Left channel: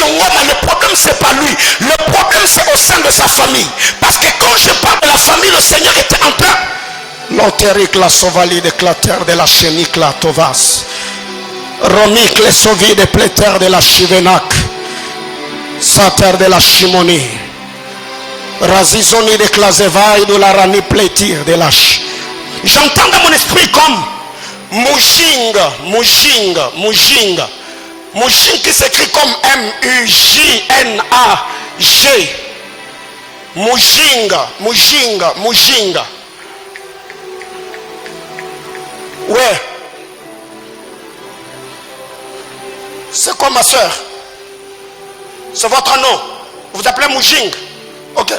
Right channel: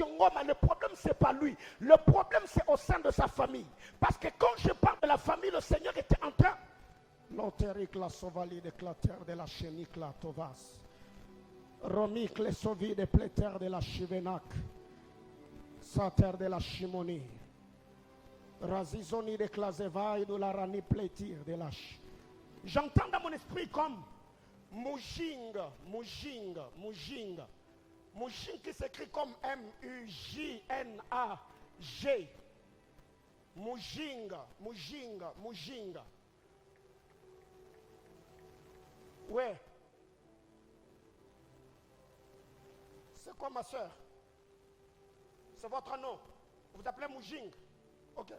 Monsieur Ngoma, le problème c'est pas lui. Le problème c'est au sein de sa famille. Parce que quand je parle de la famille, le Seigneur était en train. L'antérique, la sauvali de clater de la chénique, la tovas. Romique, les sauvis de pléter de la chivenac. Sater de la chimonie. Razizoni de Klazevaï de la rani plétir de la ch. J'entends dans mon esprit comme Mujinga, Mujinga, Mujinga. Mujinga qui s'écrit comme M-U-J-N-A-G. Mujinga, Mujinga, Mujinga. Ouais. C'est quoi ma soeur? C'est votre nom. Vous vous appelez Mujinga. Ok.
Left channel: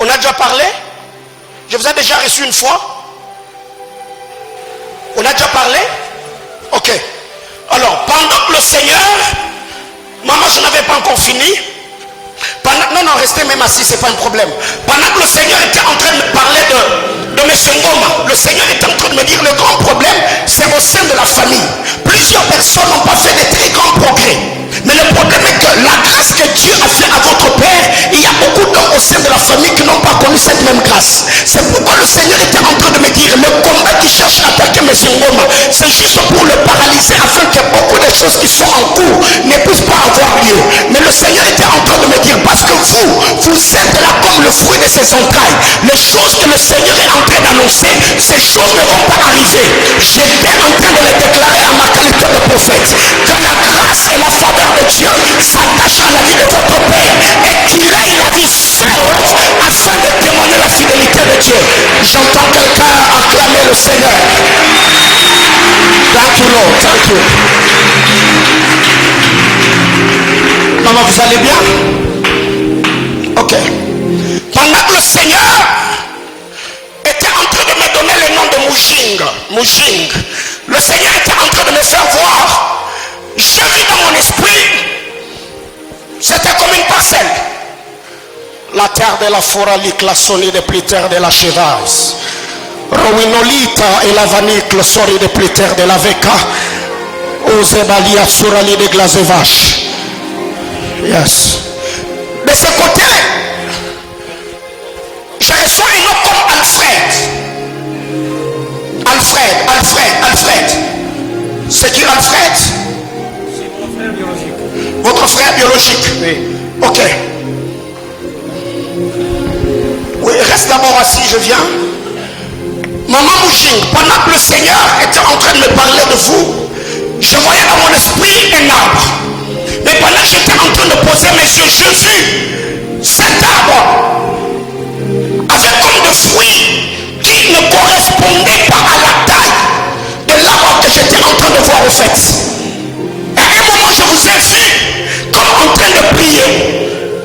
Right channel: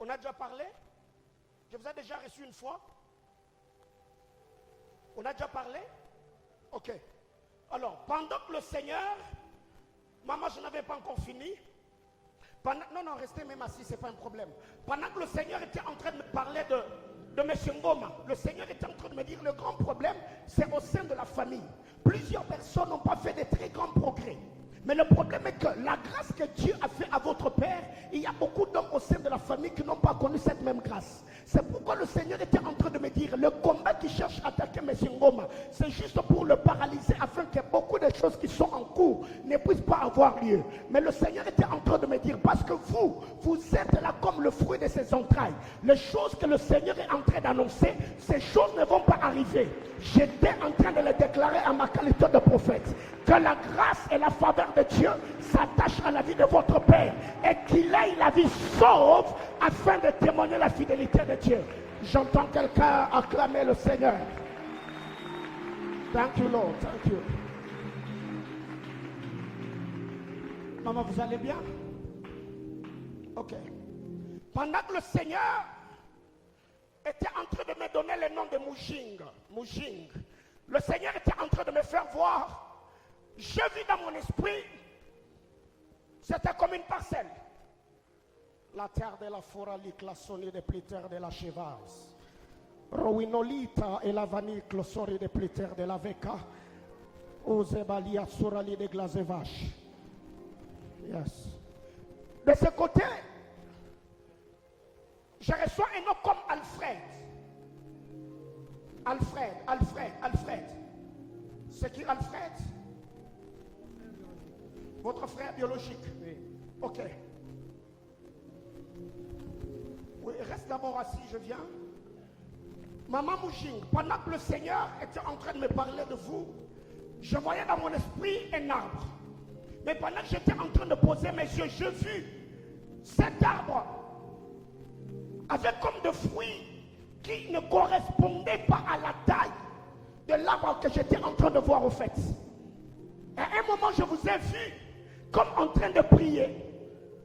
On a déjà parlé? Je vous ai déjà reçu une fois? On a déjà parlé? Ok. Alors, pendant que le Seigneur, maman, je n'avais pas encore fini. Non, restez même assis, c'est pas un problème. Pendant que le Seigneur était en train de me parler de M. Ngoma, le Seigneur était en train de me dire le grand problème, c'est au sein de la famille. Plusieurs personnes n'ont pas fait de très grands progrès. Mais le problème est que la grâce que Dieu a fait à votre père, il y a beaucoup d'hommes au sein de la famille qui n'ont pas connu cette même grâce. C'est pourquoi le Seigneur était en train de me dire, le combat qui cherche à attaquer M. Ngoma, c'est juste pour le paralyser afin que beaucoup de choses qui sont en cours ne puissent pas avoir lieu. Mais le Seigneur était en train de me dire, parce que vous êtes là comme le fruit de ses entrailles. Les choses que le Seigneur est en train d'annoncer, ces choses ne vont pas arriver. J'étais en train de les déclarer à ma qualité de prophète, que la grâce et la faveur de Dieu s'attache à la vie de votre père et qu'il aille la vie seule afin de témoigner la fidélité de Dieu. J'entends quelqu'un acclamer le Seigneur. Thank you Lord, thank you. Maman, vous allez bien? Ok. Pendant que le Seigneur était en train de me donner le nom de Mujing, le Seigneur était en train de me faire voir. Je vis dans mon esprit, c'était comme une parcelle. La terre de la foralique, la sonne de pliter de la chevasse. Rowinolita et la vanique, le sori de pliter de la veka. Ozebalia surali de glazevache. Yes. De ce côté, je reçois un nom comme Alfred. C'est qui Alfred? Votre frère biologique? Oui. Ok. Oui, reste d'abord assis, je viens. Maman Mujing, pendant que le Seigneur était en train de me parler de vous, je voyais dans mon esprit un arbre. Mais pendant que j'étais en train de poser mes yeux, je vis cet arbre avec comme des fruits qui ne correspondaient pas à la taille de l'arbre que j'étais en train de voir au fait. Et à un moment, je vous ai vu comme en train de prier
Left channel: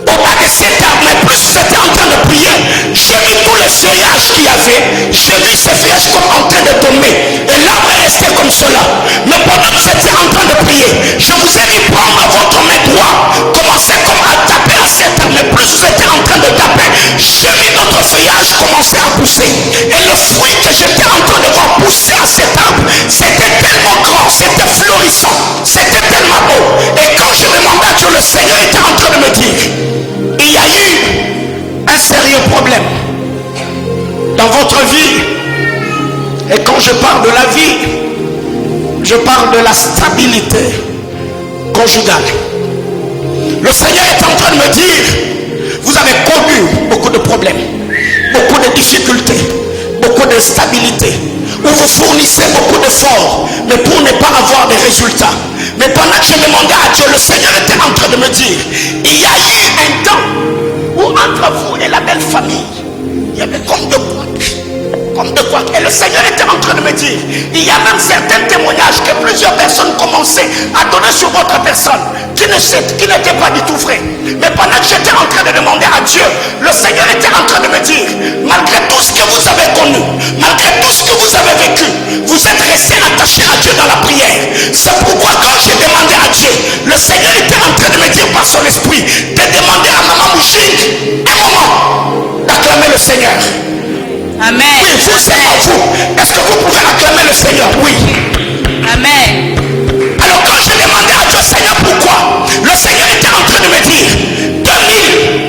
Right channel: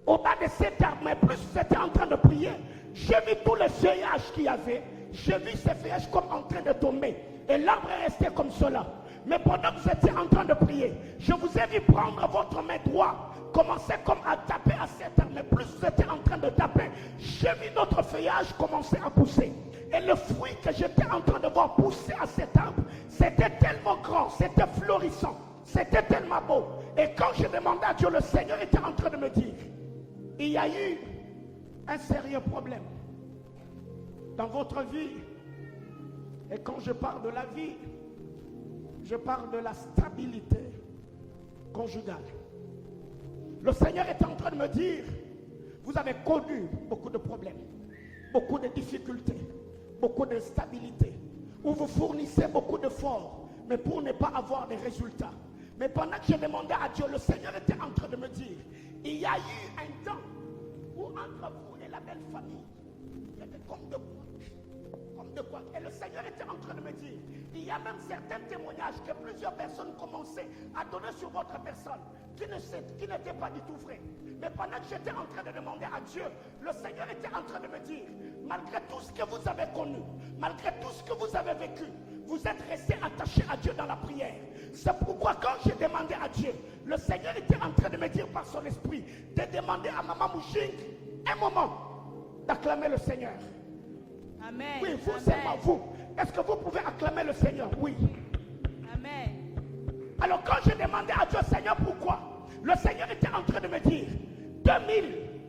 au bas de cet arbre. Mais plus j'étais en train de prier, j'ai vu tous les feuillages qu'il y avait. J'ai vu ces feuillages comme en train de tomber. Et l'arbre est resté comme cela. Mais pendant que j'étais en train de prier, je vous ai dit prendre votre main droite, commencez comme à taper à cet arbre. Mais plus vous étiez en train de taper, j'ai vu notre feuillage commencer à pousser. Et le fruit que j'étais en train de voir pousser à cet arbre, c'était tellement grand, c'était florissant, c'était tellement beau. Et quand je demandais à Dieu, le Seigneur était en train de me dire, il y a eu un sérieux problème dans votre vie. Et quand je parle de la vie, je parle de la stabilité conjugale. Le Seigneur est en train de me dire, vous avez connu beaucoup de problèmes, beaucoup de difficultés, beaucoup d'instabilité, où vous fournissez beaucoup d'efforts, mais pour ne pas avoir de résultats. Mais pendant que je demandais à Dieu, le Seigneur était en train de me dire, il y a eu un temps où entre vous et la belle famille, il y avait comme de quoi. Et le Seigneur était en train de me dire, il y a même certains témoignages que plusieurs personnes commençaient à donner sur votre personne, qui n'étaient pas du tout vrais. Mais pendant que j'étais en train de demander à Dieu, le Seigneur était en train de me dire, malgré tout ce que vous avez connu, malgré tout ce que vous avez vécu, vous êtes resté attaché à Dieu dans la prière. C'est pourquoi quand j'ai demandé à Dieu, le Seigneur était en train de me dire par son esprit, de demander à Maman Mujing un moment d'acclamer le Seigneur. Amen. Oui, vous, c'est à vous. Est-ce que vous pouvez acclamer le Seigneur? Oui. Amen. Alors quand je demandais à Dieu, Seigneur, pourquoi, le Seigneur était en train de me dire,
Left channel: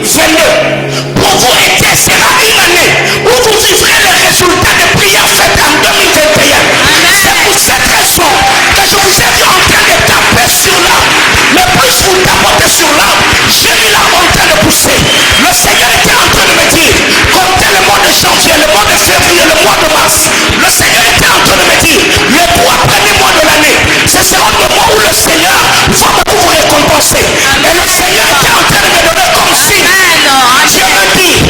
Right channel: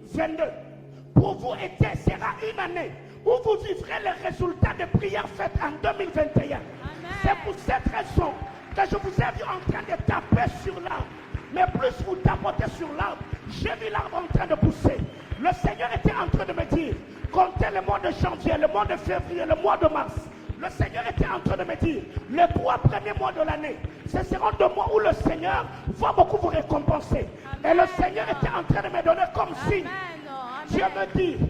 2022, pour vous sera une année où vous vivrez les résultats des prières faites en 2021. C'est pour cette raison que je vous ai vu en train de taper sur l'arbre. Mais plus vous tapotez sur l'arbre, j'ai vu l'arbre en train de pousser. Le Seigneur était en train de me dire, comptez le mois de janvier, le mois de février, le mois de mars. Le Seigneur était en train de me dire, les 3 premiers mois de l'année, ce seront des mois où le Seigneur va beaucoup vous récompenser. Et le Seigneur était en train de me donner comme signe. Dieu me dit,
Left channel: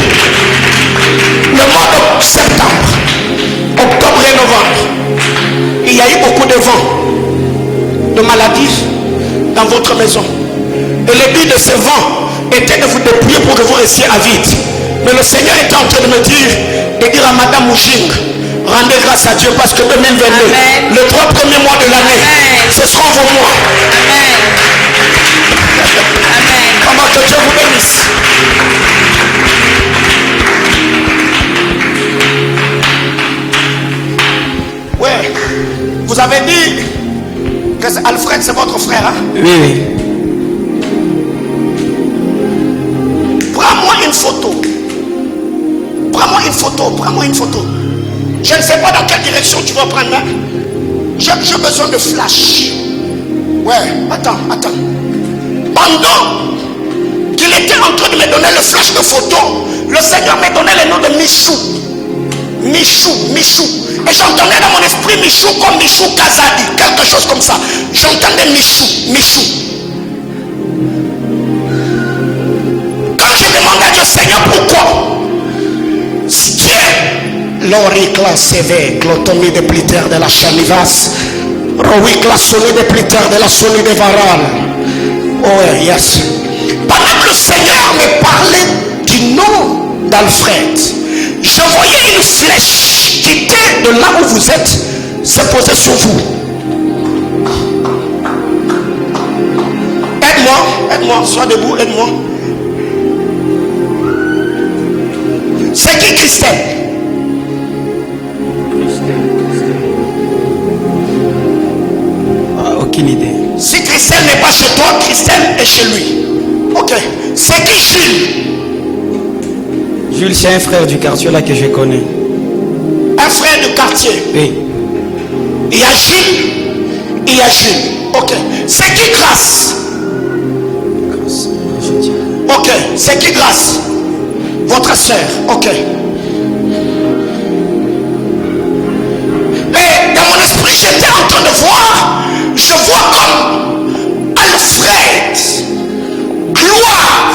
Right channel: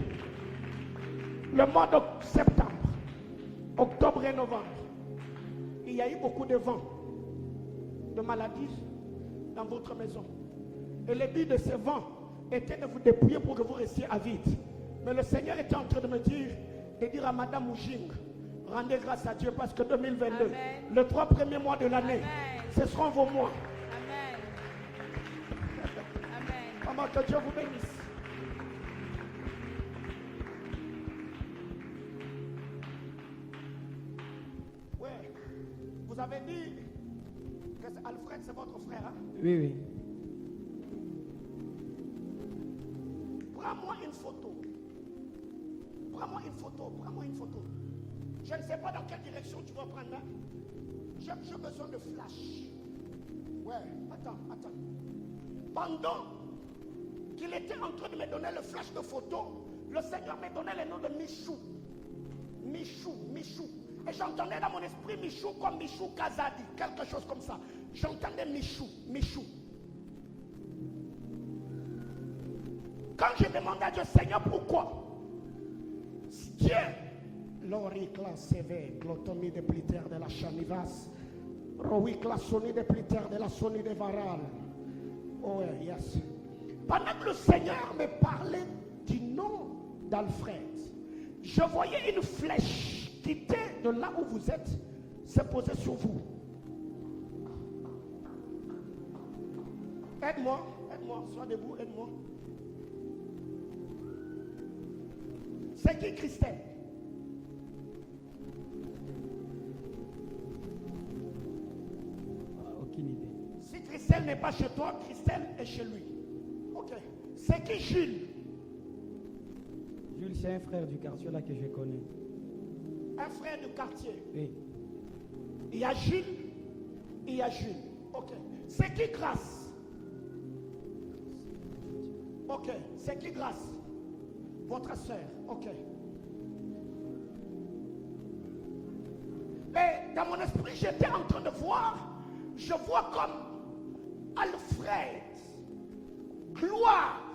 le mois de septembre, octobre et novembre, il y a eu beaucoup de vents, de maladies dans votre maison. Et le but de ces vents était de vous dépouiller pour que vous restiez à vide. Mais le Seigneur était en train de me dire, de dire à Madame Mouching, rendez grâce à Dieu parce que 2022, amen, les 3 premiers mois de l'année, ce seront vos mois. Amen. Amen. Comment que Dieu vous bénisse. Ouais, vous avez dit que Alfred c'est votre frère, hein? Oui, oui. Prends-moi une photo. Prends-moi une photo, prends-moi une photo. Je ne sais pas dans quelle direction tu vas prendre. Hein? J'ai besoin de flash. Ouais, attends. Pendant qu'il était en train de me donner le flash de photo, le Seigneur me donnait le nom de Michou. Michou. Et j'entendais dans mon esprit Michou comme Michou Kazadi, quelque chose comme ça. J'entendais Michou. Quand je demandais à Dieu, Seigneur, pourquoi? Dieu, l'oricla CV, clotomie de pliter de la chanivas, roicla soni de pliter de la soni de varal. Oh yes. Pendant que le Seigneur me parlait du nom d'Alfred, je voyais une flèche qui était de là où vous êtes se poser sur vous. Aide-moi, sois debout, aide-moi. C'est qui Christelle? Aucune idée. Si Christelle n'est pas chez toi, Christelle est chez lui. Ok. C'est qui Jules? Jules, c'est un frère du quartier là que je connais. Un frère du quartier? Oui. Il y a Jules. Ok. C'est qui Grâce? Ok. C'est qui Grâce? Votre soeur. Ok. Mais dans mon esprit, j'étais en train de voir. Je vois comme Alfred, Gloire,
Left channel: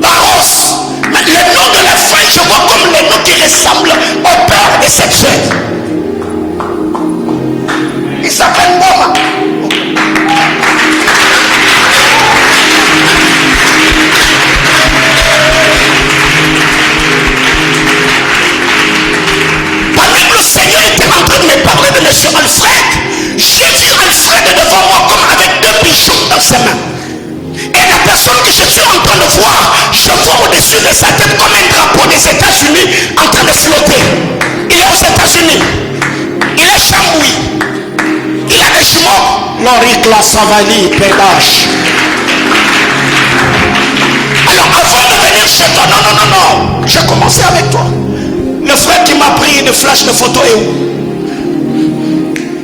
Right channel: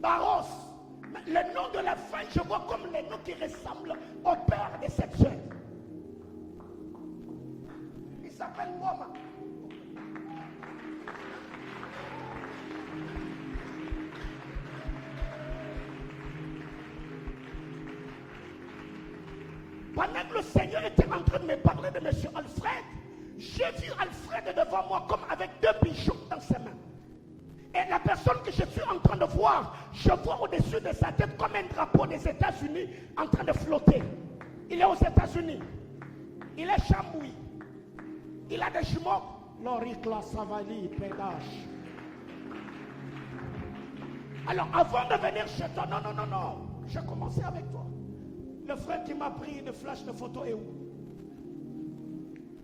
Barros. Mais le nom de la fin, je vois comme le nom qui ressemble au père de cette jeune. Il s'appelle Boma. Pendant que le Seigneur était en train de me parler de M. Alfred, j'ai vu Alfred devant moi comme avec 2 bijoux dans ses mains. Et la personne que je suis en train de voir, je vois au-dessus de sa tête comme un drapeau des États-Unis en train de flotter. Il est aux États-Unis. Il est chamboui. Il a des jumeaux. L'oricla Savali, Pédache. Alors avant de venir chez toi, non. J'ai commencé avec toi. Le frère qui m'a pris de flash de photo est où?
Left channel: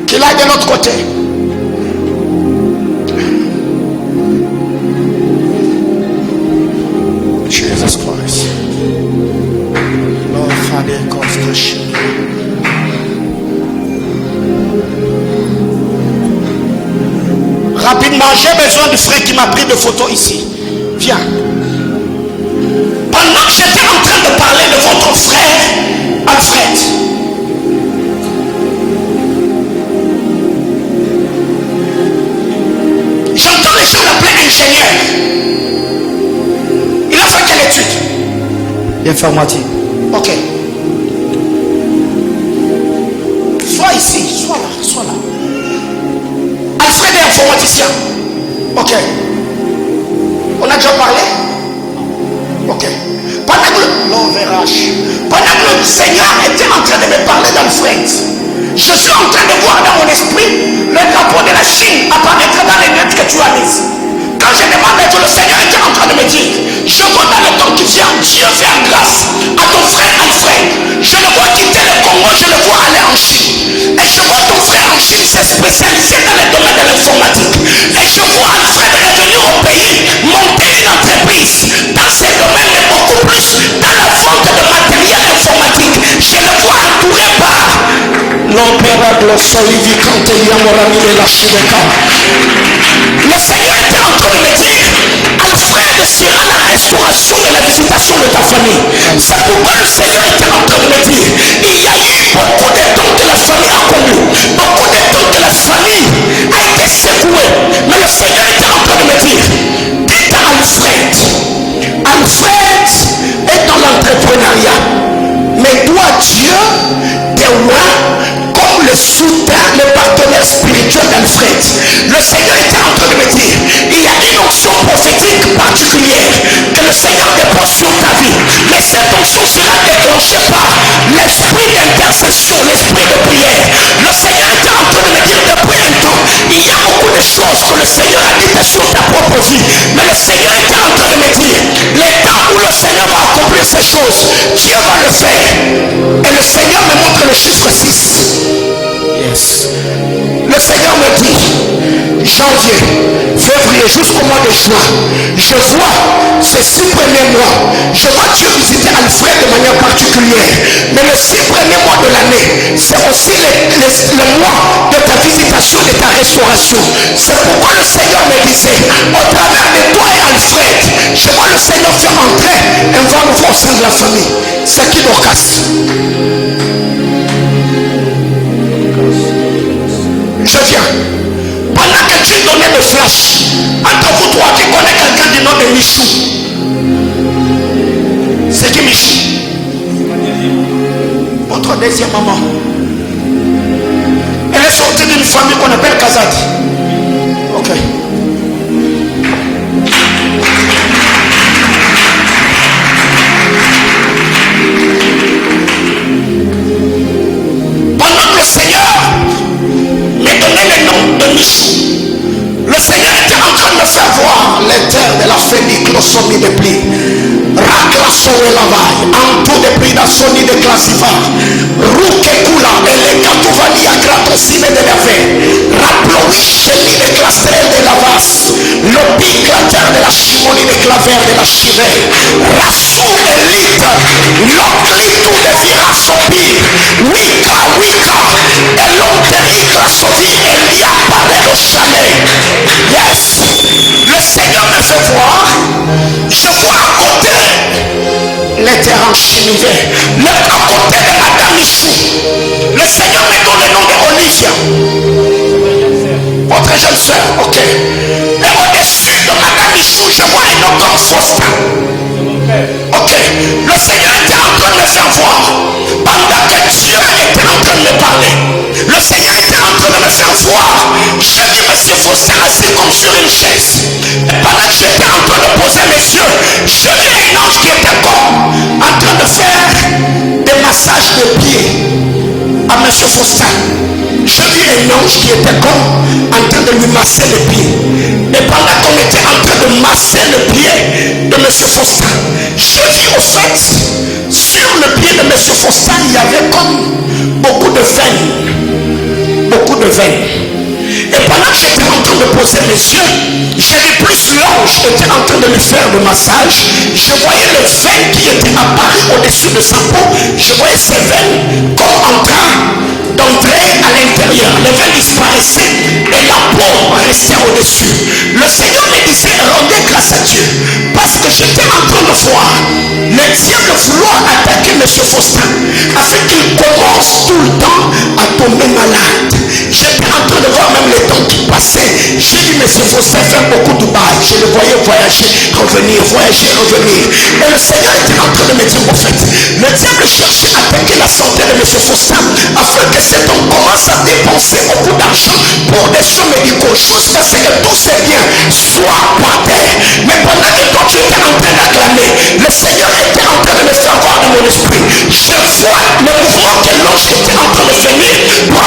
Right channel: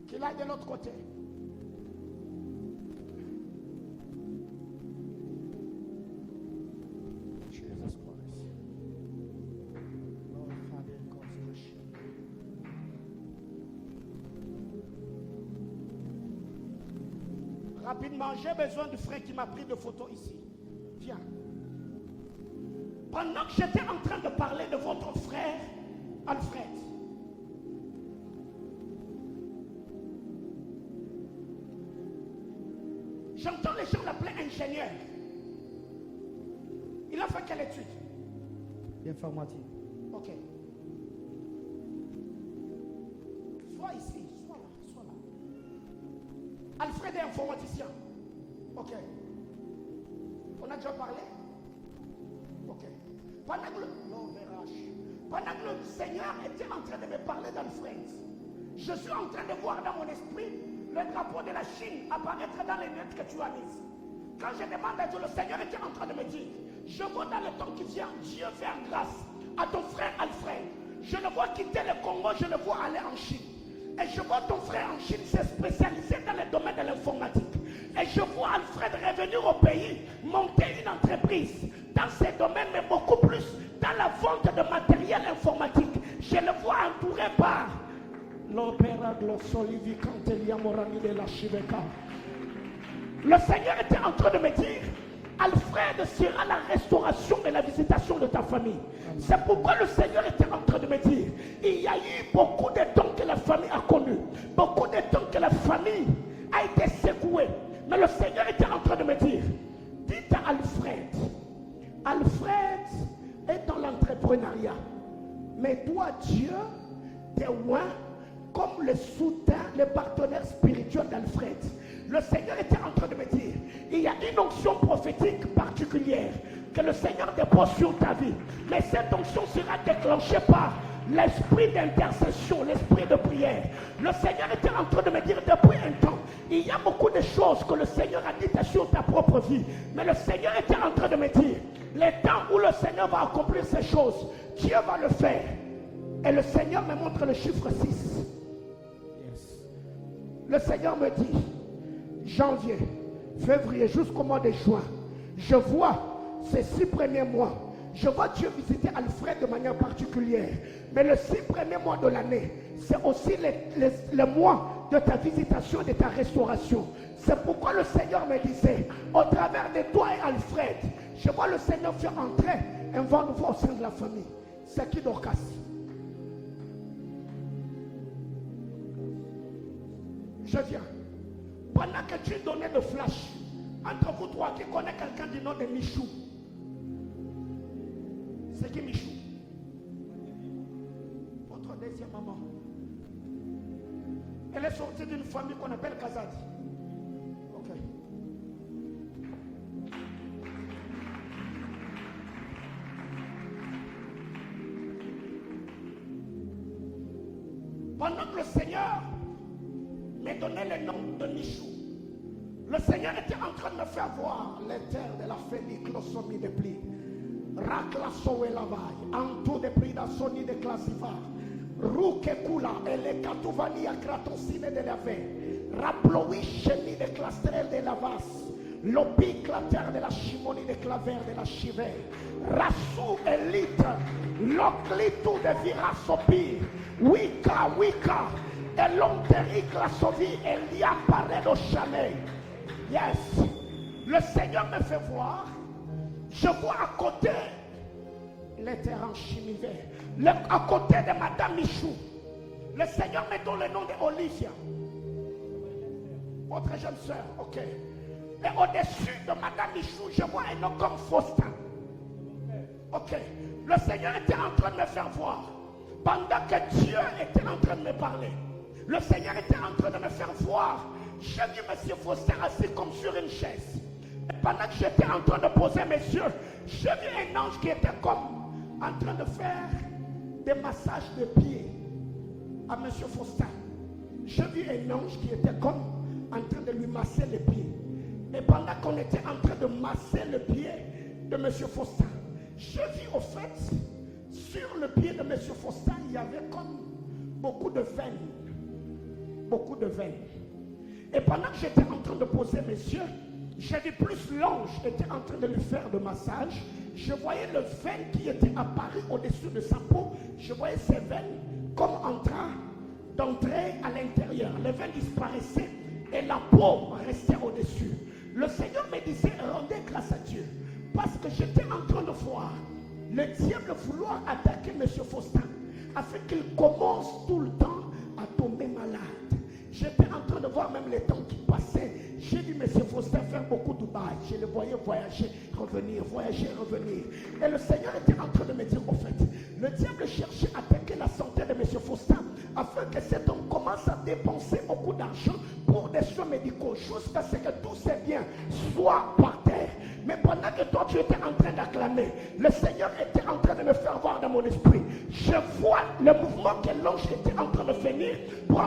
Qu'il aille de l'autre côté. Jesus Christ. Lord Father, construction. Rapidement, j'ai besoin du frère qui m'a pris de photos ici. Viens. Pendant que j'étais en train de parler de votre frère Alfred, j'entends les gens l'appeler ingénieur. Il a fait quelle étude? Informatique. Ok. Sois ici, sois là. Alfred est informaticien. Ok. On a déjà parlé? Ok. Pendant que le Seigneur était en train de me parler d'Alfred, Je suis en train de voir dans mon esprit le drapeau de la Chine apparaître dans les lettres que tu as mises. Quand je demande à Dieu, le Seigneur était en train de me dire, je vois dans le temps qui vient, Dieu fait grâce à ton frère Alfred. Je le vois quitter le Congo, je le vois aller en Chine. Et je vois ton frère en Chine s'est spécialisé dans le domaine de l'informatique. Et je vois Alfred revenir au pays, monter une entreprise dans ces domaines, mais beaucoup plus dans la vente de matériel informatique. Je le vois entouré par l'opéra de l'Ossolivicante Yamorami de la Chibeka. Le Seigneur était en train de me dire, Alfred sera la restauration et la visitation de ta famille. C'est pourquoi le Seigneur était en train de me dire, il y a eu beaucoup de temps que la famille a connu, beaucoup de temps que la famille a été secouée. Mais le Seigneur était en train de me dire, dites à Alfred, Alfred est dans l'entrepreneuriat. Mais toi, Dieu, des rois, comme le soutien, le partenaire spirituel d'Alfred. Le Seigneur était en train de me dire, il y a une onction prophétique particulière que le Seigneur dépose sur ta vie. Mais cette onction sera déclenchée par l'esprit d'intercession, l'esprit de prière. Le Seigneur était en train de me dire depuis un temps, il y a beaucoup de choses que le Seigneur a dites sur ta propre vie. Mais le Seigneur était en train de me dire, les temps où le Seigneur va accomplir ces choses, Dieu va le faire. Et le Seigneur me montre le chiffre 6. Yes. Le Seigneur me dit, janvier, février, jusqu'au mois de juin, je vois ces 6 premiers mois, je vois Dieu visiter Alfred de manière particulière. Mais les 6 premiers mois de l'année, c'est aussi le mois de ta visitation, de ta restauration. C'est pourquoi le Seigneur me disait, au travers de toi et Alfred, je vois le Seigneur faire entrer un vent nouveau au sein de la famille. C'est qui Dorcas? Je viens. Pendant que tu donnais le flash, entre vous trois qui connaît quelqu'un du nom de Michou. C'est qui Michou? Votre deuxième maman. Elle est sortie d'une famille qu'on appelle Kazadi. Ok. Pendant que le Seigneur me donnait le nom de Michou, le Seigneur était en train de me faire voir les terres de la Féniclosomi de pli. Raclassore lavai, Antou de Pridasoni de Classiva, Rukekula, et les Katouvani à Gratosime de Lave, Raploui, Cheli de Clastrel de Lavas, Lopi, la terre de la Chimonie de Claver de la Chivée, Rassou Elite, L'Oclitou de Virasopi, Wika, et l'Onteric la Sovi, Elia Paré au chalet. Yes, le Seigneur me fait voir, je vois à côté les terres en chimivé, à côté de Madame Michou. Le Seigneur me donne le nom de Olivia, votre jeune soeur, ok. Et au-dessus de Madame Michou, je vois un homme comme Faustin. Ok, le Seigneur était en train de me faire voir pendant que Dieu était en train de me parler. Le Seigneur était en train de me faire voir. Je dis, monsieur Faustin assis comme sur une chaise. Et pendant que j'étais en train de poser mes yeux, je vis un ange qui était comme en train de faire des massages de pieds à monsieur Faustin. Je vis un ange qui était comme en train de lui masser les pieds. Et pendant qu'on était en train de masser le pied de monsieur Faustin, je vis au fait, sur le pied de monsieur Faustin, il y avait comme beaucoup de veines. Beaucoup de veines. Et pendant que j'étais en train de poser mes yeux, j'ai vu plus l'ange était en train de lui faire le massage. Je voyais les veines qui étaient apparues au-dessus de sa peau. Je voyais ces veines comme en train d'entrer à l'intérieur. Les veines disparaissaient et la peau restait au-dessus. Le Seigneur me disait, rendez grâce à Dieu, parce que j'étais en train de voir le diable vouloir attaquer M. Faustin afin qu'il commence tout le temps à tomber malade. J'étais en train de voir même les temps qui passaient. J'ai dit, M. Faustin fait beaucoup de bail. Je le voyais voyager, revenir, voyager, revenir. Et le Seigneur était en train de me dire, en fait, le diable cherchait à attaquer la santé de M. Faustin afin que cet homme commence à dépenser beaucoup d'argent pour des soins médicaux, jusqu'à ce que tous ces biens soient par terre. Mais pendant que toi tu étais en train d'acclamer, le Seigneur était en train de me faire voir dans mon esprit. Je vois le mouvement que l'ange était en train de venir pour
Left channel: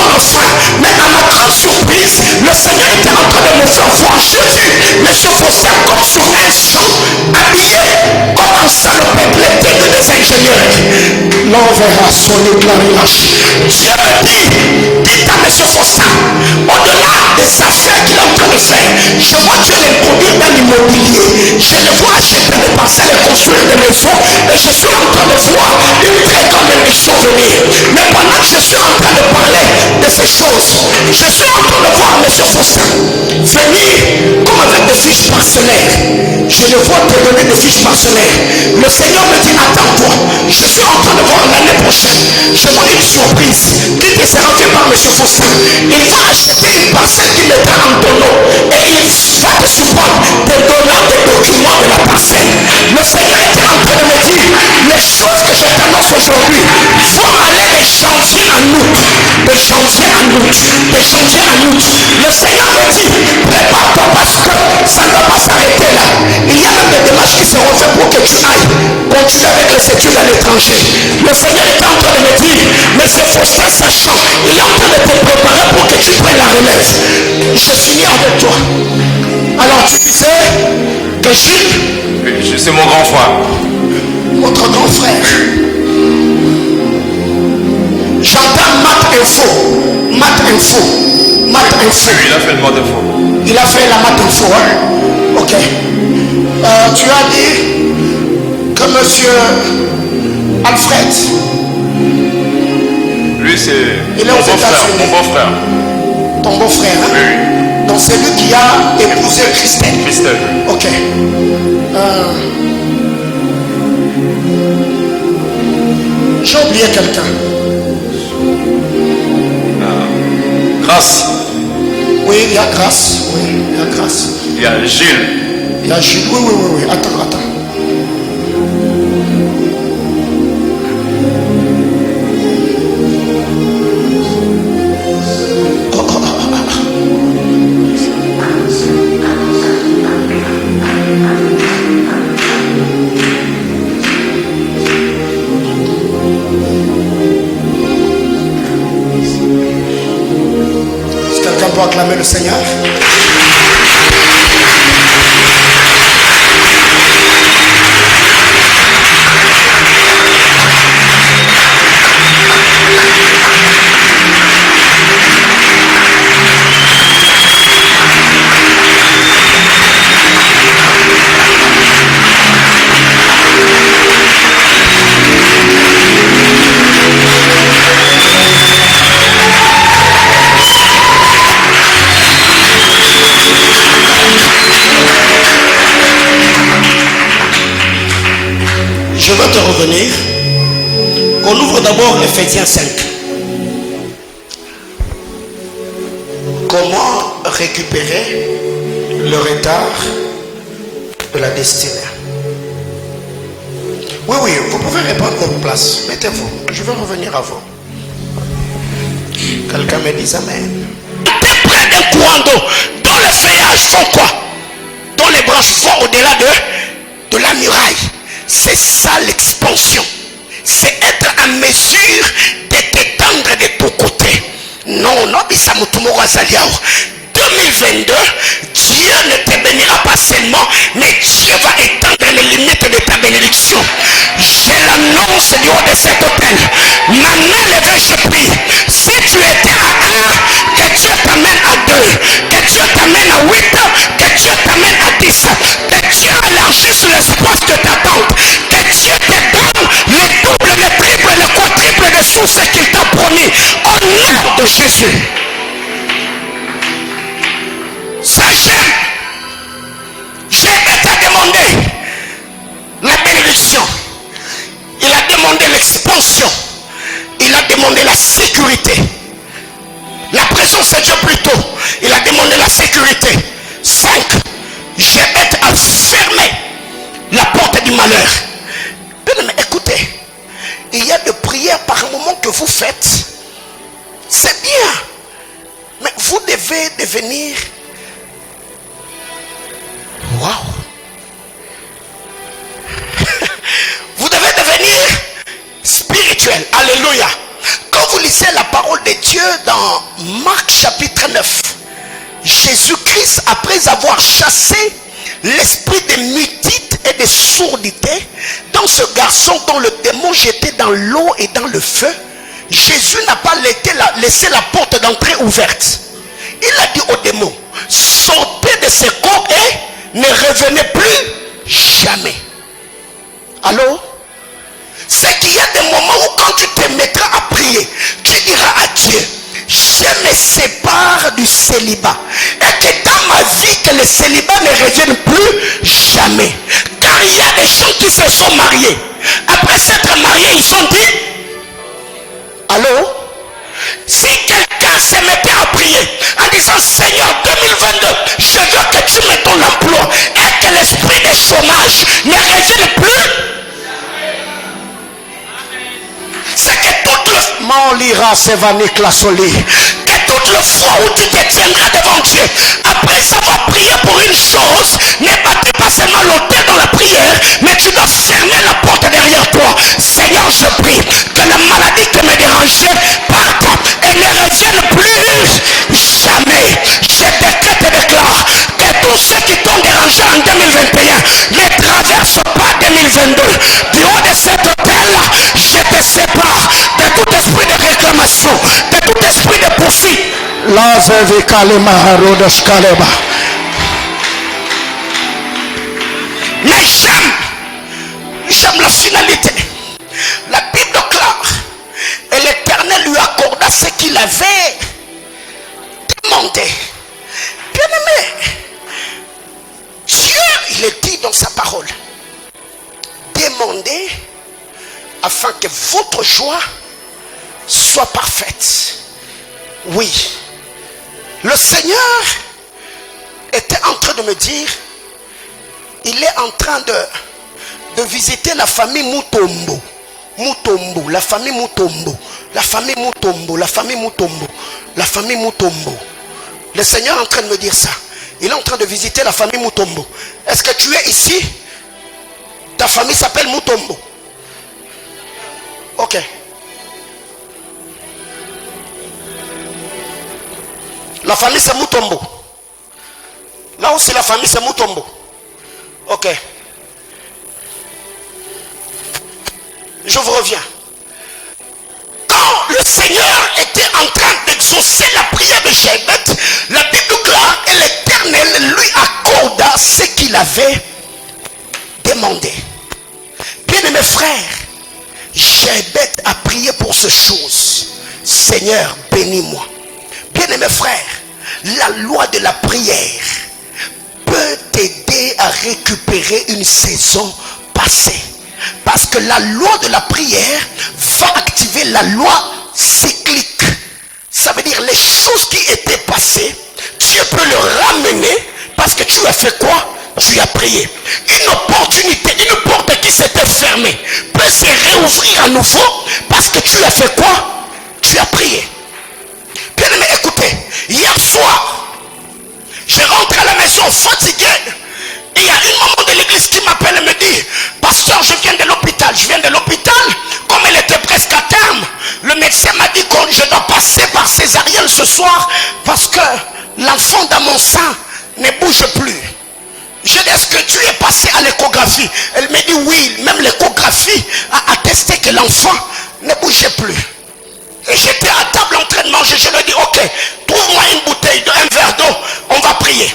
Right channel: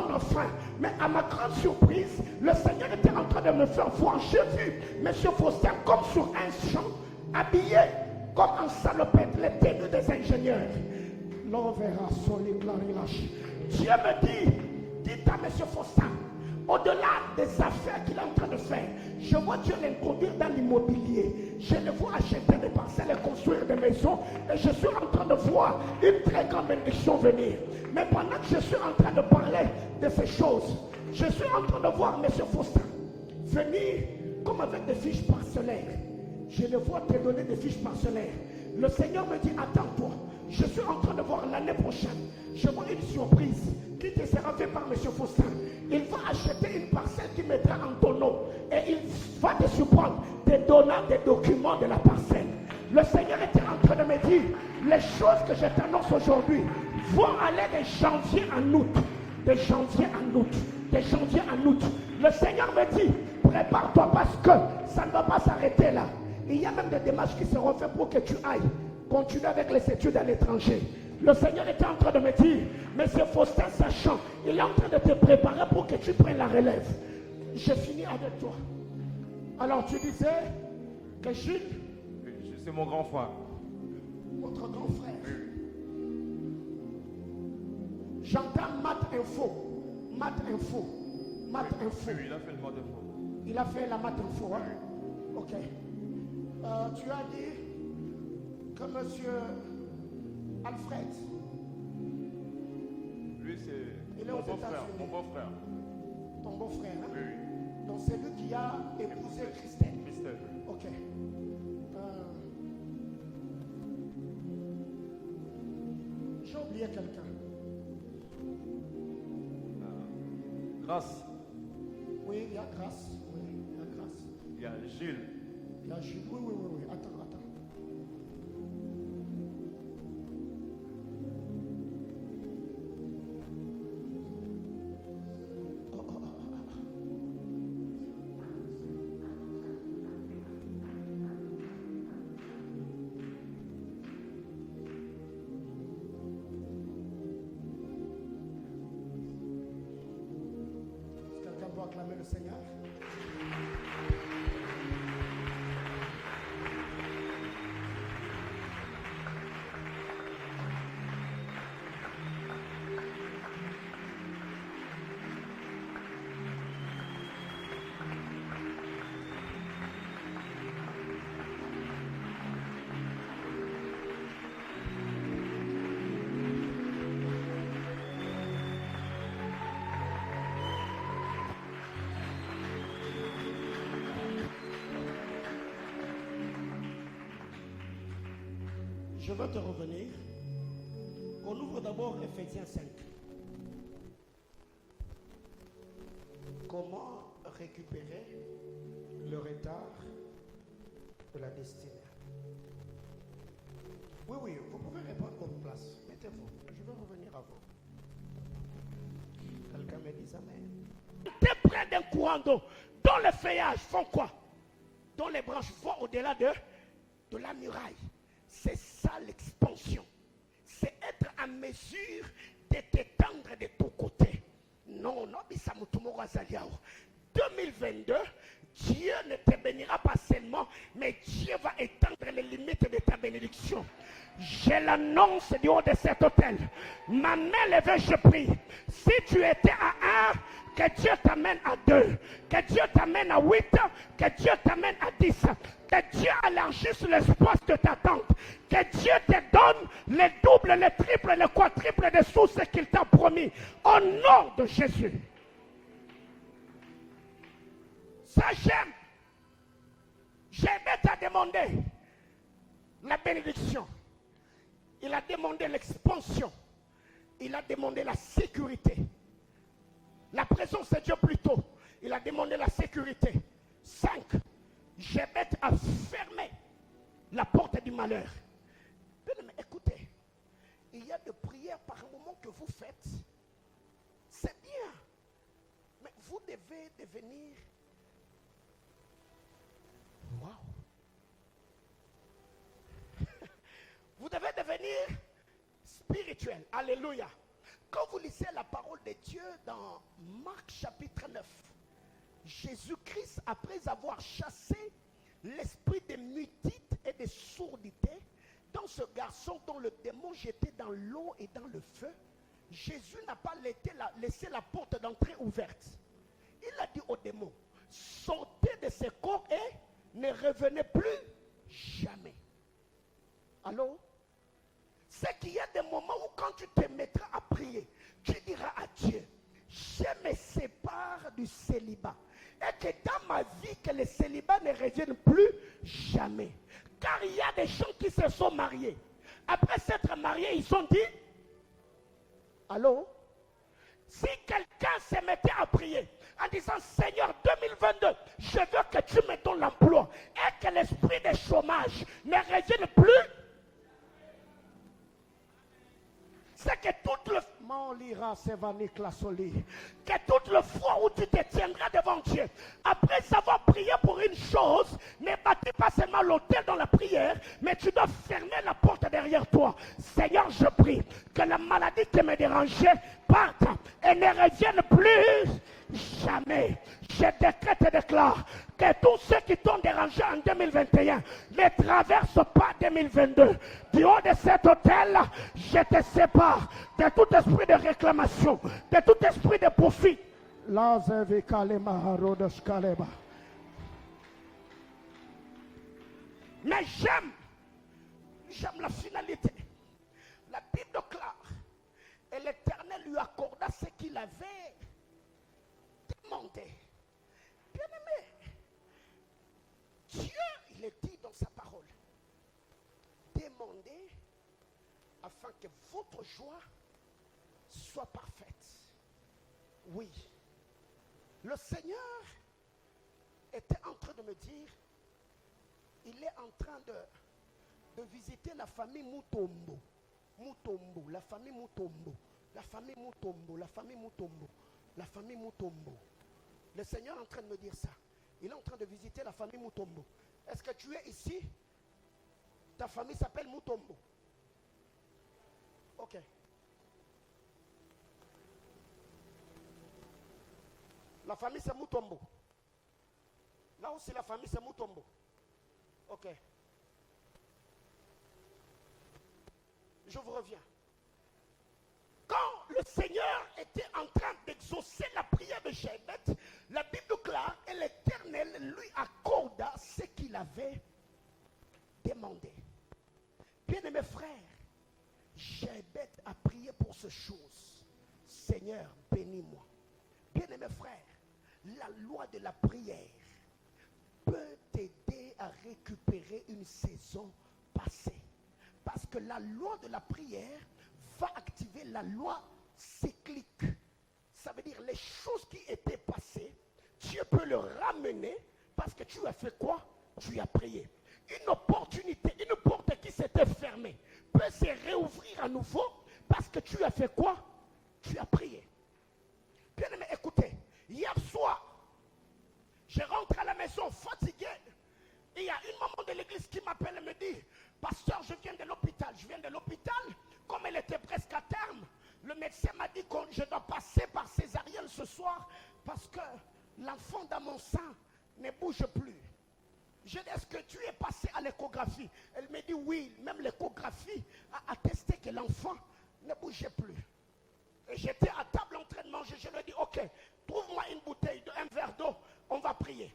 verra son éclairage. Dieu me dit, dites à M. Faustin, au-delà des affaires qu'il est en train de faire, je vois Dieu l'introduire dans l'immobilier. Je le vois acheter des parcelles et construire des maisons. Et je suis en train de voir une très grande émission venir. Mais pendant que je suis en train de parler de ces choses, je suis en train de voir M. Faustin venir comme avec des fiches parcellaires. Je le vois te donner des fiches parcellaires. Le Seigneur me dit, attends-toi, je suis en train de voir l'année prochaine. Je vois une surprise qui te sera faite par M. Faustin. Il va acheter une parcelle qui mettra en ton nom et il va te supporter te donnant des documents de la parcelle. Le Seigneur était en train de me dire, les choses que je t'annonce aujourd'hui vont aller de janvier en août, de janvier en août, de janvier en août. Le Seigneur me dit, prépare-toi parce que ça ne va pas s'arrêter là. Il y a même des démarches qui seront faites pour que tu ailles continuer avec les études à l'étranger. Le Seigneur est en train de me dire, mais c'est Faustin sachant, il est en train de te préparer pour que tu prennes la relève. Je suis avec toi. Alors tu disais que Gilles, c'est mon grand frère. Votre grand frère. J'entends Mat Info. Mat Info. Mat Info. Il a fait le mode info. Il a fait la Mat Info, hein? Ok. Tu as dit que monsieur Alfred. Lui, c'est Il est aux États-Unis. mon beau-frère. Ton beau-frère, hein? Oui. Donc c'est lui qui a épousé Christelle. Christelle. Ok. J'ai oublié quelqu'un. Grâce. Oui, il y a Grâce. Oui, il y a Grâce. Il y a Gilles. Il y a Gilles. Oui. Attends. Est-ce que quelqu'un peut acclamer le Seigneur? Je veux te revenir. On ouvre d'abord Ephésiens 5. Comment récupérer le retard de la destinée? Oui, vous pouvez répondre votre place. Mettez-vous. Je vais revenir à vous. Quelqu'un me dit Amen. T'es près d'un courant d'eau dont les feuillages font quoi? Dont les branches vont au-delà de la muraille. C'est ça l'expansion. C'est être en mesure de t'étendre de tous côtés. Non, 2022, Dieu ne te bénira pas seulement, mais Dieu va étendre les limites de ta bénédiction. Je l'annonce du haut de cet hôtel. Ma main levée, je prie. Si tu étais à 1, que Dieu t'amène à 2, que Dieu t'amène à 8, que Dieu t'amène à 10, que Dieu élargisse l'espace de ta tente, que Dieu te donne le double, le triple, le quadruple de sous ce qu'il t'a promis. Au nom de Jésus. Ça j'aime. Jésus t'a demandé la bénédiction. Il a demandé l'expansion. Il a demandé la sécurité. La présence de Dieu plutôt. Il a demandé la sécurité. 5. Jésus a fermé la porte du malheur. Mais écoutez, il y a des prières par moment que vous faites. C'est bien. Mais vous devez devenir... Waouh! Vous devez devenir spirituel. Alléluia. Quand vous lisez la parole de Dieu dans Marc chapitre 9, Jésus-Christ, après avoir chassé l'esprit de mutisme et de sourdité, étant ce garçon dont le démon jetait dans l'eau et dans le feu, Jésus n'a pas laissé la porte d'entrée ouverte. Il a dit au démon, sortez de ce corps et ne revenez plus jamais. Allô? C'est qu'il y a des moments où quand tu te mettras à prier, tu diras à Dieu, je me sépare du célibat. Et que dans ma vie, que le célibat ne revienne plus jamais. Car il y a des gens qui se sont mariés. Après s'être mariés, ils sont dit, allô? Si quelqu'un se mettait à prier en disant Seigneur 2022, je veux que tu mettes ton emploi et que l'esprit de chômage ne revienne plus, c'est que toute le Maulira Sevanik la soli, que toute le fois où tu te tiendras devant Dieu, après avoir prié pour une chose, ne battez pas seulement l'autel dans la prière, mais tu dois fermer la porte derrière toi. Seigneur, je prie que la maladie qui me dérangeait parte et ne revienne plus jamais. Je décrète et déclare que tous ceux qui t'ont dérangé en 2021 ne traversent pas 2022. Du haut de cet hôtel, je te sépare de tout esprit de réclamation, de tout esprit de poursuite. Mais j'aime la finalité. La Bible déclare, et l'Éternel lui accorda ce qu'il avait demandé. Bien aimé, Dieu, il est dit dans sa parole, demandez afin que votre joie soit parfaite. Oui, le Seigneur était en train de me dire, il est en train de visiter la famille Mutombo. Mutombo, la famille Mutombo, la famille Mutombo, la famille Mutombo, la famille Mutombo. Le Seigneur est en train de me dire ça. Il est en train de visiter la famille Mutombo. Est-ce que tu es ici? Ta famille s'appelle Mutombo. Ok. La famille c'est Mutombo. Là où c'est la famille c'est Mutombo. Ok. Je vous reviens. Quand le Seigneur était en train d'exaucer la prière de Jébet, la Bible déclare et l'Éternel lui accorda ce qu'il avait demandé. Bien-aimés frères, Jébet a prié pour ces choses. Seigneur, bénis-moi. Bien-aimés frères, la loi de la prière peut t'aider à récupérer une saison passée. Parce que la loi de la prière va activer la loi cyclique. Ça veut dire les choses qui étaient passées, Dieu peut le ramener parce que tu as fait quoi? Tu as prié. Une opportunité, une porte qui s'était fermée peut se réouvrir à nouveau parce que tu as fait quoi? Tu as prié. Bien aimé, écoutez, hier soir, je rentre à la maison fatigué. Et il y a une maman de l'église qui m'appelle et me dit, pasteur, je viens de l'hôpital. Je viens de l'hôpital, comme elle était presque à terme, le médecin m'a dit que je dois passer par césarienne ce soir parce que l'enfant dans mon sein ne bouge plus. Je dis, est-ce que tu es passé à l'échographie? Elle me dit oui, même l'échographie a attesté que l'enfant ne bougeait plus. Et j'étais à table en train de manger, je lui ai dit, ok, trouve-moi une bouteille, un verre d'eau, on va prier.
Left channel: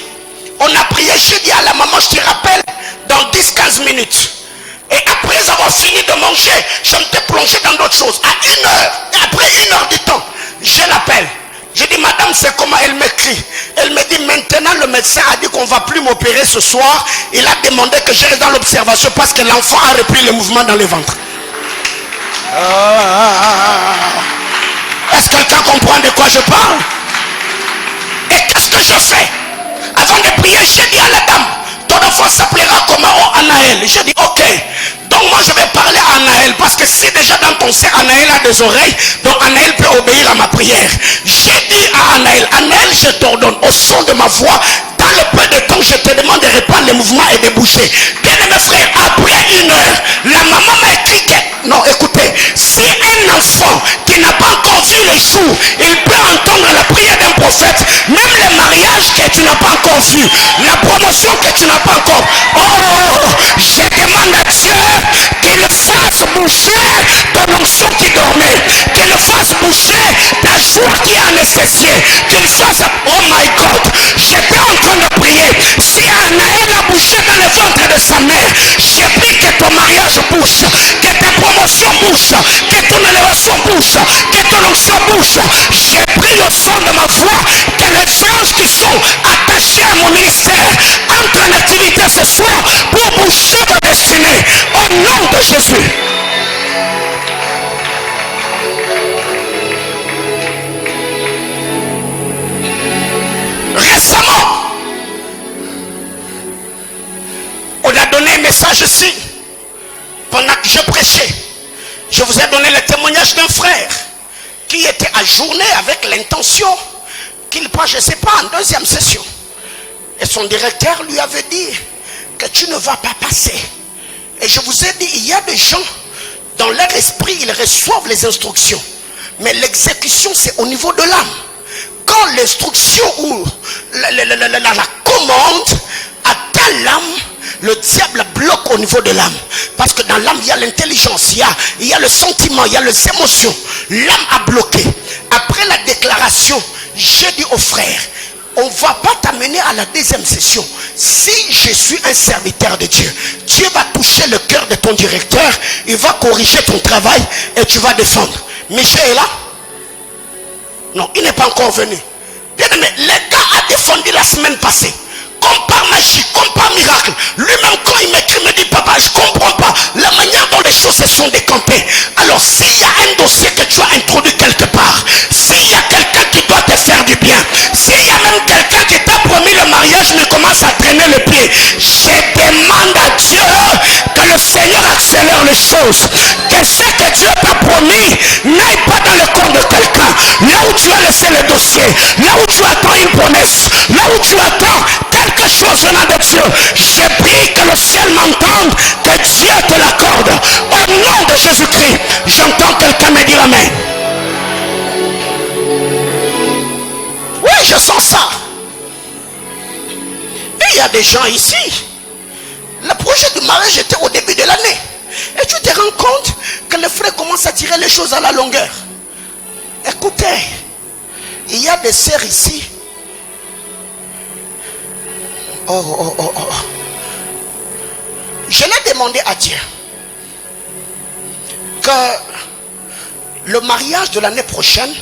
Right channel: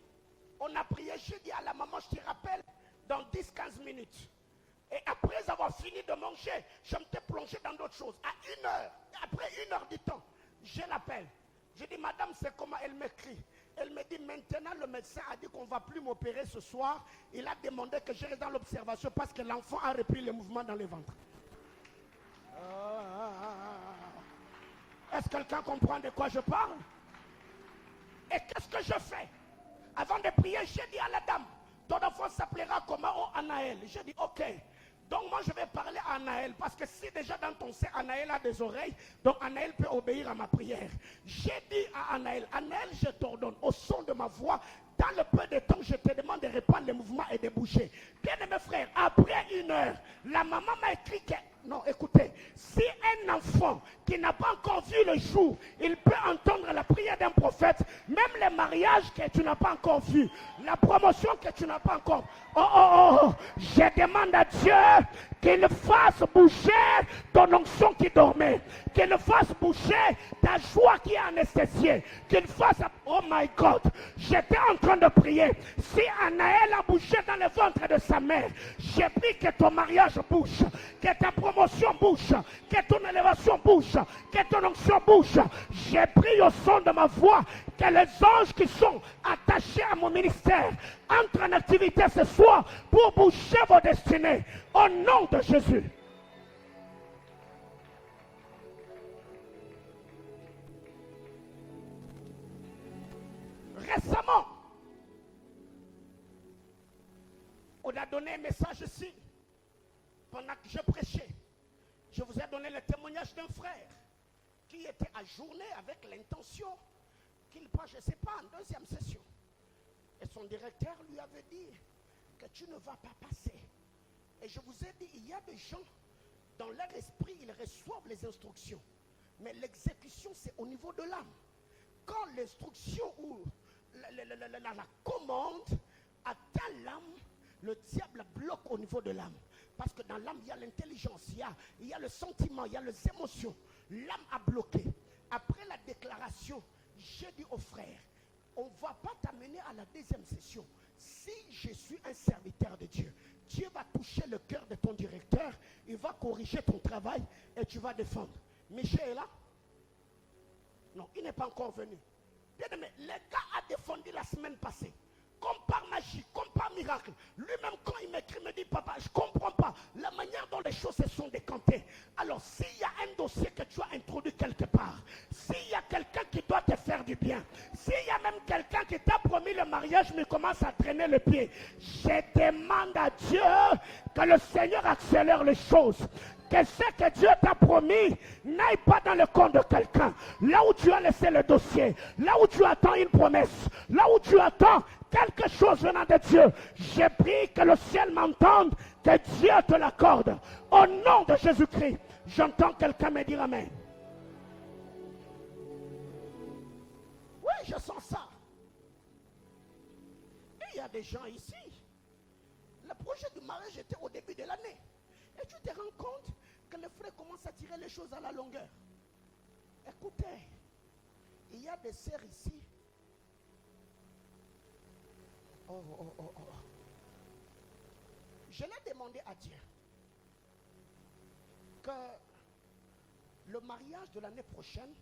On a prié, j'ai dit à la maman, je te rappelle, dans 10-15 minutes. Et après avoir fini de manger, je me suis plongé dans d'autres choses. À 1 heure, et après 1 heure du temps, je l'appelle. Je dis, madame, c'est comment? Elle m'écrit. Elle me dit, maintenant le médecin a dit qu'on ne va plus m'opérer ce soir. Il a demandé que je reste dans l'observation parce que l'enfant a repris le mouvement dans le ventre. Est-ce que quelqu'un comprend de quoi je parle? Et qu'est-ce que je fais? Avant de prier, j'ai dit à la dame, ton enfant s'appellera comment? Oh, Anaël. J'ai dit, ok. Donc moi je vais parler à Anaël, parce que si déjà dans ton sein Anaël a des oreilles, donc Anaël peut obéir à ma prière. J'ai dit à Anaël, Anaël, je t'ordonne au son de ma voix, dans le peu de temps je te demande de reprendre les mouvements et de bouger. Bien aimé frère, après 1 heure, la maman m'a écrit que, non écoutez, si un enfant qui n'a pas encore vu le jour, il peut entendre la prière d'un prophète, même le mariage que tu n'as pas encore vu, la promotion que tu n'as pas encore, oh, je demande à Dieu qu'il fasse bouger ton onction qui dormait, qu'il fasse bouger ta joie qui est anesthésiée, qu'il fasse, oh my God, j'étais en train de prier, si Anaël a bougé dans le ventre de sa mère, j'ai pris que ton mariage bouge, que ta promotion bouge, que ton élévation bouge, que ton onction bouge. J'ai pris le son de ma voix, que les anges qui sont attachés à mon ministère entrent en activité ce soir pour bouger ta destinée au nom de Jésus. Récemment, on a donné un message ici pendant que je prêchais. Je vous ai donné le témoignage d'un frère qui était ajourné avec l'intention qu'il passe, je ne sais pas, en deuxième session. Et son directeur lui avait dit que tu ne vas pas passer. Et je vous ai dit, il y a des gens, dans leur esprit, ils reçoivent les instructions. Mais l'exécution, c'est au niveau de l'âme. Quand l'instruction ou la commande atteint l'âme, le diable bloque au niveau de l'âme. Parce que dans l'âme, il y a l'intelligence, il y a le sentiment, il y a les émotions. L'âme a bloqué. Après la déclaration, j'ai dit au frère, on ne va pas t'amener à la deuxième session. Si je suis un serviteur de Dieu, Dieu va toucher le cœur de ton directeur, il va corriger ton travail et tu vas défendre. Michel est là? Non, il n'est pas encore venu. Bien aimé, le gars a défendu la semaine passée. Comme par magie, comme par miracle. Lui-même, quand il m'écrit, il me dit, papa, je ne comprends pas la manière dont les choses se sont décampées. Alors, s'il y a un dossier que tu as introduit quelque part, s'il y a quelqu'un qui doit te faire du bien, s'il y a même quelqu'un qui t'a promis le mariage, mais commence à traîner le pied, je demande à Dieu que le Seigneur accélère les choses. Que ce que Dieu t'a promis n'aille pas dans le corps de quelqu'un. Là où tu as laissé le dossier, là où tu attends une promesse, là où tu attends quelque chose venant de Dieu, j'ai pris que le ciel m'entende, que Dieu te l'accorde. Au nom de Jésus-Christ, j'entends quelqu'un me dire amen. Oui, je sens ça. Et il y a des gens ici, le projet du mariage était au début de l'année. Et tu te rends compte que le frère commence à tirer les choses à la longueur. Écoutez, il y a des sœurs ici. Je l'ai demandé à Dieu que le mariage de l'année prochaine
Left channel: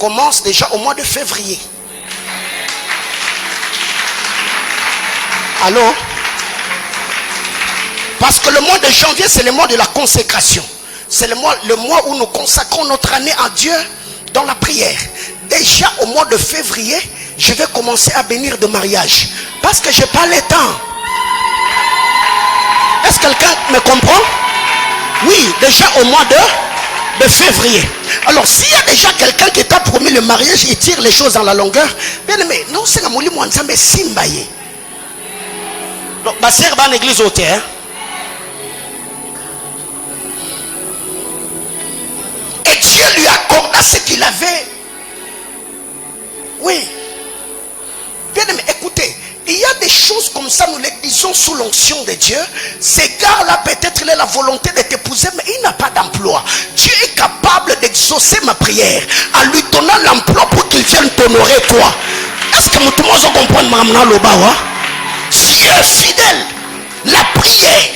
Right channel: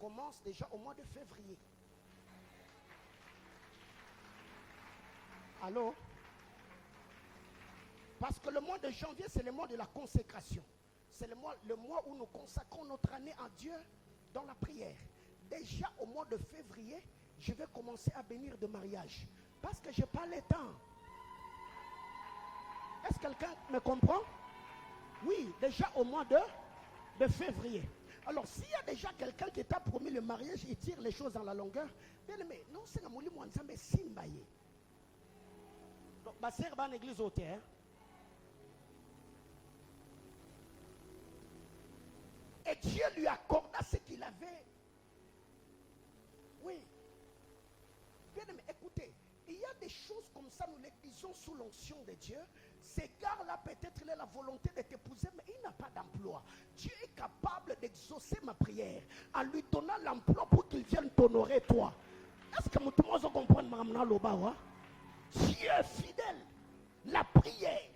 commence déjà au mois de février. Allô? Parce que le mois de janvier, c'est le mois de la consécration. C'est le mois où nous consacrons notre année à Dieu dans la prière. Déjà au mois de février, je vais commencer à bénir de mariage. Parce que je n'ai pas le temps. Est-ce que quelqu'un me comprend? Oui, déjà au mois de février. Alors s'il y a déjà quelqu'un qui t'a promis le mariage, il tire les choses dans la longueur. Bien aimé, non, c'est la mouli moi mais simbaye. Donc ma sœur va en église au terre. Et Dieu lui accorda ce qu'il avait. Oui. Bien aimé, écoutez, il y a des choses comme ça, nous les disons sous l'onction de Dieu. Ces gars-là, peut-être il a la volonté de t'épouser, mais il n'a pas d'emploi. Dieu est capable d'exaucer ma prière en lui donnant l'emploi pour qu'il vienne t'honorer toi. Est-ce que tout le monde comprend maintenant le bawa? Dieu est fidèle. La prière.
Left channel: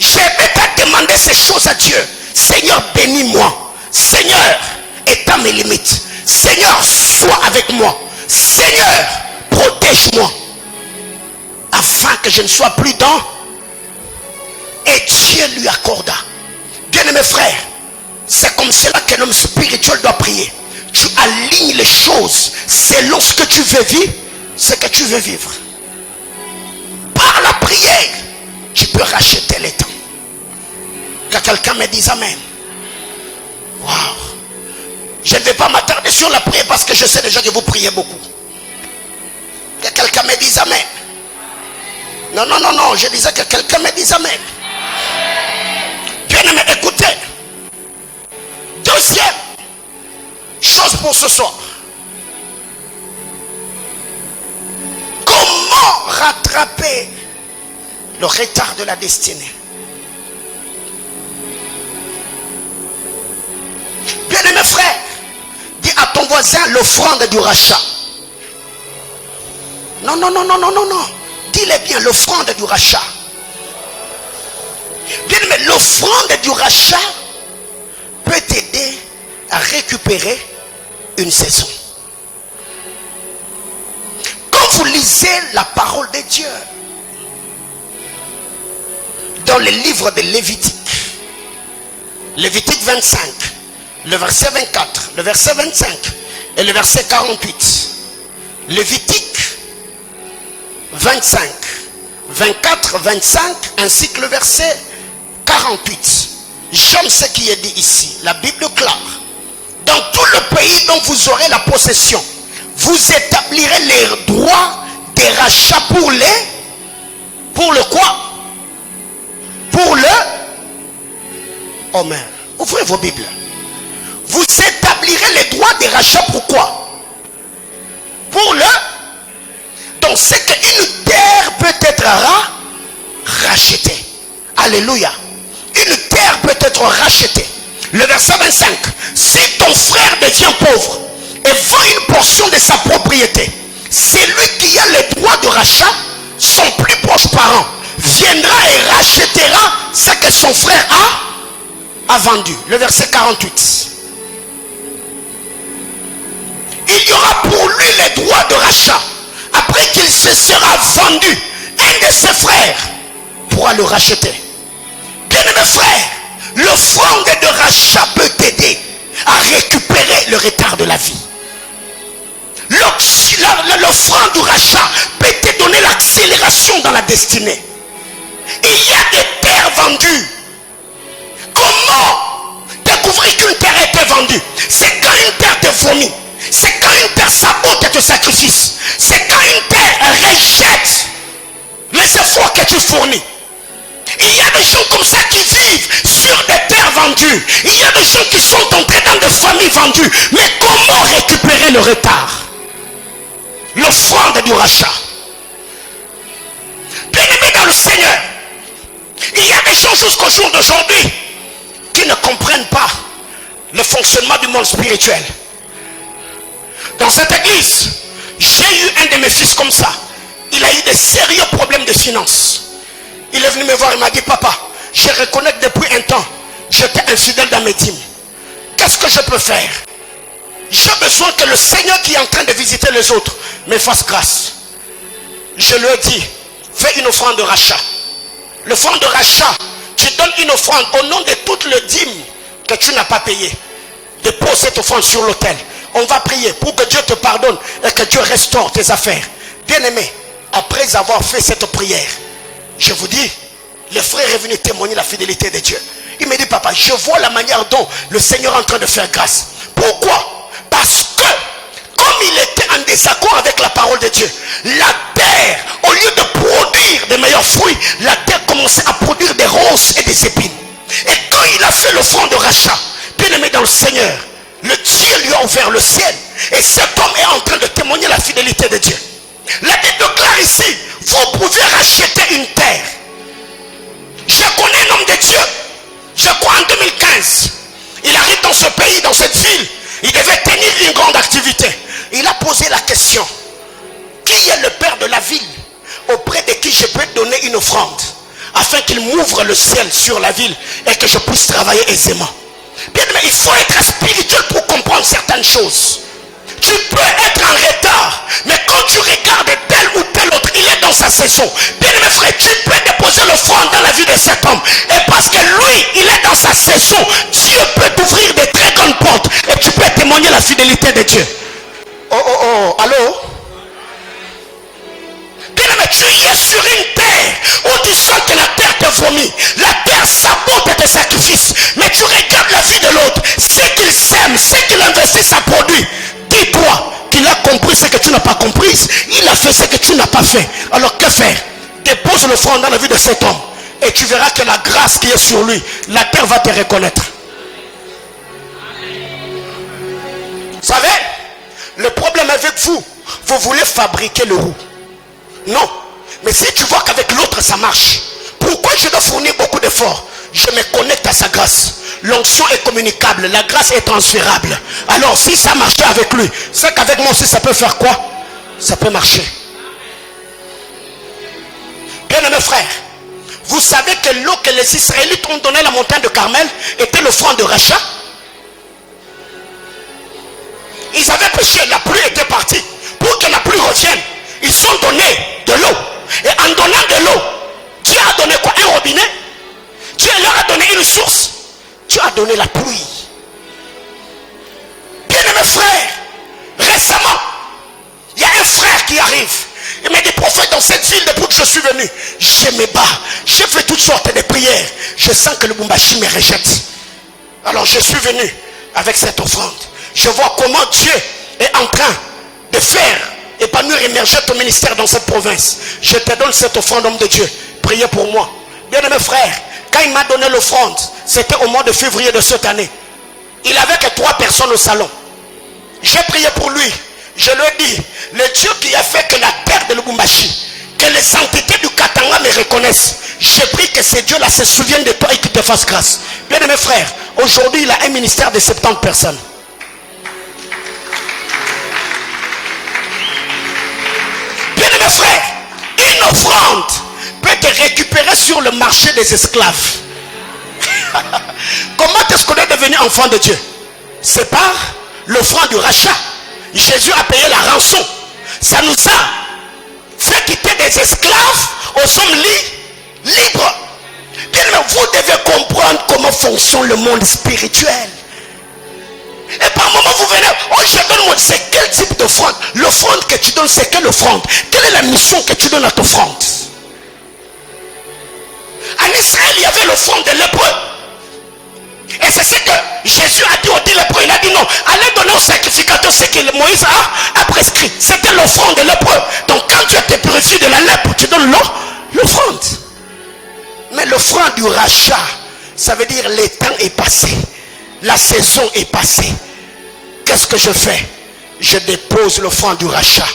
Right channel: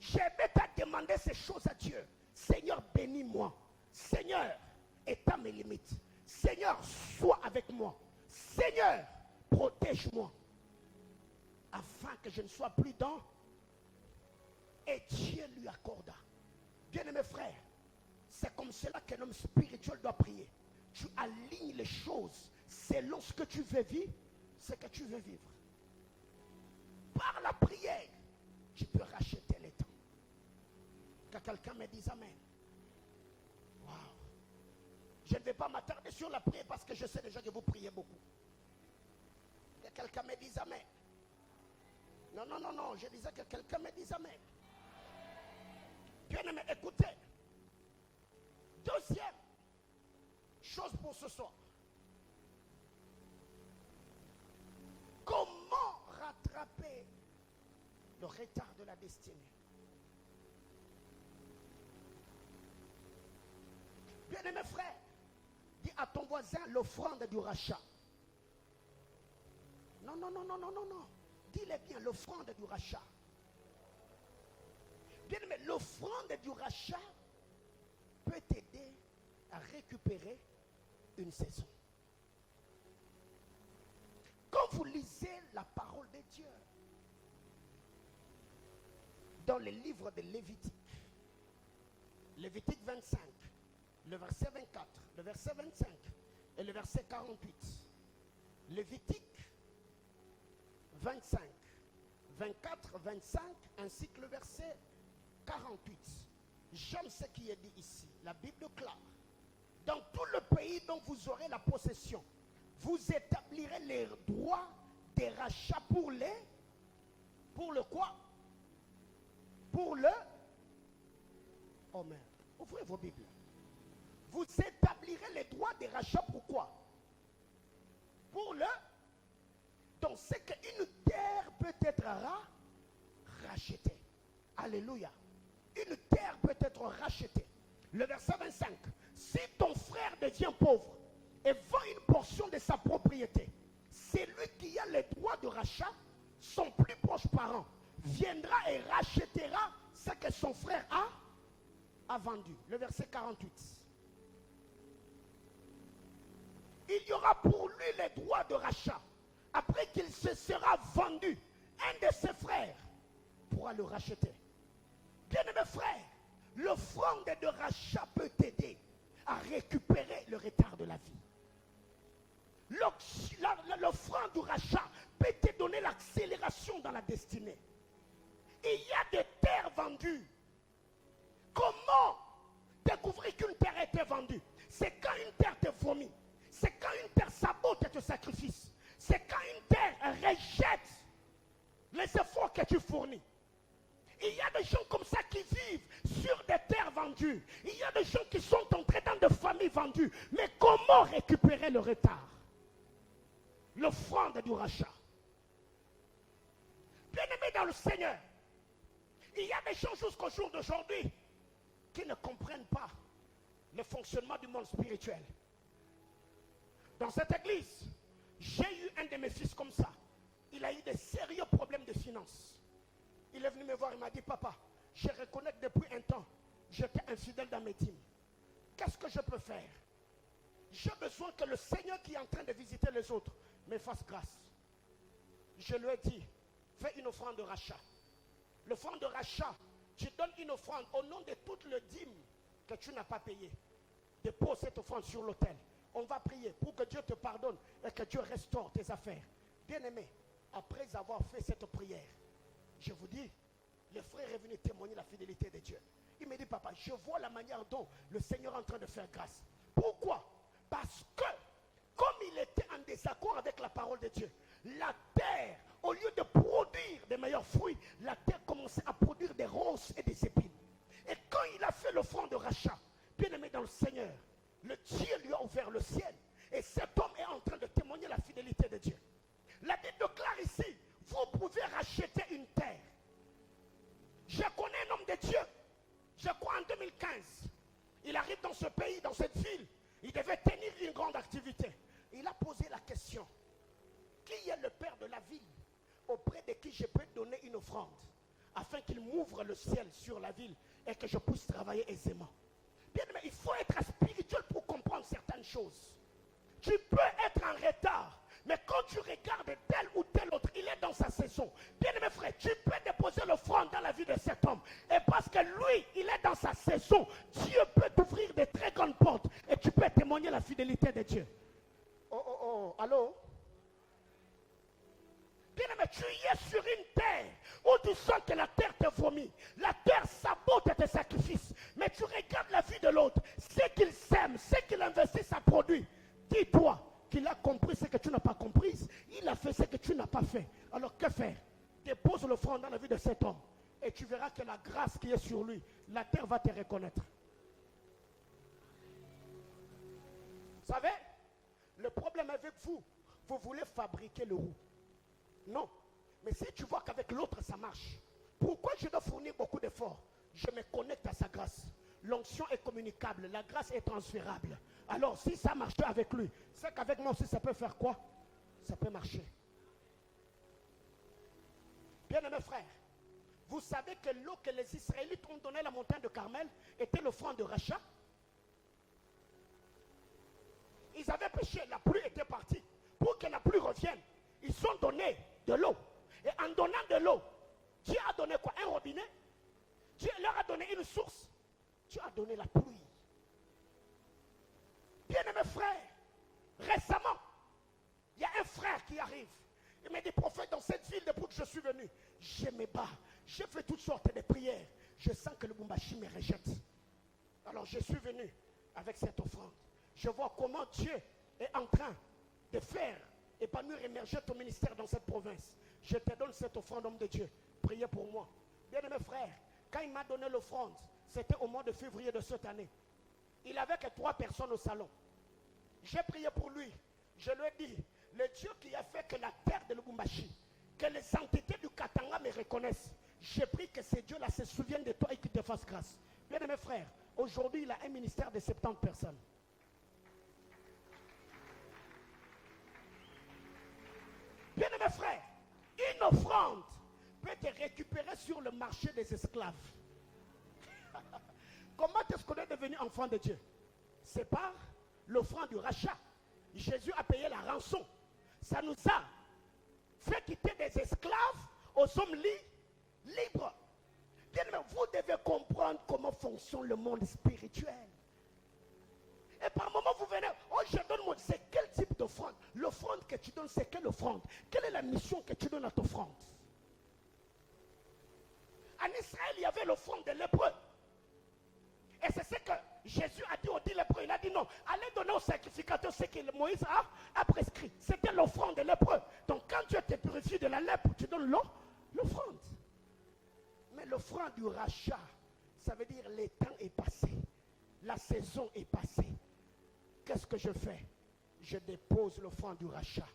Je vais pas demander ces choses à Dieu. Seigneur, bénis-moi. Seigneur, étends mes limites. Seigneur, sois avec moi. Seigneur, protège-moi. Afin que je ne sois plus dans. Et Dieu lui accorda. Bien-aimés frères, c'est comme cela qu'un homme spirituel doit prier. Tu alignes les choses selon ce que tu veux vivre, ce que tu veux vivre. Par la prière, tu peux racheter les temps. Que quelqu'un me dise amen. Waouh. Je ne vais pas m'attarder sur la prière parce que je sais déjà que vous priez beaucoup. Que quelqu'un me dise amen. Non, non, non, non. Je disais que quelqu'un me dise amen. Bien aimé, écoutez. Deuxième chose pour ce soir. Comment rattraper le retard de la destinée? voisin l'offrande du rachat. Non, non, non, non, non, non, non. Dis-le bien, l'offrande du rachat. Bien, mais l'offrande du rachat peut t'aider à récupérer une saison. Quand vous lisez la parole de Dieu dans le livre de Lévitique, Lévitique 25, le verset 24, le verset 25 et le verset 48. Lévitique 25, 24, 25 ainsi que le verset 48. J'aime ce qui est dit ici. La Bible déclare: dans tout le pays dont vous aurez la possession, vous établirez les droits des rachats pour le quoi? Pour le Omer. Ouvrez vos Bibles. Vous établirez les droits des rachats. Pourquoi? Pour le. Donc c'est qu'une terre peut être rachetée. Alléluia. Une terre peut être rachetée. Le verset 25. Si ton frère devient pauvre et vend une portion de sa propriété, c'est lui qui a les droits de rachat. Son plus proche parent viendra et rachètera ce que son frère a vendu. Le verset 48. Il y aura pour lui les droits de rachat. Après qu'il se sera vendu, un de ses frères pourra le racheter. Bien-aimés frères, l'offrande de rachat peut t'aider à récupérer le retard de la vie. L'offrande du rachat peut te donner l'accélération dans la destinée. Il y a des terres vendues. Comment découvrir qu'une terre a été vendue? C'est quand une terre te vomit. C'est quand une terre sabote tes sacrifices. C'est quand une terre rejette les efforts que tu fournis. Il y a des gens comme ça qui vivent sur des terres vendues. Il y a des gens qui sont entrés dans des familles vendues. Mais comment récupérer le retard? L'offrande du rachat. Bien-aimés dans le Seigneur, il y a des gens jusqu'au jour d'aujourd'hui qui ne comprennent pas le fonctionnement du monde spirituel. Dans cette église, j'ai eu un de mes fils comme ça. Il a eu de sérieux problèmes de finances. Il est venu me voir, il m'a dit: papa, je reconnais que depuis un temps, j'étais infidèle dans mes dîmes. Qu'est-ce que je peux faire? J'ai besoin que le Seigneur qui est en train de visiter les autres me fasse grâce. Je lui ai dit: fais une offrande de rachat. L'offrande de rachat, tu donnes une offrande au nom de toutes les dîmes que tu n'as pas payées. Dépose cette offrande sur l'autel. On va prier pour que Dieu te pardonne et que Dieu restaure tes affaires. Bien-aimé, après avoir fait cette prière, je vous dis, le frère est venu témoigner la fidélité de Dieu. Il me dit: papa, je vois la manière dont le Seigneur est en train de faire grâce. Pourquoi? Parce que, comme il était en désaccord avec la parole de Dieu, la terre, au lieu de produire des meilleurs fruits, la terre commençait à produire des ronces et des épines. Et quand il a fait l'offrande de rachat, bien-aimé dans le Seigneur, le Dieu lui a ouvert le ciel. Et cet homme est en train de témoigner la fidélité de Dieu. La Bible déclare ici: vous pouvez racheter une terre. Je connais un homme de Dieu, je crois en 2015. Il arrive dans ce pays, dans cette ville. Il devait tenir une grande activité. Il a posé la question: qui est le père de la ville auprès de qui je peux donner une offrande afin qu'il m'ouvre le ciel sur la ville et que je puisse travailler aisément? Bien, mais il faut être spirituel pour comprendre certaines choses. Tu peux être en retard, mais quand tu regardes tel ou tel autre, il est dans sa saison. Bien mes frères, tu peux déposer l'offrande dans la vie de cet homme. Et parce que lui, il est dans sa saison, Dieu peut t'ouvrir de très grandes portes. Et tu peux témoigner la fidélité de Dieu. Oh, allô? Bien mais tu es sur une terre où tu sens que la terre te vomit. La terre sabote tes sacrifices. Mais tu regardes la vie de l'autre. Ce qu'il sème, ce qu'il investit, ça produit. Dis-toi qu'il a compris ce que tu n'as pas compris. Il a fait ce que tu n'as pas fait. Alors que faire? Dépose l'offrande dans la vie de cet homme. Et tu verras que la grâce qui est sur lui, la terre va te reconnaître. Vous savez, le problème avec vous, vous voulez fabriquer le roux. Non. Mais si tu vois qu'avec l'autre ça marche, pourquoi je dois fournir beaucoup d'efforts? Je me connecte à sa grâce. l'onction est communicable, la grâce est transférable. Alors si ça marchait avec lui, c'est qu'avec moi aussi ça peut faire quoi? Ça peut marcher. Bien-aimés frères, vous savez que l'eau que les Israélites ont donnée à la montagne de Carmel était l'offrande de rachat. Ils avaient péché, la pluie était partie. Pour que la pluie revienne, ils ont donné de l'eau. Et en donnant de l'eau, Dieu a donné quoi? Un robinet. Dieu leur a donné une source. Dieu a donné la pluie. Bien-aimés frères, récemment, il y a un frère qui arrive. Il m'a dit, prophète, dans cette ville depuis que je suis venu, je me bats, j'ai fait toutes sortes de prières. Je sens que le Bumbashi me rejette. Alors je suis venu avec cette offrande. Je vois comment Dieu est en train de faire épanouir, émerger ton ministère dans cette province. Je te donne cette offrande, homme de Dieu. Priez pour moi. Bien-aimés frères, quand il m'a donné l'offrande, c'était au mois de février de cette année. Il avait que 3 personnes au salon. J'ai prié pour lui. Je lui ai dit, le Dieu qui a fait que la terre de Lubumbashi, que les entités du Katanga me reconnaissent, j'ai pris que ces dieux-là se souviennent de toi et qu'ils te fassent grâce. Bien aimés frères, aujourd'hui il a un ministère de 70 personnes. Bien aimés frères, une offrande peut te récupérer sur le marché des esclaves. Comment est-ce qu'on est devenu enfant de Dieu? C'est par l'offrande du rachat. Jésus a payé la rançon. Ça nous a fait quitter des esclaves aux hommes libres. Bien, mais vous devez comprendre comment fonctionne le monde spirituel. Et par moment vous venez, oh je donne moi, c'est quel type d'offrande? L'offrande que tu donnes, c'est quelle offrande? Quelle est la mission que tu donnes à ton offrande? En Israël, il y avait l'offrande de lépreux. Et c'est ce que Jésus a dit aux 10 lépreux. Il a dit non, allez donner au sacrificateur ce que Moïse a prescrit. C'était l'offrande de lépreux. Donc quand tu te purifies de la lèpre, tu donnes l'offrande. Mais l'offrande du rachat, ça veut dire le temps est passé. La saison est passée. Qu'est-ce que je fais? Je dépose l'offrande du rachat.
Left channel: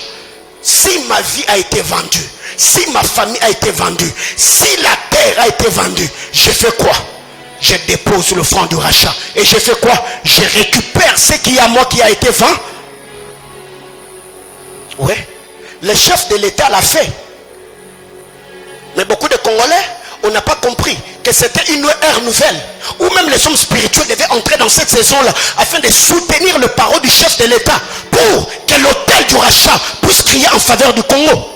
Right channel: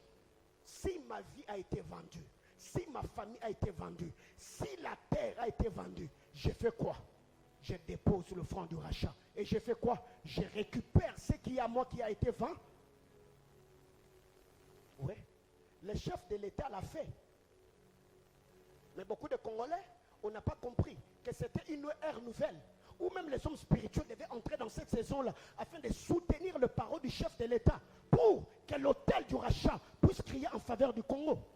Si ma vie a été vendue, si ma famille a été vendue, si la terre a été vendue, je fais quoi? Je dépose l'offrande du rachat. Et je fais quoi? Je récupère ce qui est à moi qui a été vendu. Oui, le chef de l'État l'a fait. Mais beaucoup de Congolais, on n'a pas compris que c'était une ère nouvelle où même les hommes spirituels devaient entrer dans cette saison-là afin de soutenir le parole du chef de l'État pour que l'autel du rachat puisse crier en faveur du Congo.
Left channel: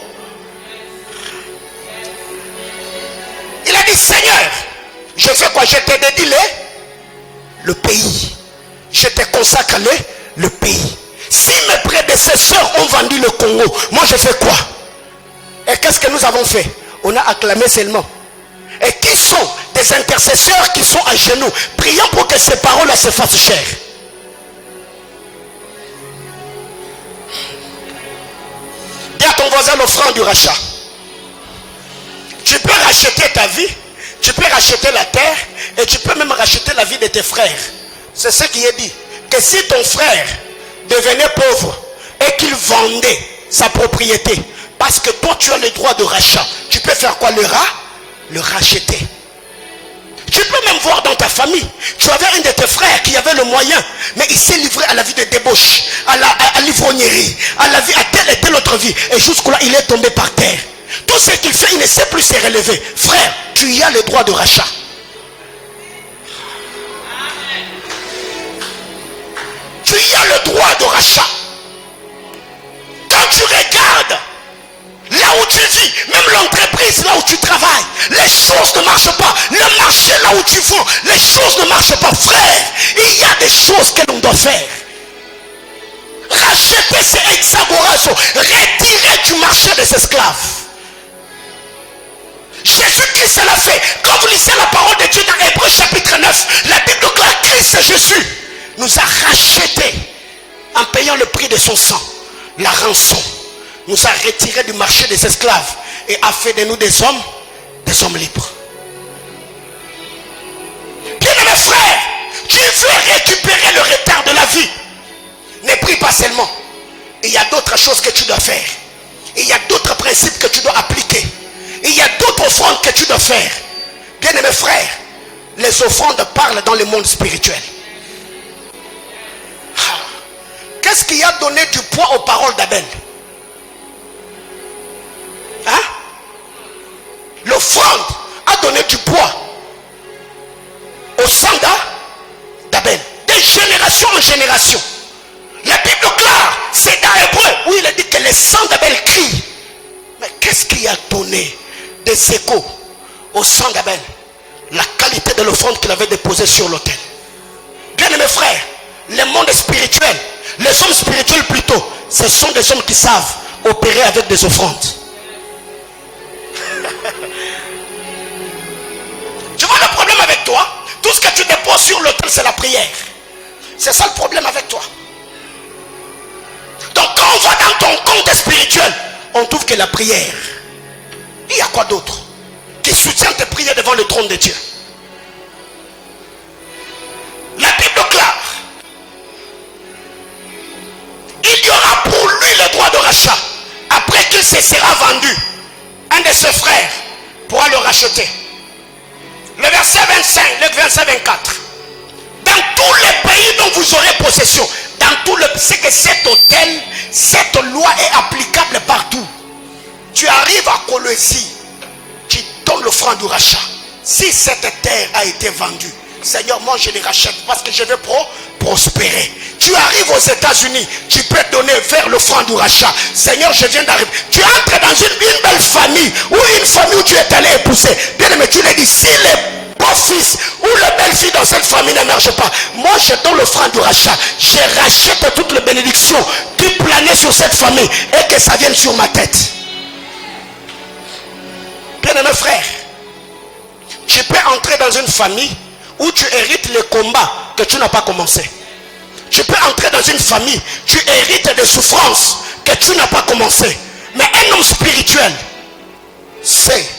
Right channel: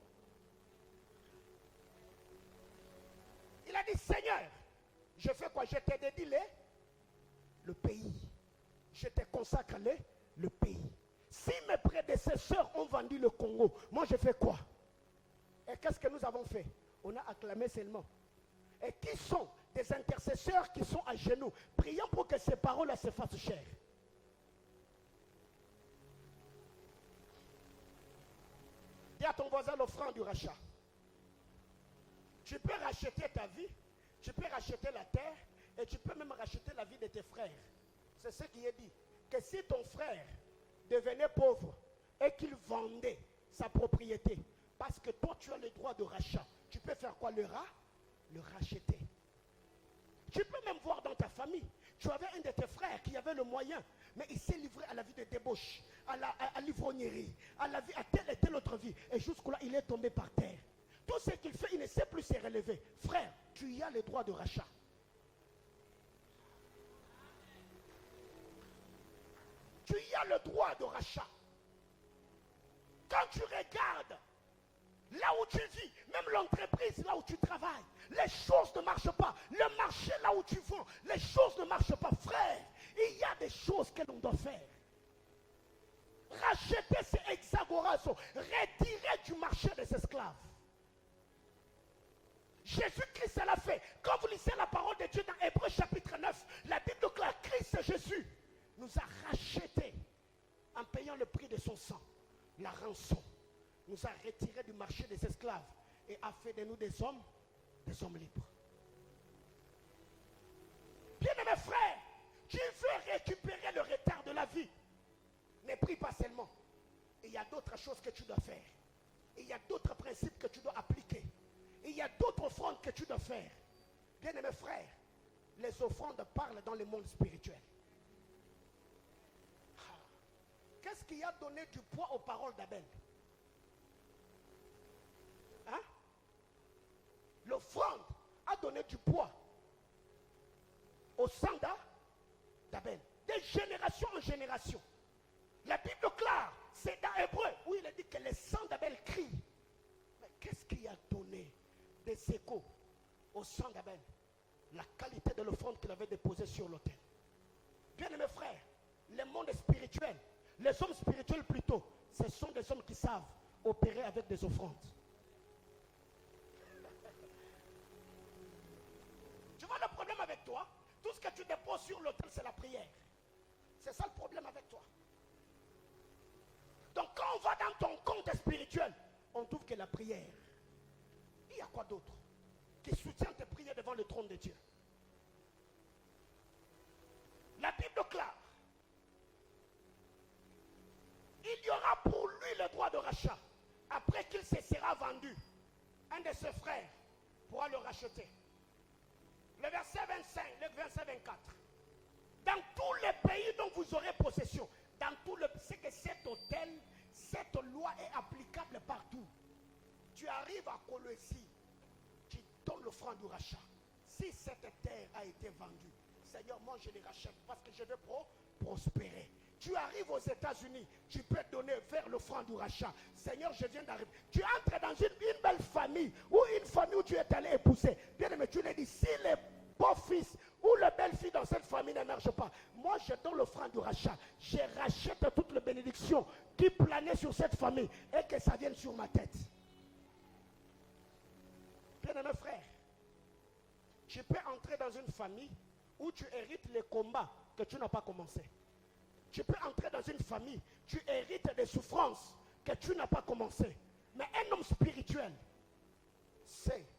Il a dit, Seigneur, je fais quoi? Je te dédie le pays. Je te consacre le pays. Si mes prédécesseurs ont vendu le Congo, moi je fais quoi? Et qu'est-ce que nous avons fait? On a acclamé seulement. Et qui sont des intercesseurs qui sont à genoux, priant pour que ces paroles-là se fassent chères. Dis à ton voisin l'offrande du rachat. Tu peux racheter ta vie, tu peux racheter la terre, et tu peux même racheter la vie de tes frères. C'est ce qui est dit. Que si ton frère devenait pauvre et qu'il vendait sa propriété, parce que toi tu as le droit de rachat, tu peux faire quoi? Le racheter. Tu peux même voir dans ta famille, tu avais un de tes frères qui avait le moyen, mais il s'est livré à la vie de débauche, à l'ivrognerie, à telle et telle autre vie, et jusqu'à là il est tombé par terre. Tout ce qu'il fait, il ne sait plus se relever. Frère, tu y as le droit de rachat. Tu y as le droit de rachat. Quand tu regardes là où tu vis, même l'entreprise là où tu travailles, les choses ne marchent pas. Le marché là où tu vends, les choses ne marchent pas. Frère, il y a des choses que l'on doit faire. Racheter ces exagorations, retirer du marché des esclaves. Jésus-Christ l'a fait. Quand vous lisez la parole de Dieu dans Hébreux chapitre 9, la Bible déclare Christ Jésus nous a rachetés en payant le prix de son sang, la rançon. Nous a retirés du marché des esclaves et a fait de nous des hommes libres. Bien-aimés frères, tu veux récupérer le retard de la vie. Ne prie pas seulement. Il y a d'autres choses que tu dois faire. Il y a d'autres principes que tu dois appliquer. Il y a d'autres offrandes que tu dois faire. Bien-aimés frères, les offrandes parlent dans le monde spirituel. Qu'est-ce qui a donné du poids aux paroles d'Abel? Hein? L'offrande a donné du poids au sang d'Abel, de génération en génération. La Bible claire, c'est dans Hébreu où il a dit que le sang d'Abel crie. Mais qu'est-ce qui a donné des échos au sang d'Abel? La qualité de l'offrande qu'il avait déposée sur l'autel. Bien aimés frères, le monde spirituel, les hommes spirituels plutôt, ce sont des hommes qui savent opérer avec des offrandes. Tu vois le problème avec toi? Tout ce que tu déposes sur l'autel, c'est la prière. C'est ça le problème avec toi. Donc quand on va dans ton compte spirituel, on trouve que la prière, il y a quoi d'autre qui soutient tes prières devant le trône de Dieu? La Bible claire. Il y aura pour lui le droit de rachat. Après qu'il se sera vendu, un de ses frères pourra le racheter. Le verset 25, le verset 24. Dans tous les pays dont vous aurez possession, dans tout le, c'est que cet autel, cette loi est applicable partout. Tu arrives à Colosie, tu donnes l'offrande du rachat. Si cette terre a été vendue, Seigneur, moi je les rachète parce que je veux prospérer. Tu arrives aux États-Unis, tu peux donner vers l'offrande du rachat. Seigneur, je viens d'arriver. Tu entres dans une belle famille ou une famille où tu es allé épouser. Bien aimé, tu l'as dit, si le beau-fils ou la belle-fille dans cette famille ne marche pas, moi je donne l'offrande du rachat. Je rachète toutes les bénédictions qui planaient sur cette famille et que ça vienne sur ma tête. Bien aimé frère, tu peux entrer dans une famille où tu hérites les combats que tu n'as pas commencé. Tu peux entrer dans une famille, tu hérites des souffrances que tu n'as pas commencé. Mais un homme spirituel, c'est,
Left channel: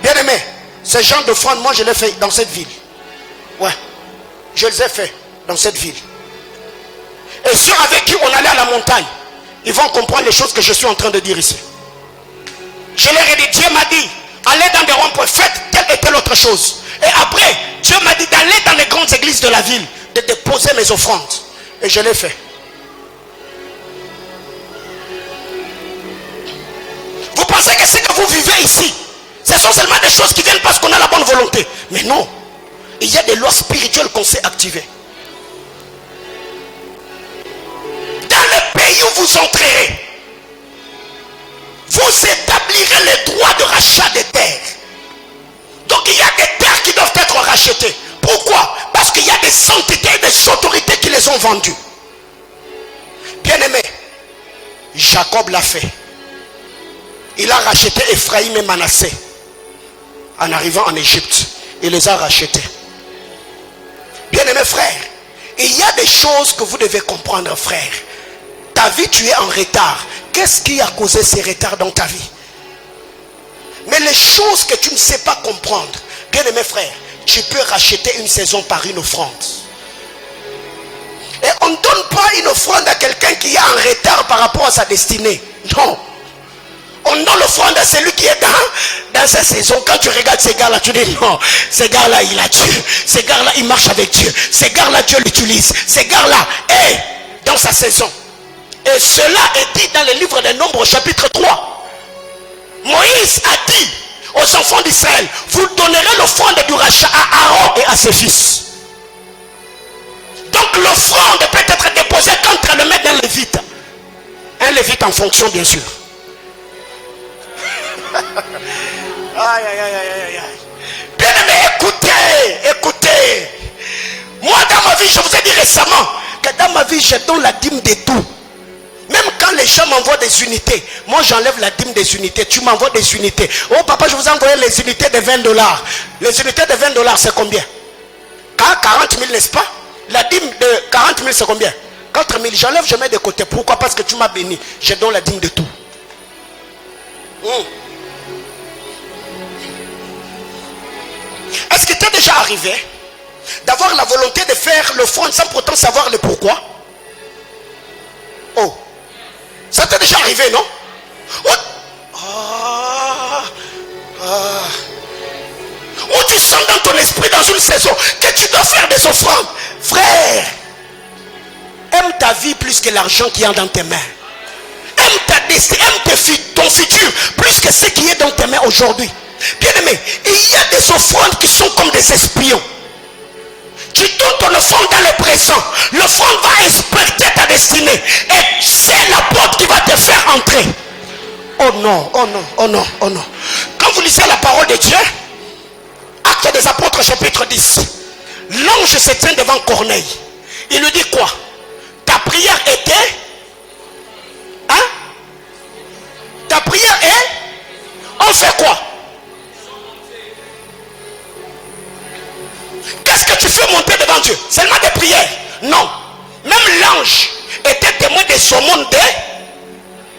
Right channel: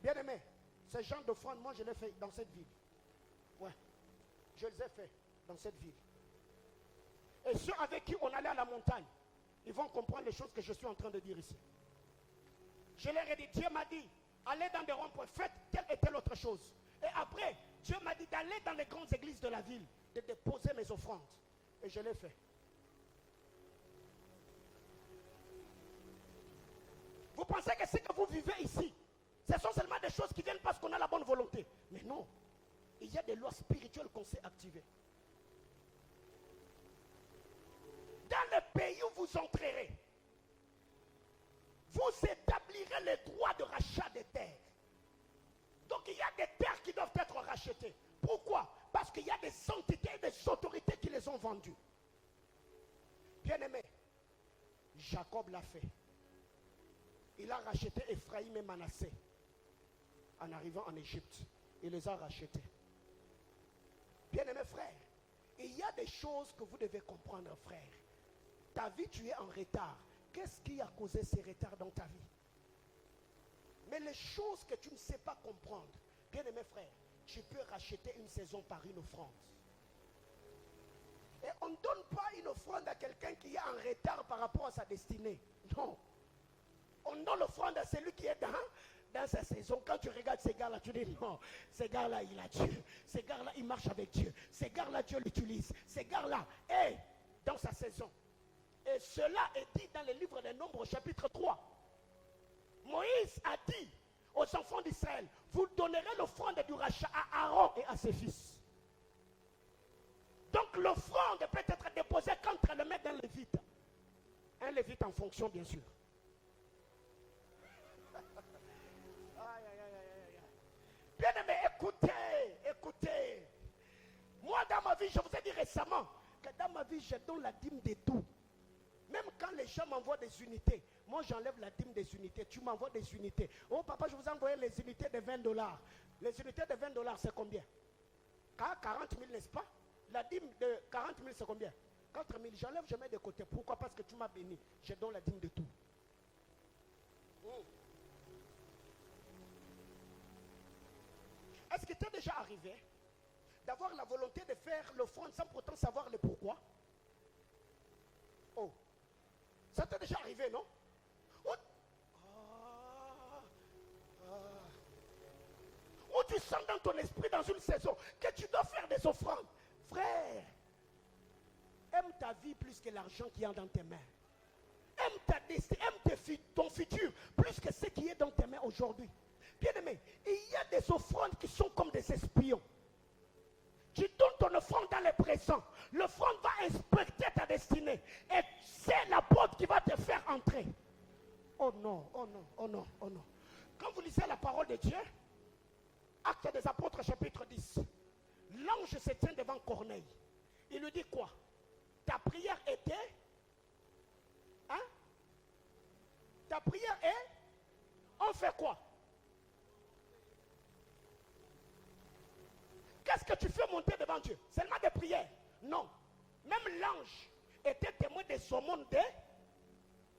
bien aimé, ce genre d'offrande, moi je l'ai fait dans cette ville. Ouais, je les ai fait dans cette ville. Et ceux avec qui on allait à la montagne, ils vont comprendre les choses que je suis en train de dire ici. Je leur ai dit, Dieu m'a dit, allez dans des ronds-points, faites telle et telle autre chose. Et après, Dieu m'a dit d'aller dans les grandes églises de la ville, de déposer mes offrandes. Et je l'ai fait. Vous pensez que ce que vous vivez ici, ce sont seulement des choses qui viennent parce qu'on a la bonne volonté. Mais non. Il y a des lois spirituelles qu'on sait activer. Dans le pays où vous entrerez, vous établirez les droits de rachat des terres. Donc il y a des terres qui doivent être rachetées. Pourquoi? Parce qu'il y a des entités et des autorités qui les ont vendues. Bien aimé, Jacob l'a fait. Il a racheté Ephraïm et Manassé. En arrivant en Égypte, il les a rachetés. Bien aimé frère, il y a des choses que vous devez comprendre frère. Ta vie, tu es en retard. Qu'est-ce qui a causé ces retards dans ta vie? Mais les choses que tu ne sais pas comprendre, bien aimé frère, tu peux racheter une saison par une offrande. Et on ne donne pas une offrande à quelqu'un qui est en retard par rapport à sa destinée. Non. On donne l'offrande à celui qui est dans sa saison. Quand tu regardes ces gars-là, tu dis non, ces gars-là, il a Dieu. Ces gars-là, il marche avec Dieu. Ces gars-là, Dieu l'utilise. Ces gars-là, dans sa saison. Et cela est dit dans le livre des Nombres, chapitre 3. Moïse a dit aux enfants d'Israël, vous donnerez l'offrande du rachat à Aaron et à ses fils. Donc l'offrande peut être déposée contre le maître d'un lévite. Un lévite en fonction bien sûr. Aïe, aïe, aïe, aïe, aïe. Bien aimé, écoutez. Moi dans ma vie, je vous ai dit récemment que dans ma vie, je donne la dîme de tout. Même quand les gens m'envoient des unités, moi j'enlève la dîme des unités. Tu m'envoies des unités. Oh papa, je vous ai envoyé les unités de $20. Les unités de $20, c'est combien? 40 000, n'est-ce pas? La dîme de 40 000, c'est combien? 4 000. J'enlève, je mets de côté. Pourquoi? Parce que tu m'as béni. Je donne la dîme de tout. Est-ce qu'il t'est déjà arrivé d'avoir la volonté de faire l'offrande sans pourtant savoir le pourquoi? Oh, ça t'est déjà arrivé, non? Où tu sens dans ton esprit dans une saison que tu dois faire des offrandes. Frère, aime ta vie plus que l'argent qui est dans tes mains. Aime ta destinée, aime ton futur plus que ce qui est dans tes mains aujourd'hui. Bien aimé, il y a des offrandes qui sont comme des espions. Tu donnes ton offrande dans le présent. L'offrande va inspecter ta destinée. Et c'est la porte qui va te faire entrer. Oh non, oh non, oh non, oh non. Quand vous lisez la parole de Dieu, Actes des Apôtres chapitre 10, l'ange se tient devant Corneille. Il lui dit quoi? Ta prière était... Hein? Ta prière est... On fait quoi? Qu'est-ce que tu fais monter devant Dieu? Seulement des prières? Non. Même l'ange était témoin des saumons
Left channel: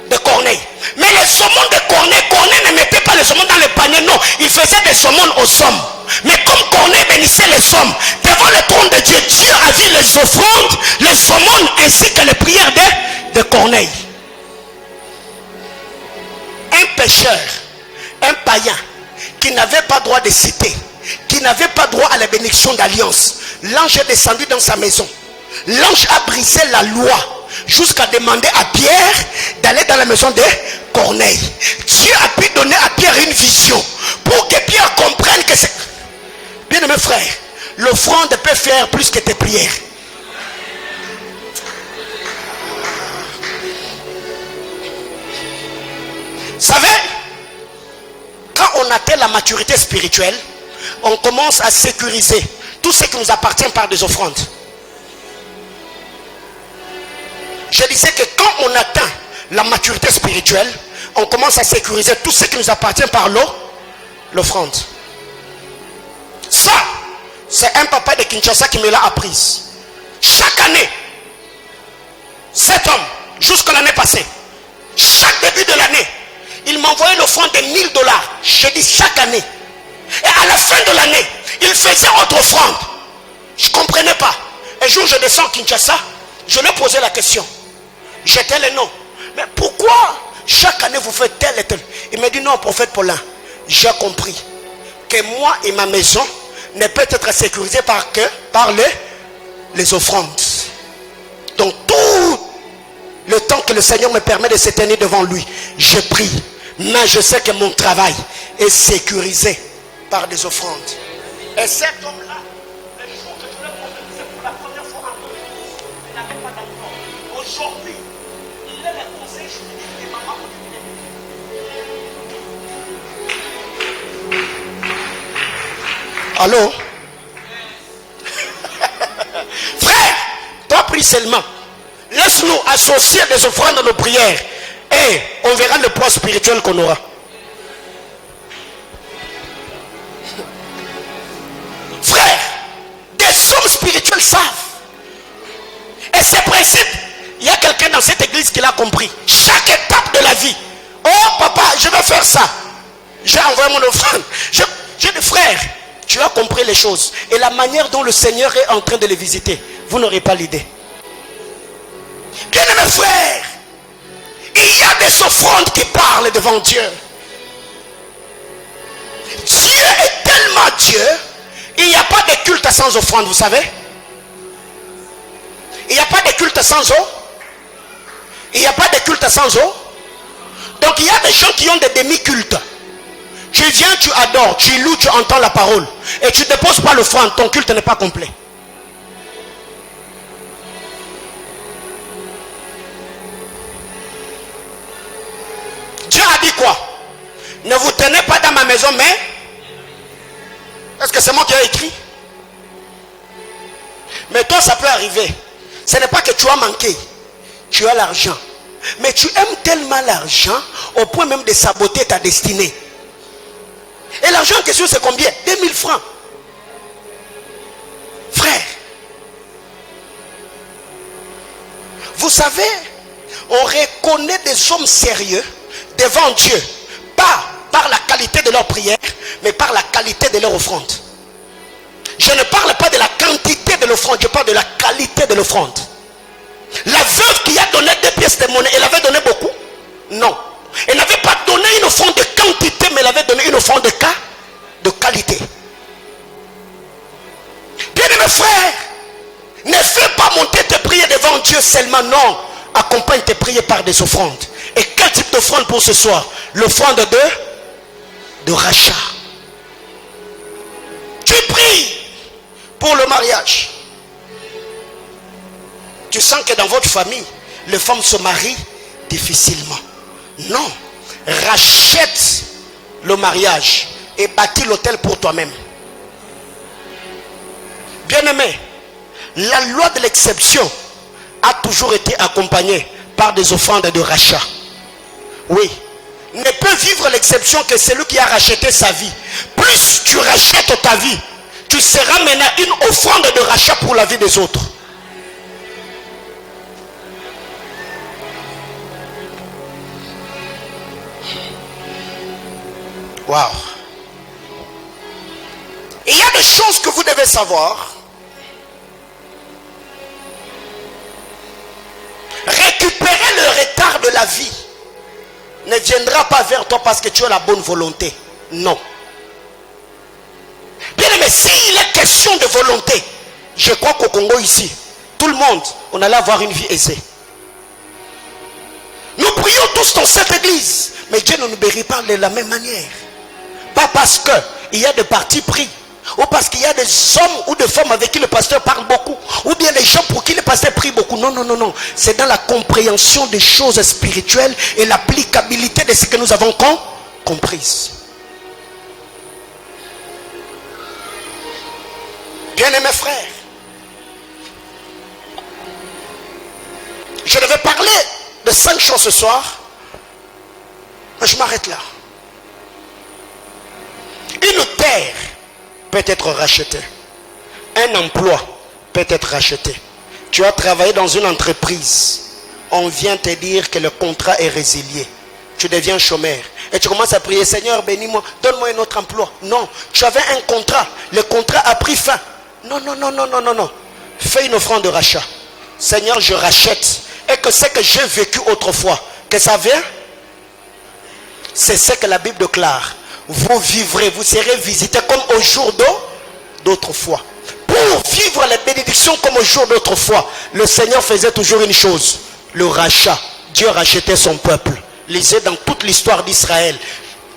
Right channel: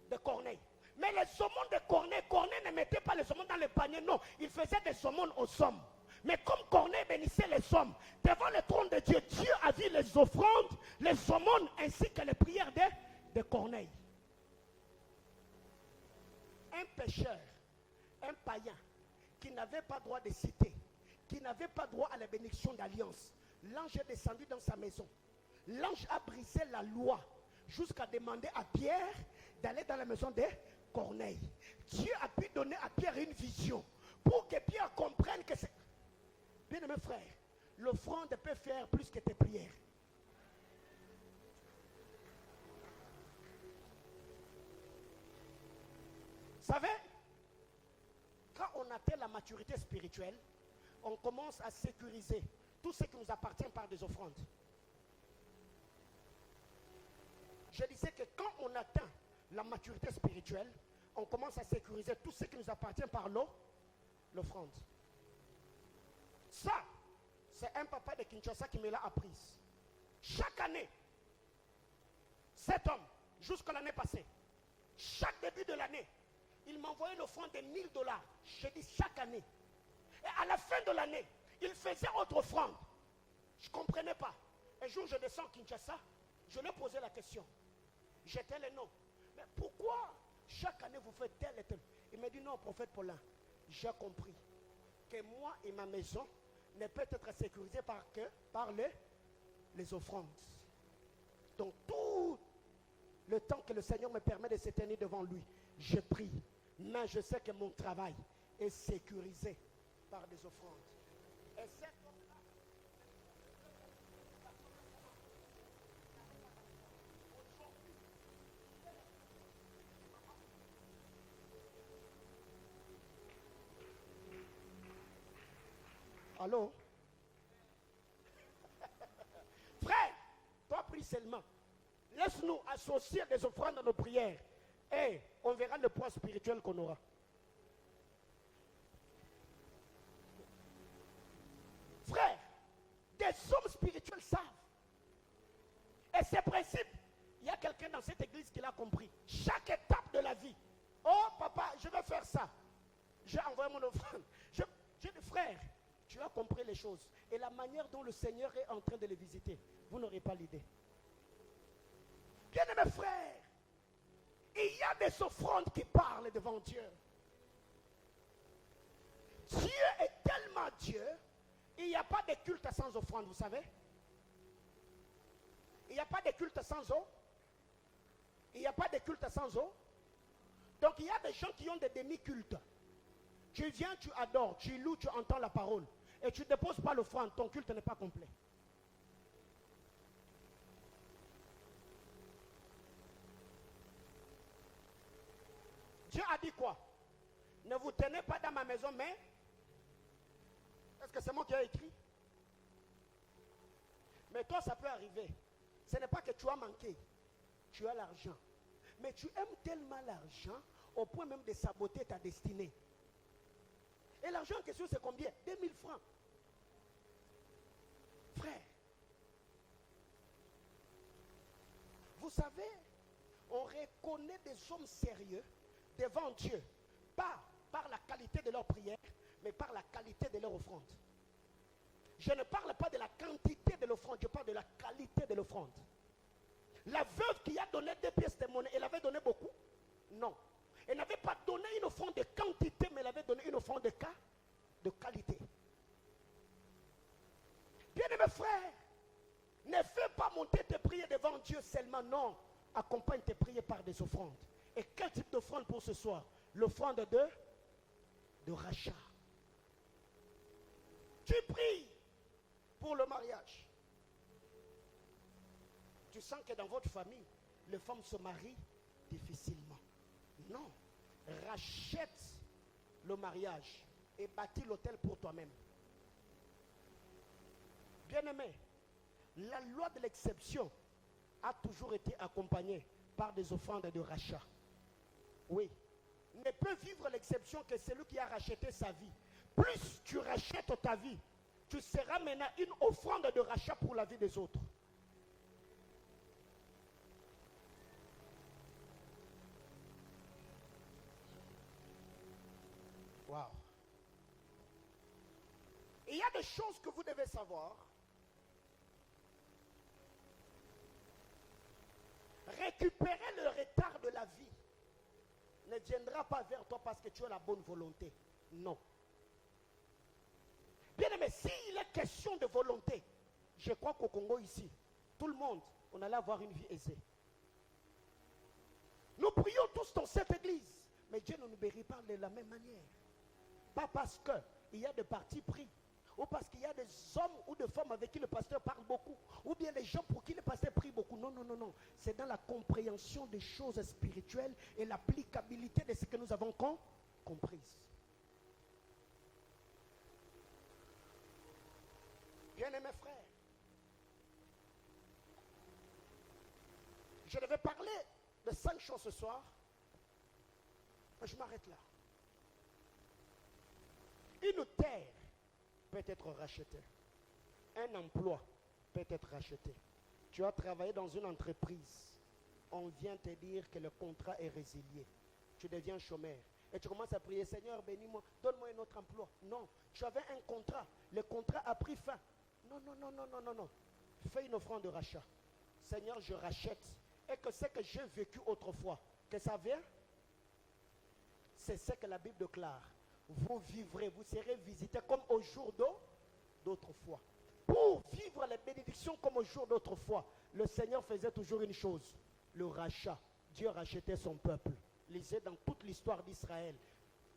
de Corneille. Mais les saumons de Corneille ne mettait pas les saumons dans le panier, non. Il faisait des saumons aux sommes. Mais comme Corneille bénissait les sommes, devant le trône de Dieu, Dieu a vu les offrandes, les saumons ainsi que les prières de Corneille. Un pécheur, un païen, qui n'avait pas droit de citer, qui n'avait pas droit à la bénédiction d'alliance, l'ange est descendu dans sa maison. L'ange a brisé la loi jusqu'à demander à Pierre d'aller dans la maison de Corneille. Dieu a pu donner à Pierre une vision pour que Pierre comprenne que c'est... Bien aimé frère, l'offrande peut faire plus que tes prières. Vous savez, quand on atteint la maturité spirituelle, on commence à sécuriser tout ce qui nous appartient par des offrandes. Je disais que quand on atteint la maturité spirituelle, on commence à sécuriser tout ce qui nous appartient par l'offrande. Ça, c'est un papa de Kinshasa qui me l'a appris. Chaque année, cet homme, jusqu'à l'année passée, chaque début de l'année, il m'envoyait l'offrande de $1000. Je dis chaque année. Et à la fin de l'année, il faisait autre offrande. Je ne comprenais pas. Un jour, je descends à Kinshasa, je lui ai posé la question. J'étais le nom. Mais pourquoi chaque année vous faites tel et tel? Il m'a dit non, prophète Paulin, j'ai compris que moi et ma maison ne peut être sécurisée par les offrandes. Donc tout le temps que le Seigneur me permet de se tenir devant lui, je prie. Mais je sais que mon travail est sécurisé par des offrandes. Et cet homme-là, le jour que je l'ai prophétisé pour la première fois en Côte, il n'avait pas d'enfant. Aujourd'hui, il est le conseil juridique des mamans au Allô? Frère, toi prie seulement. Laisse-nous associer des offrandes à nos prières. Et on verra le poids spirituel qu'on aura. Frère, des hommes spirituels savent. Et ces principes, il y a quelqu'un dans cette église qui l'a compris. Chaque étape de la vie. Oh papa, je vais faire ça. J'ai envoyé mon offrande. J'ai dit frère, tu as compris les choses. Et la manière dont le Seigneur est en train de les visiter, vous n'aurez pas l'idée. Bien aimé frère, il y a des offrandes qui parlent devant Dieu. Dieu est tellement Dieu, il n'y a pas de culte sans offrande, vous savez. Il n'y a pas de culte sans eau. Il n'y a pas de culte sans eau. Donc il y a des gens qui ont des demi-cultes. Tu viens, tu adores, tu loues, tu entends la parole. Et tu ne déposes pas l'offrande, ton culte n'est pas complet. Dieu a dit quoi? Ne vous tenez pas dans ma maison, mais... Est-ce que c'est moi qui ai écrit? Mais toi, ça peut arriver. Ce n'est pas que tu as manqué. Tu as l'argent. Mais tu aimes tellement l'argent au point même de saboter ta destinée. Et l'argent en question, c'est combien? 2000 francs. Frère, vous savez, on reconnaît des hommes sérieux devant Dieu, pas par la qualité de leur prière, mais par la qualité de leur offrande. Je ne parle pas de la quantité de l'offrande, je parle de la qualité de l'offrande. La veuve qui a donné 2 pièces de monnaie, elle avait donné beaucoup? Non. Elle n'avait pas donné une offrande de quantité, mais elle avait donné une offrande de qualité. Bien-aimé frère, ne fais pas monter tes prières devant Dieu seulement, non. Accompagne tes prières par des offrandes. Et quel type d'offrande pour ce soir? L'offrande de rachat. Tu pries pour le mariage. Tu sens que dans votre famille, les femmes se marient difficilement. Non. Rachète le mariage et bâtis l'autel pour toi-même. Bien-aimé, la loi de l'exception a toujours été accompagnée par des offrandes de rachat. Oui. Ne peut vivre l'exception que celui qui a racheté sa vie. Plus tu rachètes ta vie, tu seras maintenant une offrande de rachat pour la vie des autres. Waouh. Il y a des choses que vous devez savoir. Récupérer le retard de la vie ne viendra pas vers toi parce que tu as la bonne volonté. Non. Bien aimé, s'il est question de volonté, je crois qu'au Congo ici, tout le monde, on allait avoir une vie aisée. Nous prions tous dans cette église, mais Dieu ne nous bénit pas de la même manière. Pas parce qu'il y a des partis pris, ou parce qu'il y a des hommes ou des femmes avec qui le pasteur parle beaucoup, ou bien des gens pour qui le pasteur prie beaucoup. Non, non, non, non. C'est dans la compréhension des choses spirituelles et l'applicabilité de ce que nous avons compris. Bien-aimés frères, je devais parler de 5 choses ce soir, mais je m'arrête là. Une terre peut être rachetée. Un emploi peut être racheté. Tu as travaillé dans une entreprise. On vient te dire que le contrat est résilié. Tu deviens chômeur. Et tu commences à prier, Seigneur, bénis-moi, donne-moi un autre emploi. Non, tu avais un contrat. Le contrat a pris fin. Non, non, non, non, non, non, non. Fais une offrande de rachat. Seigneur, je rachète. Et que ce que j'ai vécu autrefois, que ça vient, c'est ce que la Bible déclare. Vous vivrez, vous serez visités comme au jour d'autrefois. Pour vivre les bénédictions comme au jour d'autrefois, le Seigneur faisait toujours une chose, le rachat. Dieu rachetait son peuple. Lisez dans toute l'histoire d'Israël.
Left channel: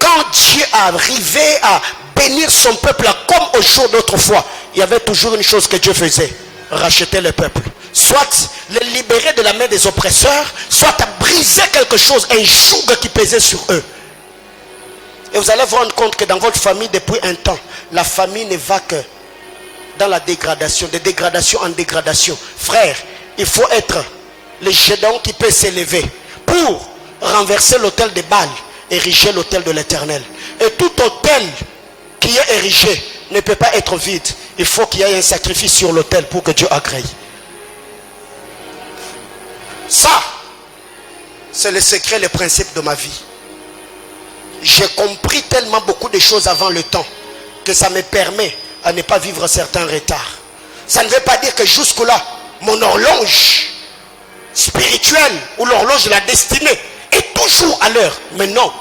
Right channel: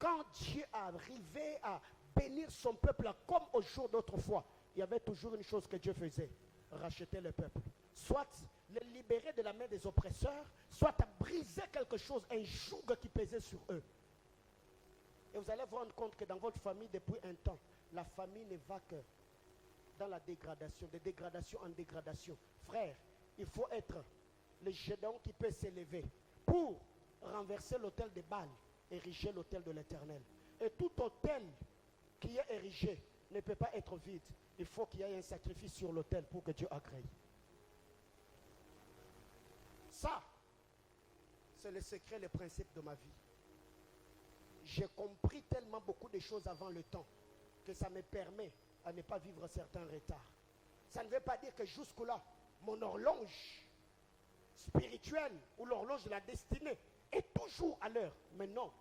Quand Dieu arrivait à bénir son peuple comme au jour d'autrefois, il y avait toujours une chose que Dieu faisait, racheter le peuple. Soit le libérer de la main des oppresseurs, soit briser quelque chose, un joug qui pesait sur eux. Et vous allez vous rendre compte que dans votre famille, depuis un temps, la famille ne va que dans la dégradation, de dégradation en dégradation. Frère, il faut être le Gédéon qui peut s'élever pour renverser l'autel de Baal, ériger l'autel de l'Éternel. Et tout autel qui est érigé ne peut pas être vide. Il faut qu'il y ait un sacrifice sur l'autel pour que Dieu agrée. Ça, c'est le secret, le principe de ma vie. J'ai compris tellement beaucoup de choses avant le temps que ça me permet à ne pas vivre certains retards. Ça ne veut pas dire que jusque-là, mon horloge spirituelle ou l'horloge de la destinée est toujours à l'heure. Mais non,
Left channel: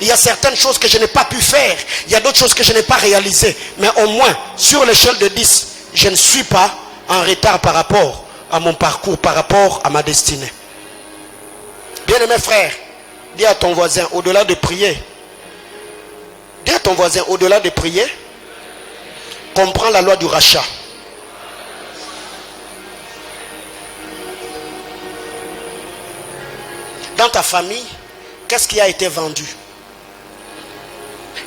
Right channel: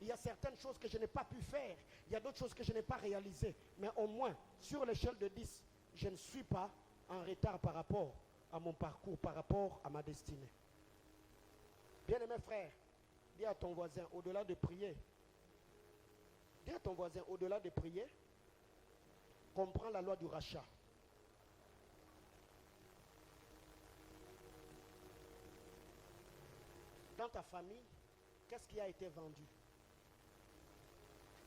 il y a certaines choses que je n'ai pas pu faire. Il y a d'autres choses que je n'ai pas réalisées. Mais au moins, sur l'échelle de 10, je ne suis pas en retard par rapport à mon parcours, par rapport à ma destinée. Bien-aimé frère, dis à ton voisin, au-delà de prier, dis à ton voisin, au-delà de prier, comprends la loi du rachat. Dans ta famille, qu'est-ce qui a été vendu?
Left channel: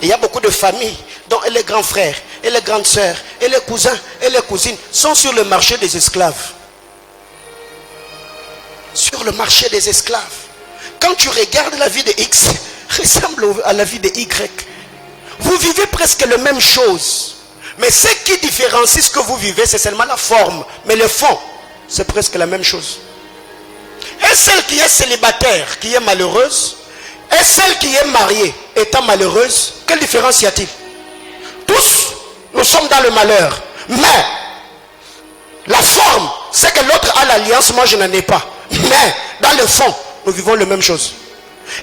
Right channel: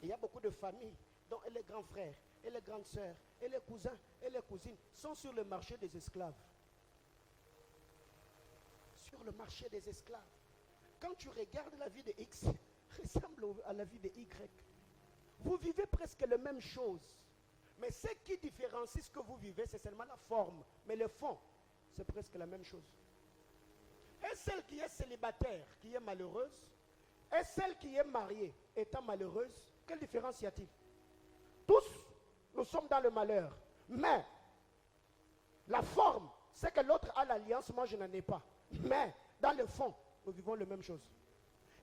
Il y a beaucoup de familles dont les grands frères, et les grandes sœurs, et les cousins, et les cousines sont sur le marché des esclaves. Sur le marché des esclaves. Quand tu regardes la vie de X, ressemble à la vie de Y. Vous vivez presque la même chose. Mais ce qui différencie ce que vous vivez, c'est seulement la forme. Mais le fond, c'est presque la même chose. Et celle qui est célibataire, qui est malheureuse, et celle qui est mariée, étant malheureuse, quelle différence y a-t-il? Tous, nous sommes dans le malheur. Mais, la forme, c'est que l'autre a l'alliance, moi je n'en ai pas. Mais, dans le fond, nous vivons la même chose.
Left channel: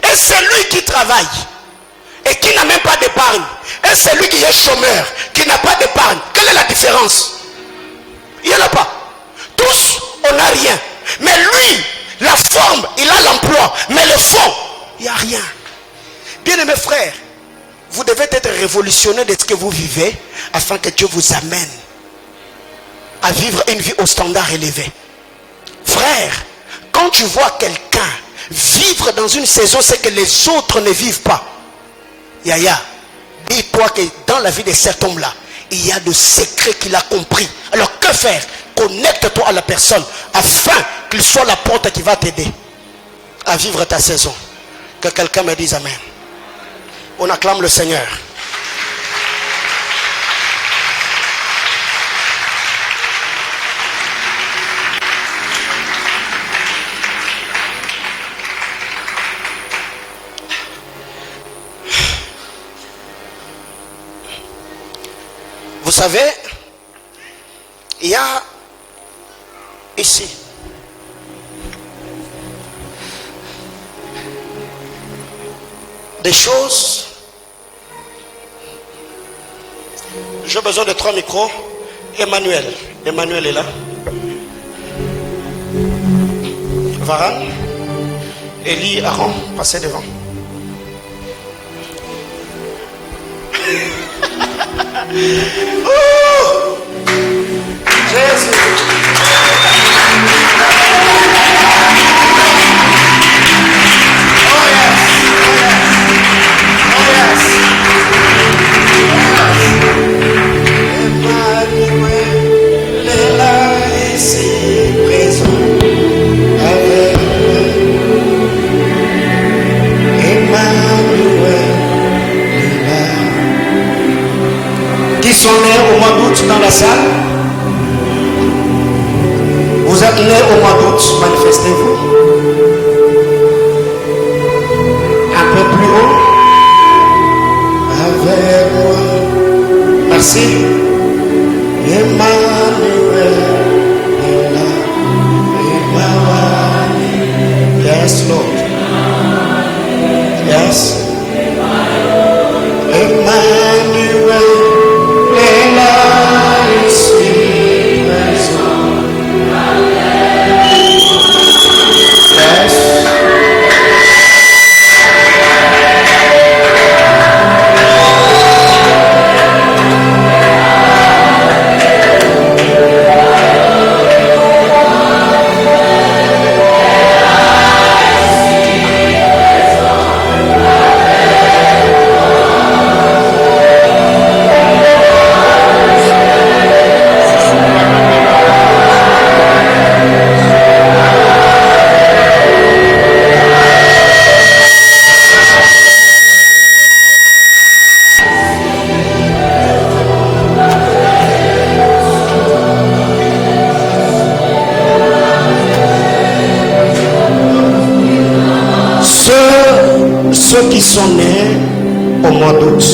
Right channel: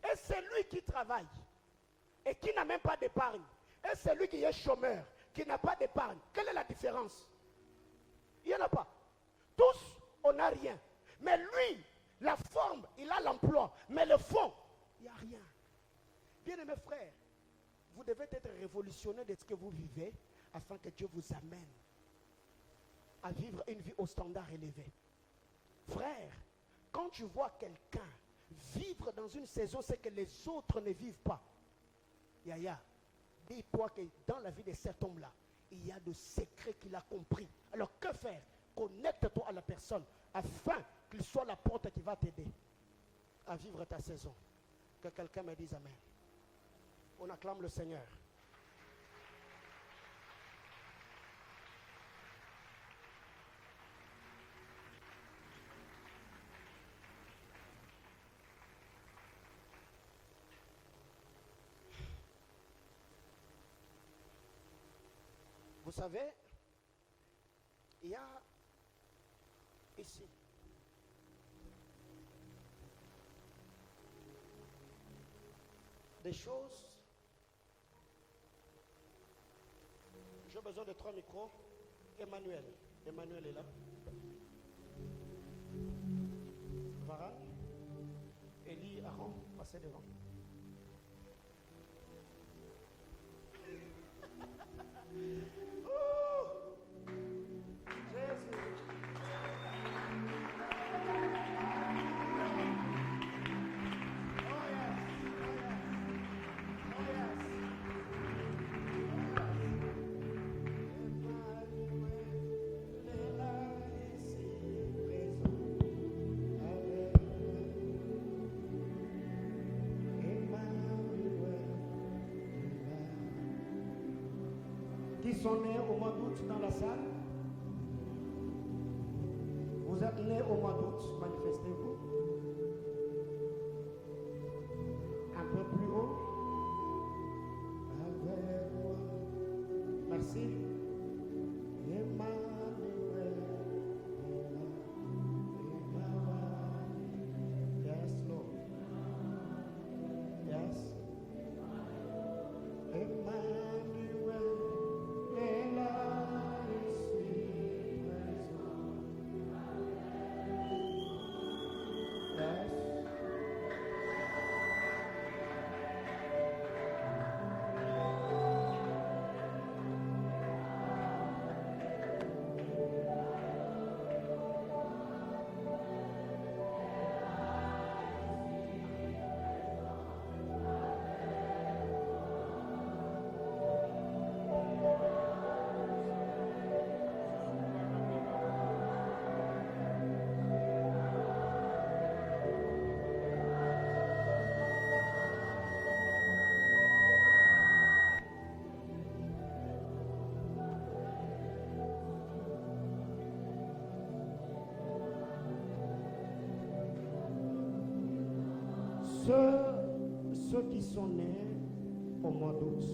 Et celui qui travaille, et qui n'a même pas d'épargne, et celui qui est chômeur, qui n'a pas d'épargne, quelle est la différence? Mais lui, la forme, il a l'emploi. Mais le fond, il n'y a rien. Bien-aimés frères, vous devez être révolutionnaire de ce que vous vivez afin que Dieu vous amène à vivre une vie au standard élevé. Frère, quand tu vois quelqu'un vivre dans une saison, c'est que les autres ne vivent pas. Yaya, dis-toi que dans la vie de cet homme-là, il y a de secrets qu'il a compris. Alors que faire? Connecte-toi à la personne afin qu'il soit la porte qui va t'aider à vivre ta saison. Que quelqu'un me dise amen. On acclame le Seigneur. Vous savez, il y a ici des choses. J'ai besoin de 3 micros. Emmanuel est là. Varane, Élie, Aaron, passez devant. Oh, Jésus. Oh yes. Oh yes. Emmanuel est là ici présent avec nous. Emmanuel est là. Qui sont nés au mois d'août dans la salle? Vous êtes nés au mois d'août, manifestez-vous. Un peu plus haut. Avec moi. Merci. Emmanuel est là. Emmanuel. Yes, Lord. Yes. Emmanuel. Ceux qui sont nés au mois d'août,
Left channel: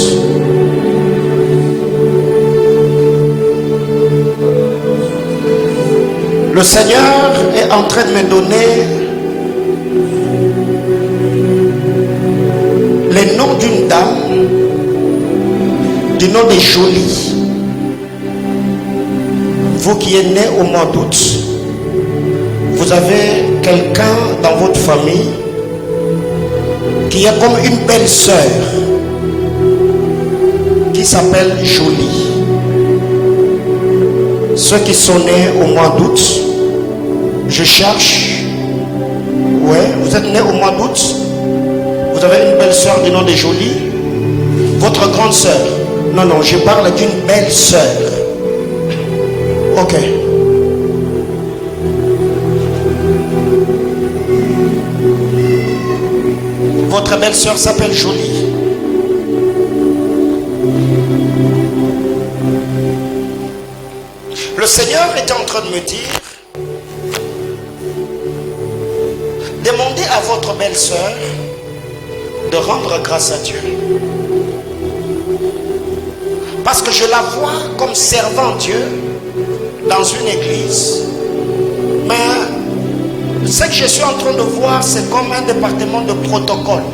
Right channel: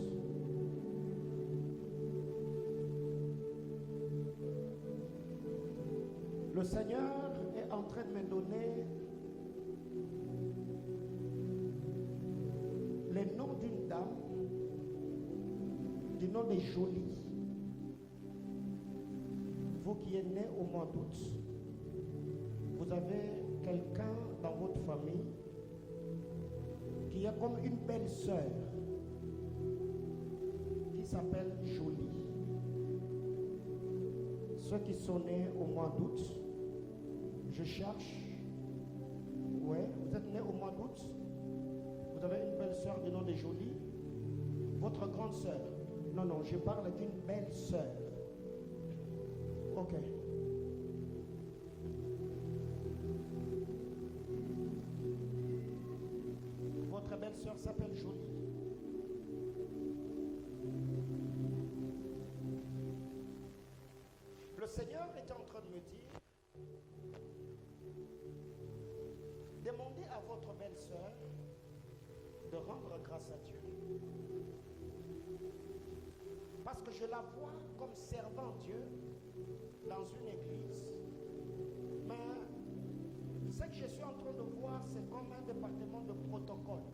le Seigneur est en train de me donner le nom d'une dame du nom de Jolie. Vous qui êtes né au mois d'août, vous avez quelqu'un dans votre famille qui est comme une belle sœur qui s'appelle Jolie. Ceux qui sont nés au mois d'août, je cherche. Ouais, vous êtes nés au mois d'août. Vous avez une belle sœur du nom de Jolie. Votre grande sœur. Non, je parle d'une belle sœur. Ok. Votre belle-sœur s'appelle Jolie. Le Seigneur était en train de me dire, demandez à votre belle-sœur de rendre grâce à Dieu. Parce que je la vois comme servant Dieu dans une église. Mais ce que je suis en train de voir, c'est comme un département de protocole.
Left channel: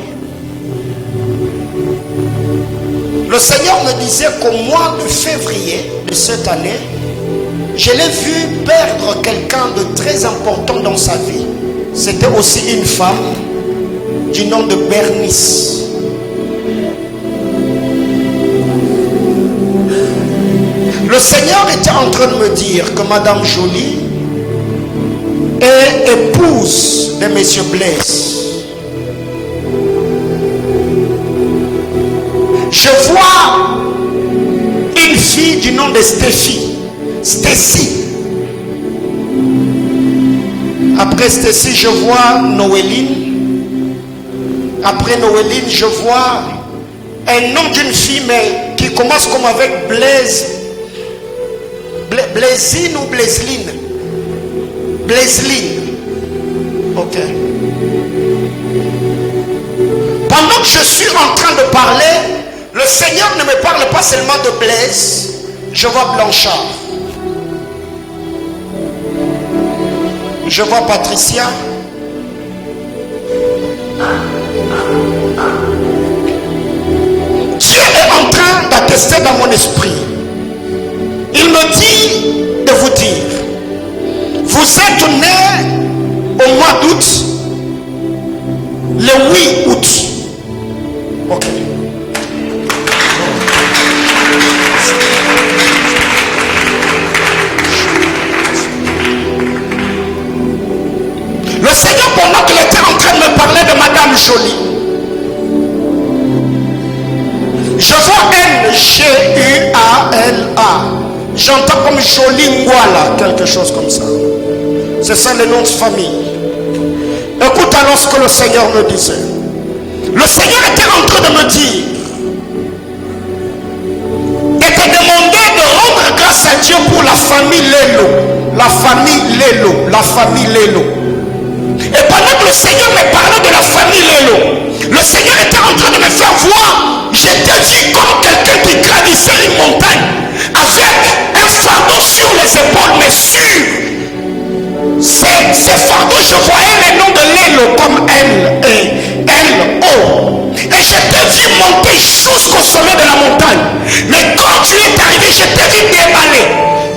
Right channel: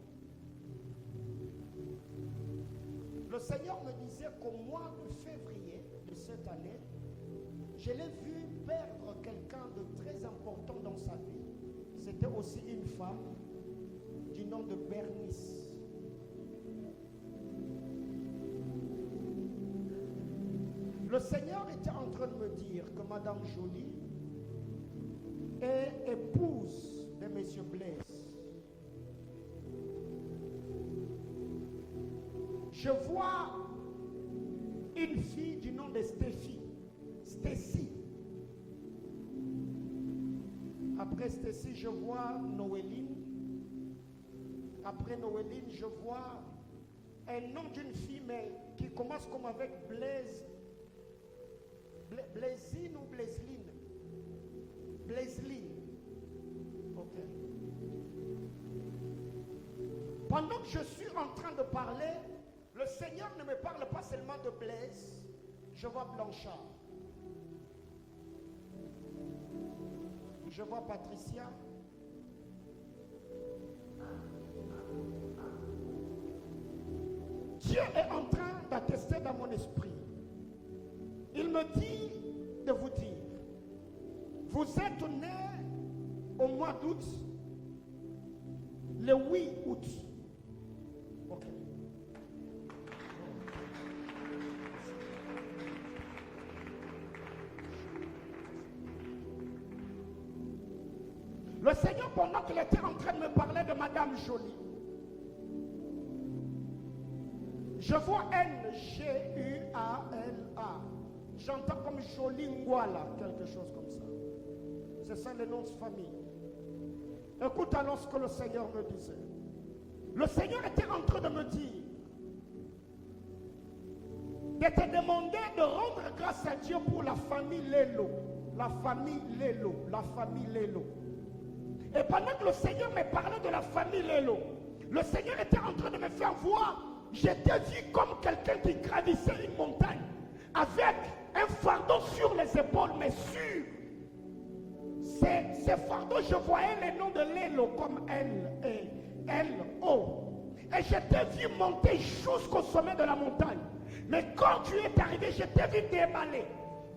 Le Seigneur me disait qu'au mois de février de cette année, je l'ai vu perdre quelqu'un de très important dans sa vie. C'était aussi une femme du nom de Bernice. Le Seigneur était en train de me dire que Madame Jolie est épouse de Monsieur Blaise. Je vois une fille du nom de Stacy. Après Stacy, je vois Noéline. Après Noéline, je vois un nom d'une fille, mais qui commence comme avec Blaise. Blaisine ou Blaiseline? Blaiseline. Ok. Pendant que je suis en train de parler, le Seigneur ne me parle pas seulement de Blaise. Je vois Blanchard. Je vois Patricia. Dieu est en train d'attester dans mon esprit. Il me dit de vous dire, vous êtes nés au mois d'août, le 8 août. Ok. Le Seigneur, pendant qu'il était en train de me parler de Madame Jolie, je vois N-G-U-A-L-A. J'entends comme Jolie Ngwala, quelque chose comme ça. C'est ça le nom de famille. Écoute alors ce que le Seigneur me disait. Le Seigneur était en train de me dire et te demander de rendre grâce à Dieu pour la famille Lelo. La famille Lelo. La famille Lelo. Et pendant que le Seigneur me parlait de la famille Lelo, le Seigneur était en train de me faire voir. J'étais vu comme quelqu'un qui gravissait une montagne avec un fardeau sur les épaules, mais sur ces fardeaux, je voyais les noms de Lélo comme L-E-L-O. Et je t'ai vu monter jusqu'au sommet de la montagne. Mais quand tu es arrivé, je t'ai vu déballer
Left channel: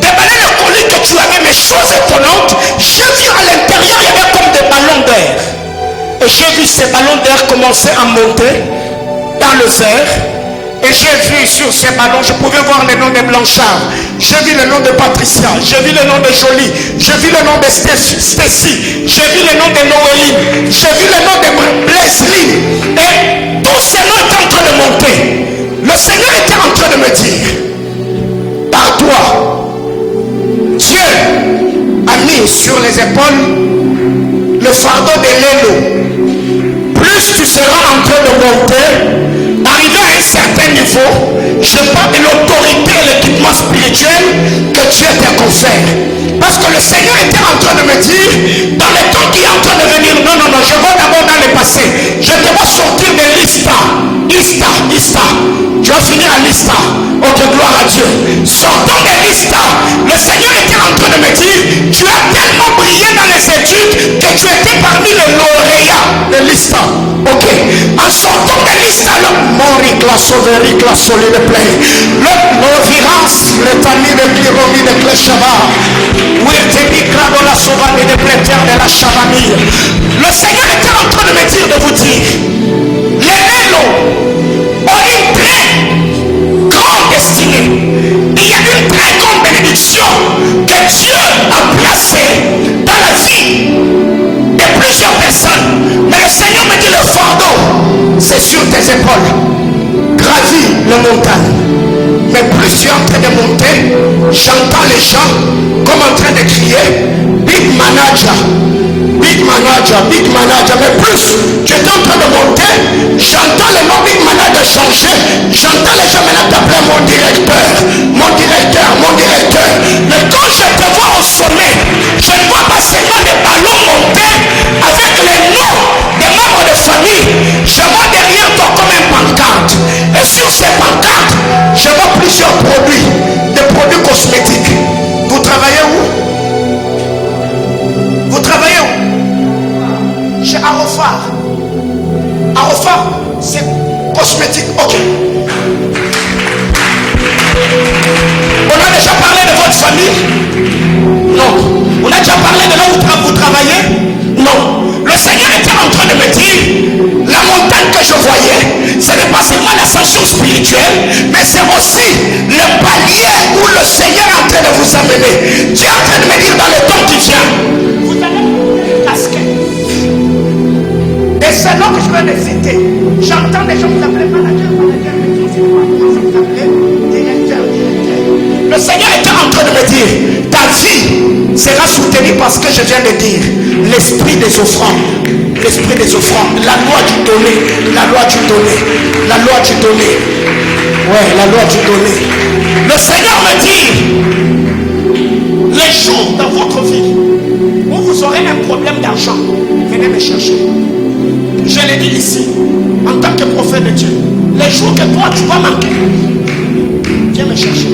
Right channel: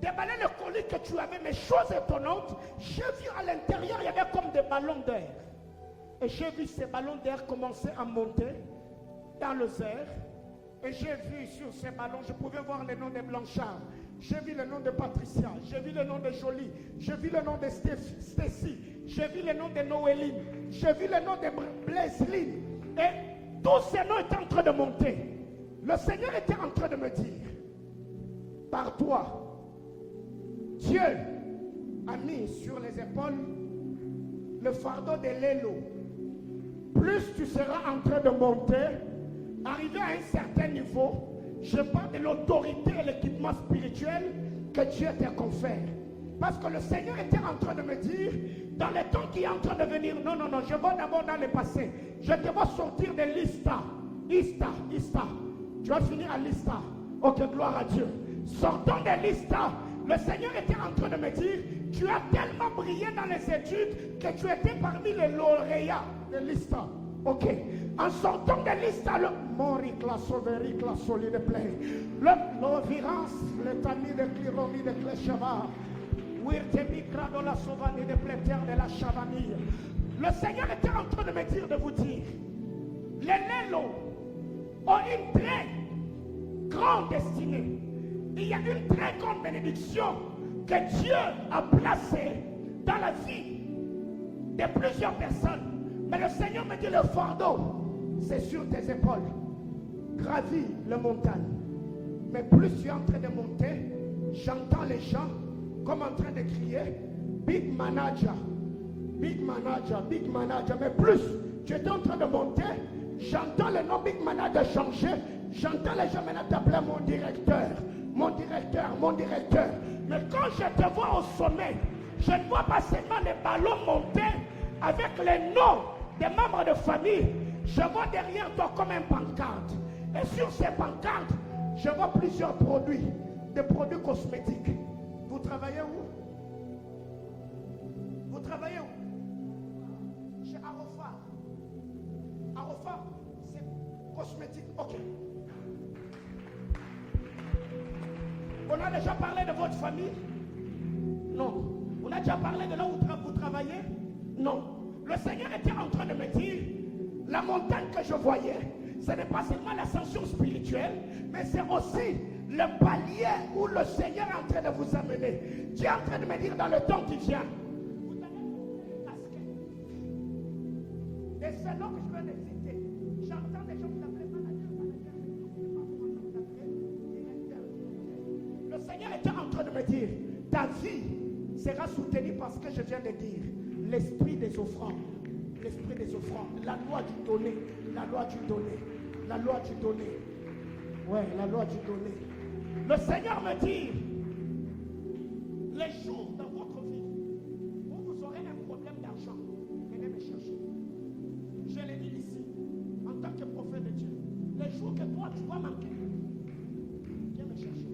le colis que tu avais. Mais chose étonnante, j'ai vu à l'intérieur, il y avait comme des ballons d'air. Et j'ai vu ces ballons d'air commencer à monter dans le air. Et j'ai vu sur ces ballons, je pouvais voir le nom de Blanchard, j'ai vu le nom de Patricia, j'ai vu le nom de Jolie, j'ai vu le nom de Stacy, j'ai vu le nom de Noéline, j'ai vu le nom de Blaiseline. Et tous ces noms étaient en train de monter. Le Seigneur était en train de me dire, par toi, Dieu a mis sur les épaules le fardeau de Lélo. Plus tu seras en train de monter, arrivé à un certain niveau, je parle de l'autorité et l'équipement spirituel que Dieu t'a confère. Parce que le Seigneur était en train de me dire, dans le temps qui est en train de venir, non, je vais d'abord dans le passé. Je te vois sortir de l'Ista. Tu vas finir à l'Ista. Ok, gloire à Dieu. Sortant de l'Ista, le Seigneur était en train de me dire, tu as tellement brillé dans les études que tu étais parmi les lauréats de l'Ista. Ok, en sortant de l'Ista, la sauverie, la solide pleine, l'ovirance, le tani de Cliromi de Cléchava, où était micra dans la sauvage de plétière de la Chavamille. Le Seigneur était en train de me dire, de vous dire, les Lélos ont une très grande destinée. Il y a une très grande bénédiction que Dieu a placée dans la vie de plusieurs personnes. Mais le Seigneur me dit, le fardeau, c'est sur tes épaules. Gravis la montagne. Mais plus tu es en train de monter, j'entends les gens comme en train de crier, big manager. Mais plus tu es en train de monter, j'entends le nom big manager changer. J'entends les gens maintenant t'appeler mon directeur. Mais quand je te vois au sommet, je ne vois pas seulement des ballons monter avec les noms des membres de famille. Je vois derrière toi comme un pancarte. Et sur ces pancartes, je vois plusieurs produits, des produits cosmétiques. Vous travaillez où? Chez Arofar. C'est cosmétique. Ok. On a déjà parlé de votre famille. On a déjà parlé de là où vous travaillez? Non. Le Seigneur était en train de me dire, la montagne que je voyais, ce n'est pas seulement l'ascension spirituelle, mais c'est aussi le palier où le Seigneur est en train de vous amener. Dieu est en train de me dire dans le temps qui vient, vous allez vous casquer. Et c'est là que je vais les citer. J'entends des gens vous appeler manager, mais tout c'est quoi? Vous appelez directeur. Le Seigneur était en train de me dire, ta vie sera soutenue parce que je viens de dire, l'esprit des offrandes. L'esprit des offrandes, la loi du donné, la loi du donné, la loi du donné. Ouais, la loi du donné. Le Seigneur me dit, les jours dans votre vie où vous aurez un problème d'argent, venez me chercher. Je l'ai dit ici, en tant que prophète de Dieu. Les jours que toi tu vas manquer, viens me chercher.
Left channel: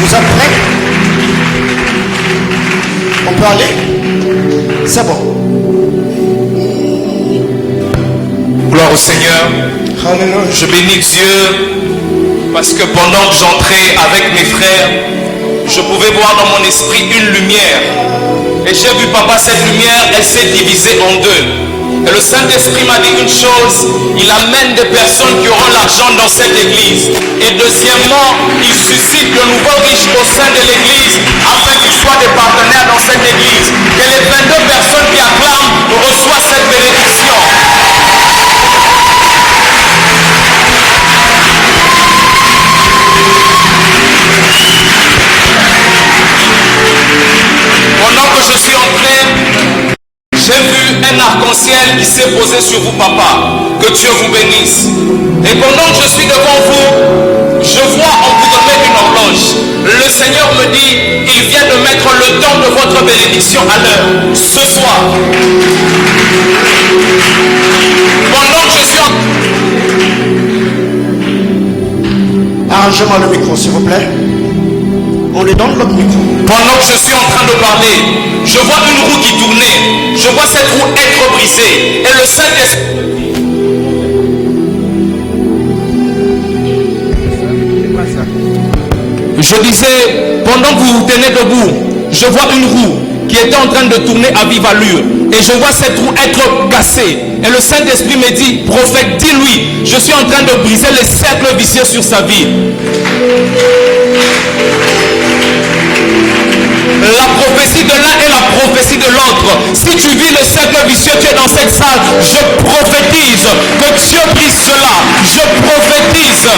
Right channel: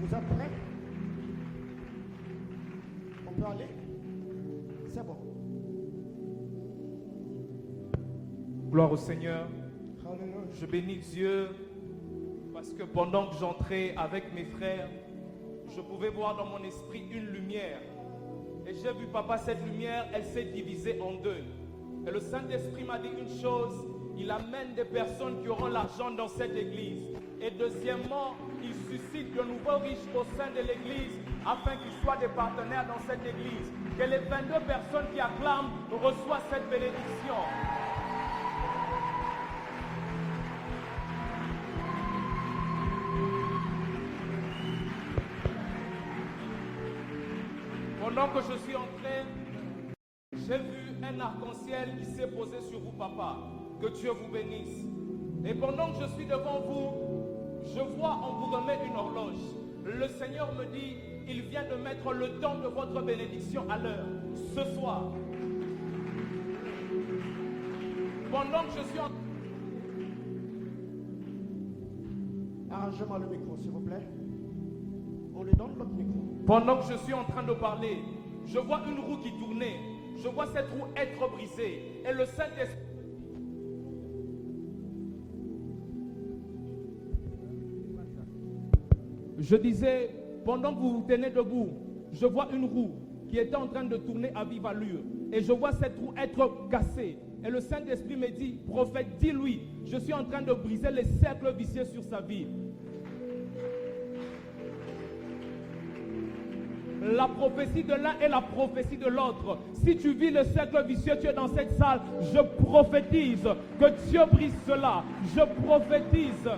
Vous êtes prêts? On peut aller? C'est bon. Gloire au Seigneur. Alléluia. Je bénis Dieu parce que pendant que j'entrais avec mes frères, je pouvais voir dans mon esprit une lumière. Et j'ai vu, papa, cette lumière, elle s'est divisée en deux. Et le Saint-Esprit m'a dit une chose, il amène des personnes qui auront l'argent dans cette église. Et deuxièmement, il suscite de nouveaux riches au sein de l'église afin qu'ils soient des partenaires dans cette église. Que les 22 personnes qui acclament reçoivent cette bénédiction. Pendant que je suis entré, j'ai vu un arc-en-ciel qui s'est posé sur vous, papa. Que Dieu vous bénisse. Et pendant que je suis devant vous, je vois on vous donne une horloge. Le Seigneur me dit, il vient de mettre le temps de votre bénédiction à l'heure. Ce soir. Pendant que je suis en... Arrangez-moi le micro, s'il vous plaît. On lui donne l'autre micro. Pendant que je suis en train de parler, je vois une roue qui tournait. Je vois cette roue être brisée. Et le Saint-Esprit... Je disais, pendant que vous vous tenez debout, je vois une roue qui était en train de tourner à vive allure. Et je vois cette roue être cassée. Et le Saint-Esprit me dit, prophète, dis-lui, je suis en train de briser les cercles vicieux sur sa vie. La prophétie de l'un et la prophétie de l'autre. Si tu vis le cercle vicieux, tu es dans cette salle, je prophétise que Dieu brise cela. Je prophétise.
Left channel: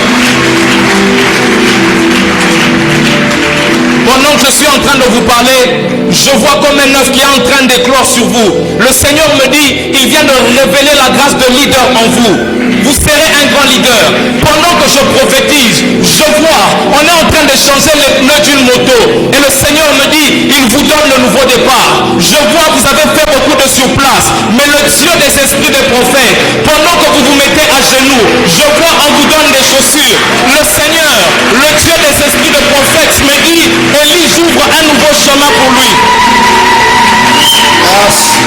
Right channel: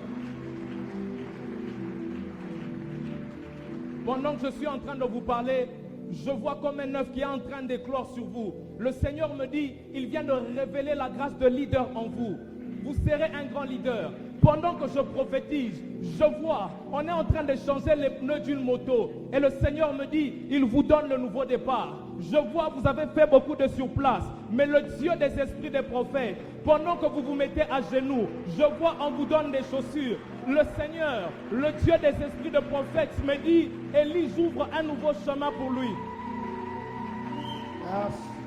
Pendant que je suis en train de vous parler, je vois comme un œuf qui est en train d'éclore sur vous. Le Seigneur me dit, il vient de révéler la grâce de leader en vous. Vous serez un grand leader. Pendant que je prophétise, je vois, on est en train de changer les pneus d'une moto. Et le Seigneur me dit, il vous donne le nouveau départ. Je vois, vous avez fait beaucoup de surplace. Mais le Dieu des esprits des prophètes, pendant que vous vous mettez à genoux, je vois, on vous donne des chaussures. Le Seigneur, le Dieu des esprits des prophètes me dit, Élie, j'ouvre un nouveau chemin pour lui. Merci.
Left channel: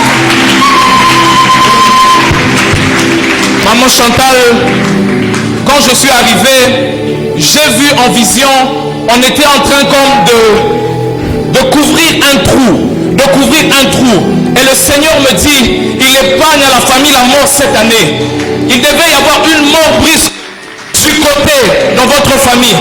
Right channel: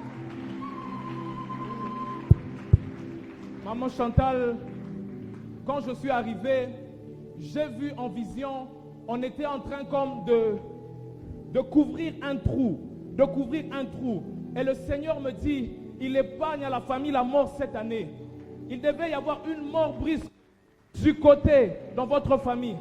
Maman Chantal, quand je suis arrivé, j'ai vu en vision, on était en train comme de couvrir un trou. Et le Seigneur me dit, il épargne à la famille la mort cette année. Il devait y avoir une mort brise du côté dans votre famille.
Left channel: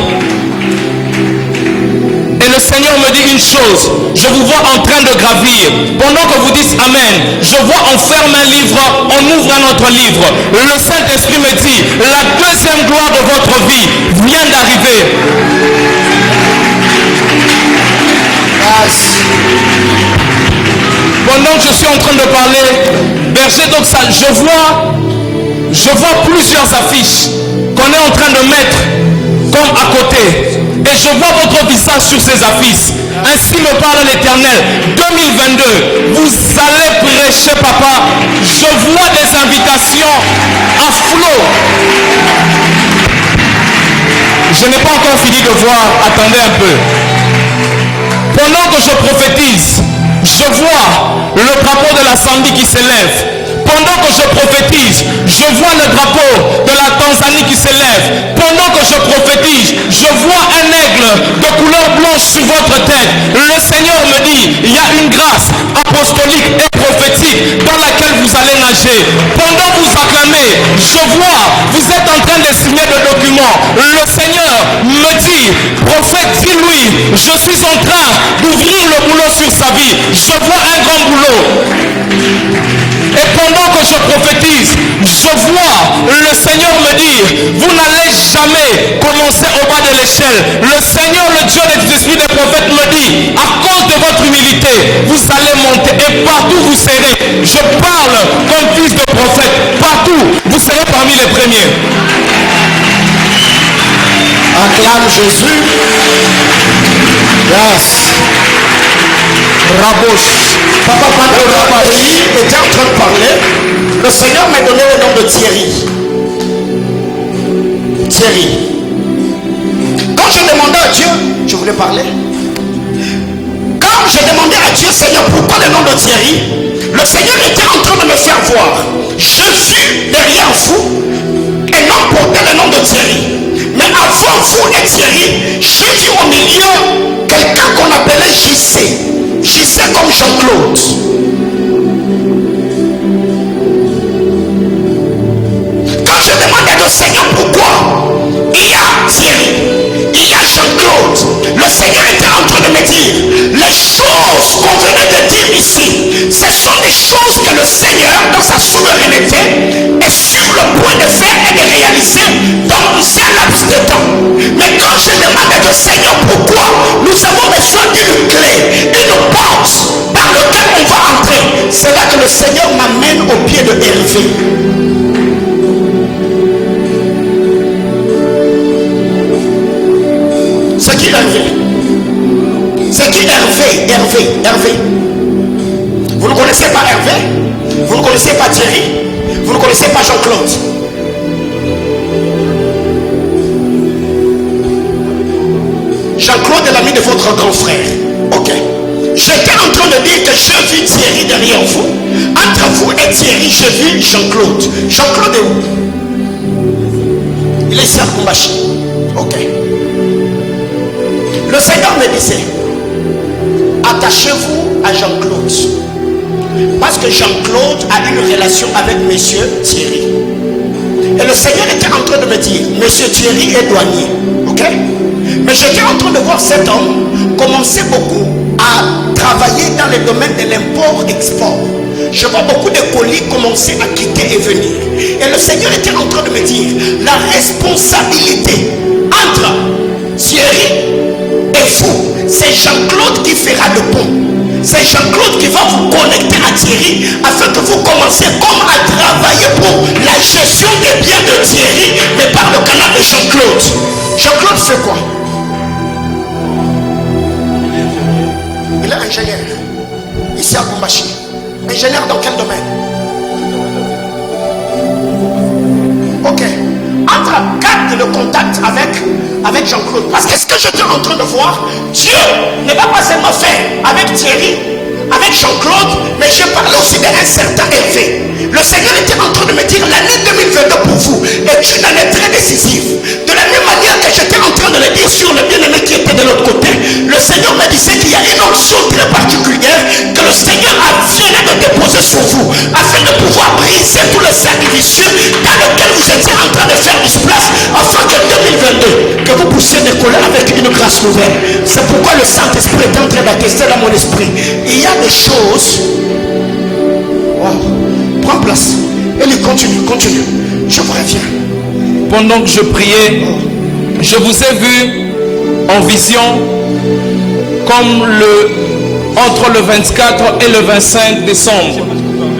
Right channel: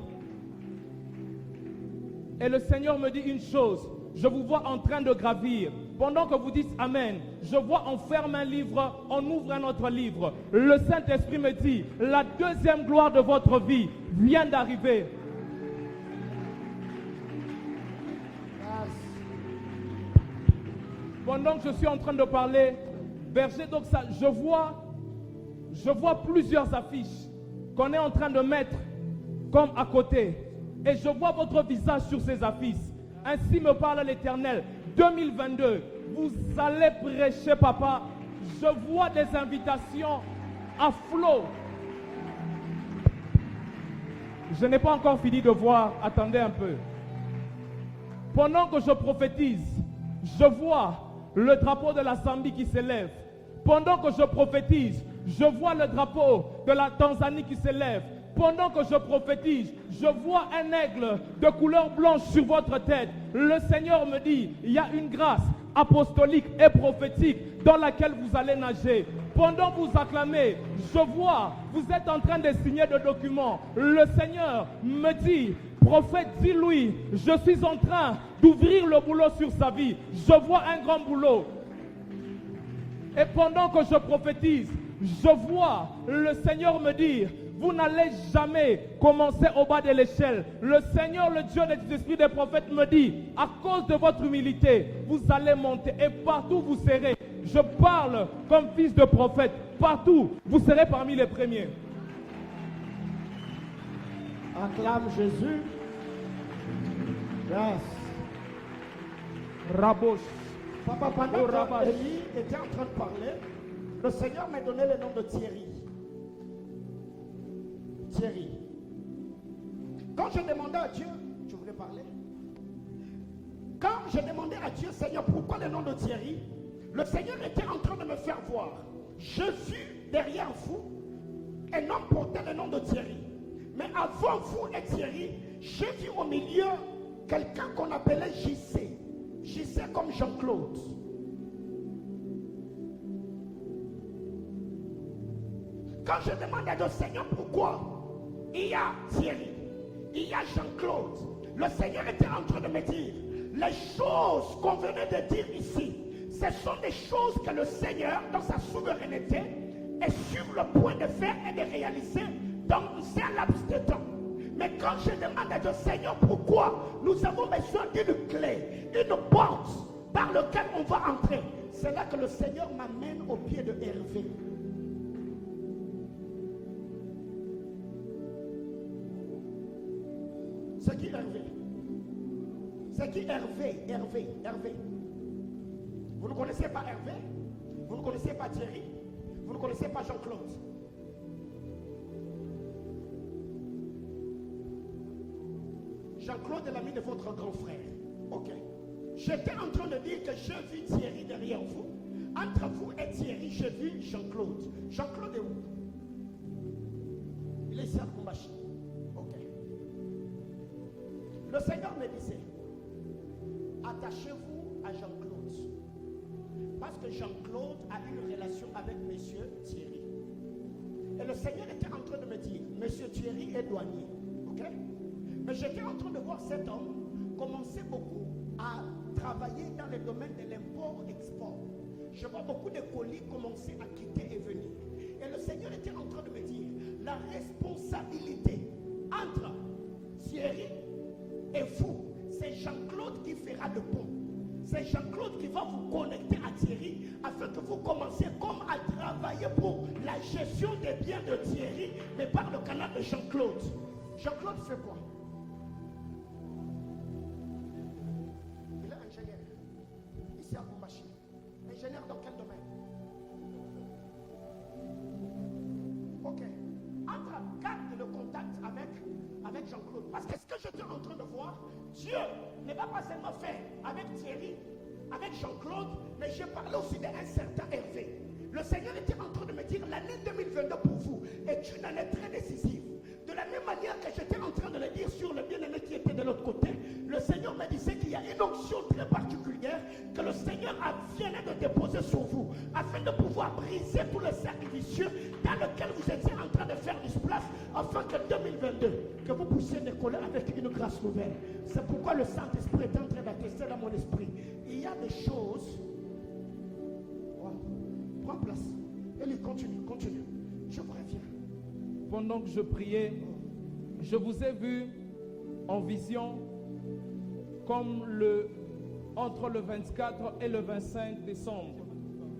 Et le Seigneur me dit une chose, je vous vois en train de gravir. Pendant que vous dites Amen, je vois on ferme un livre, on ouvre un autre livre. Le Saint-Esprit me dit, la deuxième gloire de votre vie vient d'arriver. Pendant que je suis en train de parler, berger d'Oxal, je vois plusieurs affiches qu'on est en train de mettre comme à côté. Et je vois votre visage sur ces affiches. Ainsi me parle l'Éternel. 2022, vous allez prêcher, papa. Je vois des invitations à flot. Je n'ai pas encore fini de voir. Attendez un peu. Pendant que je prophétise, je vois le drapeau de la Zambie qui s'élève. Pendant que je prophétise, je vois le drapeau de la Tanzanie qui s'élève. Pendant que je je prophétise, je vois un aigle de couleur blanche sur votre tête. Le Seigneur me dit, il y a une grâce apostolique et prophétique dans laquelle vous allez nager. Pendant que vous acclamez, je vois, vous êtes en train de signer le document. Le Seigneur me dit, prophète, dis-lui, je suis en train d'ouvrir le boulot sur sa vie. Je vois un grand boulot. Et pendant que je prophétise, je vois le Seigneur me dire, vous n'allez jamais commencer au bas de l'échelle. Le Seigneur, le Dieu des esprits des prophètes me dit, à cause de votre humilité, vous allez monter et partout vous serez. Je parle comme fils de prophète. Partout, vous serez parmi les premiers. Acclame Jésus. Yes. Raboche. Papa, pendant que Marie était en train de parler, le Seigneur m'a donné le nom de Thierry. Thierry. Quand je demandais à Dieu, je voulais parler. Quand je demandais à Dieu, Seigneur, pourquoi le nom de Thierry? Le Seigneur était en train de me faire voir. Je suis derrière vous et non porter le nom de Thierry. Mais avant vous et Thierry, j'ai vu au milieu quelqu'un qu'on appelait JC. JC comme Jean-Claude. Quand je demandais au Seigneur pourquoi, il y a Thierry, il y a Jean-Claude. Le Seigneur était en train de me dire, les choses qu'on venait de dire ici, ce sont des choses que le Seigneur, dans sa souveraineté, est sur le point de faire et de réaliser dans un laps de temps. Mais quand je demande au Seigneur pourquoi, nous avons besoin d'une clé, une porte par laquelle on va entrer. C'est là que le Seigneur m'amène au pied de Hervé. C'est qui Hervé? C'est qui Hervé? Vous ne connaissez pas Hervé? Vous ne connaissez pas Thierry? Vous ne connaissez pas Jean-Claude? Jean-Claude est l'ami de votre grand frère. Ok. J'étais en train de dire que j'ai vu Thierry derrière vous. Entre vous et Thierry, j'ai vu Jean-Claude. Jean-Claude est où? Il est ici à Kumbashi. Ok. Le Seigneur me disait, attachez-vous à Jean-Claude. Parce que Jean-Claude a une relation avec monsieur Thierry. Et le Seigneur était en train de me dire, monsieur Thierry est douanier. Ok? Mais j'étais en train de voir cet homme commencer beaucoup à travailler dans le domaine de l'import-export. Je vois beaucoup de colis commencer à quitter et venir. Et le Seigneur était en train de me dire, la responsabilité entre Thierry et vous, c'est Jean-Claude qui fera le pont. C'est Jean-Claude qui va vous connecter à Thierry afin que vous commenciez comme à travailler pour la gestion des biens de Thierry, mais par le canal de Jean-Claude. Jean-Claude fait quoi? Il est ingénieur. Ici à Kumbashi. Ingénieur dans quel domaine? Ok. Garde le contact avec Jean-Claude. Parce que ce que j'étais en train de voir, Dieu ne va pas seulement faire avec Thierry, avec Jean-Claude, mais je parlais aussi d'un certain Hervé. Le Seigneur était en train de me dire, l'année 2022 pour vous est une année très décisive. De la même manière que j'étais en train de le dire sur le bien-aimé qui était de l'autre côté, le Seigneur me disait qu'il y a une onction très particulière que le Seigneur a venu de déposer sur vous, afin de pouvoir briser tous les cercles vicieux dans lesquels vous étiez en train de faire du place, afin que 2022, que vous puissiez décoller avec une grâce nouvelle. C'est pourquoi le Saint-Esprit est en train d'attester dans mon esprit. Il y a des choses. Wow. Prends place. Et lui continue. Je vous reviens. Pendant que je priais, je vous ai vu en vision comme entre le 24 et le 25 décembre.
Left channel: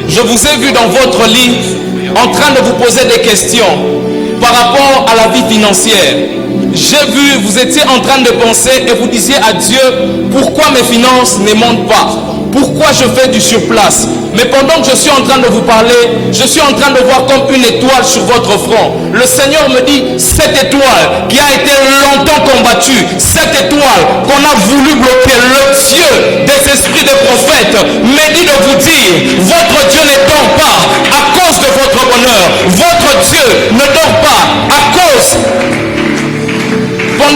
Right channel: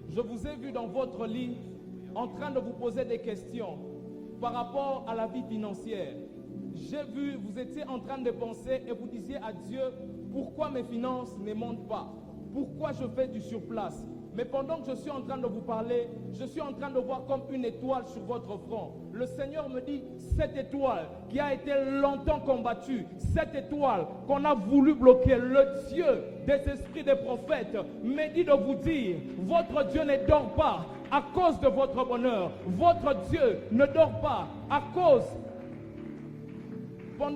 Je vous ai vu dans votre lit en train de vous poser des questions par rapport à la vie financière. J'ai vu, vous étiez en train de penser et vous disiez à Dieu, pourquoi mes finances ne montent pas? Pourquoi je fais du surplace? Mais pendant que je suis en train de vous parler, je suis en train de voir comme une étoile sur votre front. Le Seigneur me dit, cette étoile qui a été longtemps combattue, cette étoile qu'on a voulu bloquer, le Dieu des esprits des prophètes me dit de vous dire, votre Dieu ne dort pas à cause de votre bonheur. Votre Dieu ne dort pas à cause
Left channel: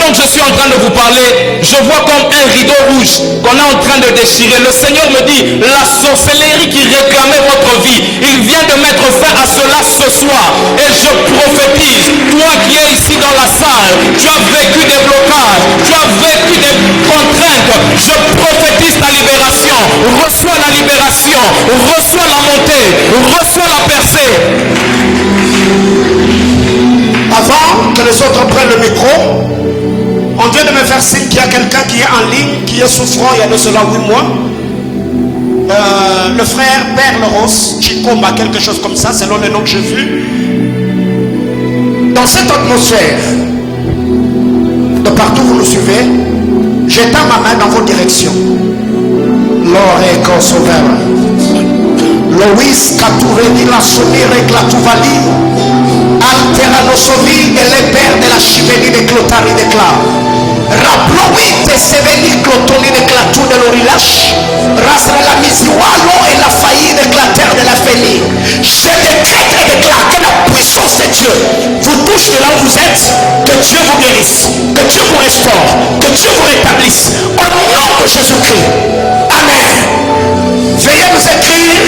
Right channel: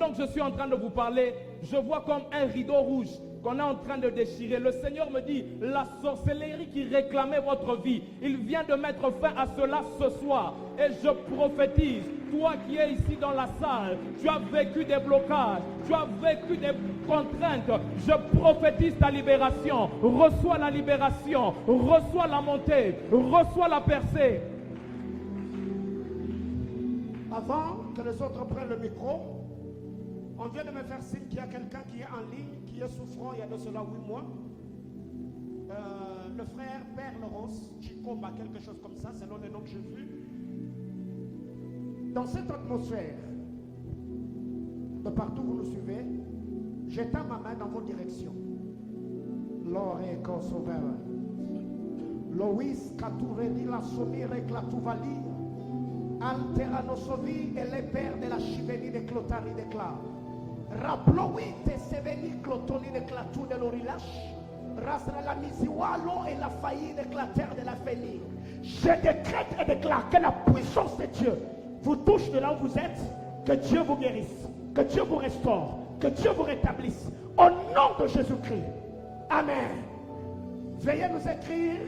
pendant que je suis en train de vous parler, je vois comme un rideau rouge qu'on est en train de déchirer. Le Seigneur me dit, la sorcellerie qui réclamait votre vie, il vient de mettre fin à cela ce soir. Et je prophétise, toi qui es ici dans la salle, tu as vécu des blocages, tu as vécu des contraintes. Je prophétise ta libération. Reçois la libération, reçois la montée, reçois la percée. Avant que les autres prennent le micro, on vient de me faire signe qu'il y a quelqu'un qui est en ligne, qui est souffrant il y a de cela 8 mois. Le frère Père Rose, Chikomba, quelque chose comme ça, selon le nom que j'ai vu. Dans cette atmosphère, de partout où vous nous suivez, j'étends ma main dans vos directions. Lore Kosovera. Loïs Katoureni la Sonire Klatuvali. Alteranosovi et les pères de la chiménie de Clotari de Cla. Rappelons-oui de Sévéni Clotoni de Clatou de l'Orilache. Rasra la Misiwalo et la faillite de Clater de la Félie. Je décrète et déclare que la puissance de Dieu vous touche de là où vous êtes. Que Dieu vous guérisse, que Dieu vous restaure, que Dieu vous rétablisse. Au nom de Jésus-Christ. Amen. Veuillez nous écrire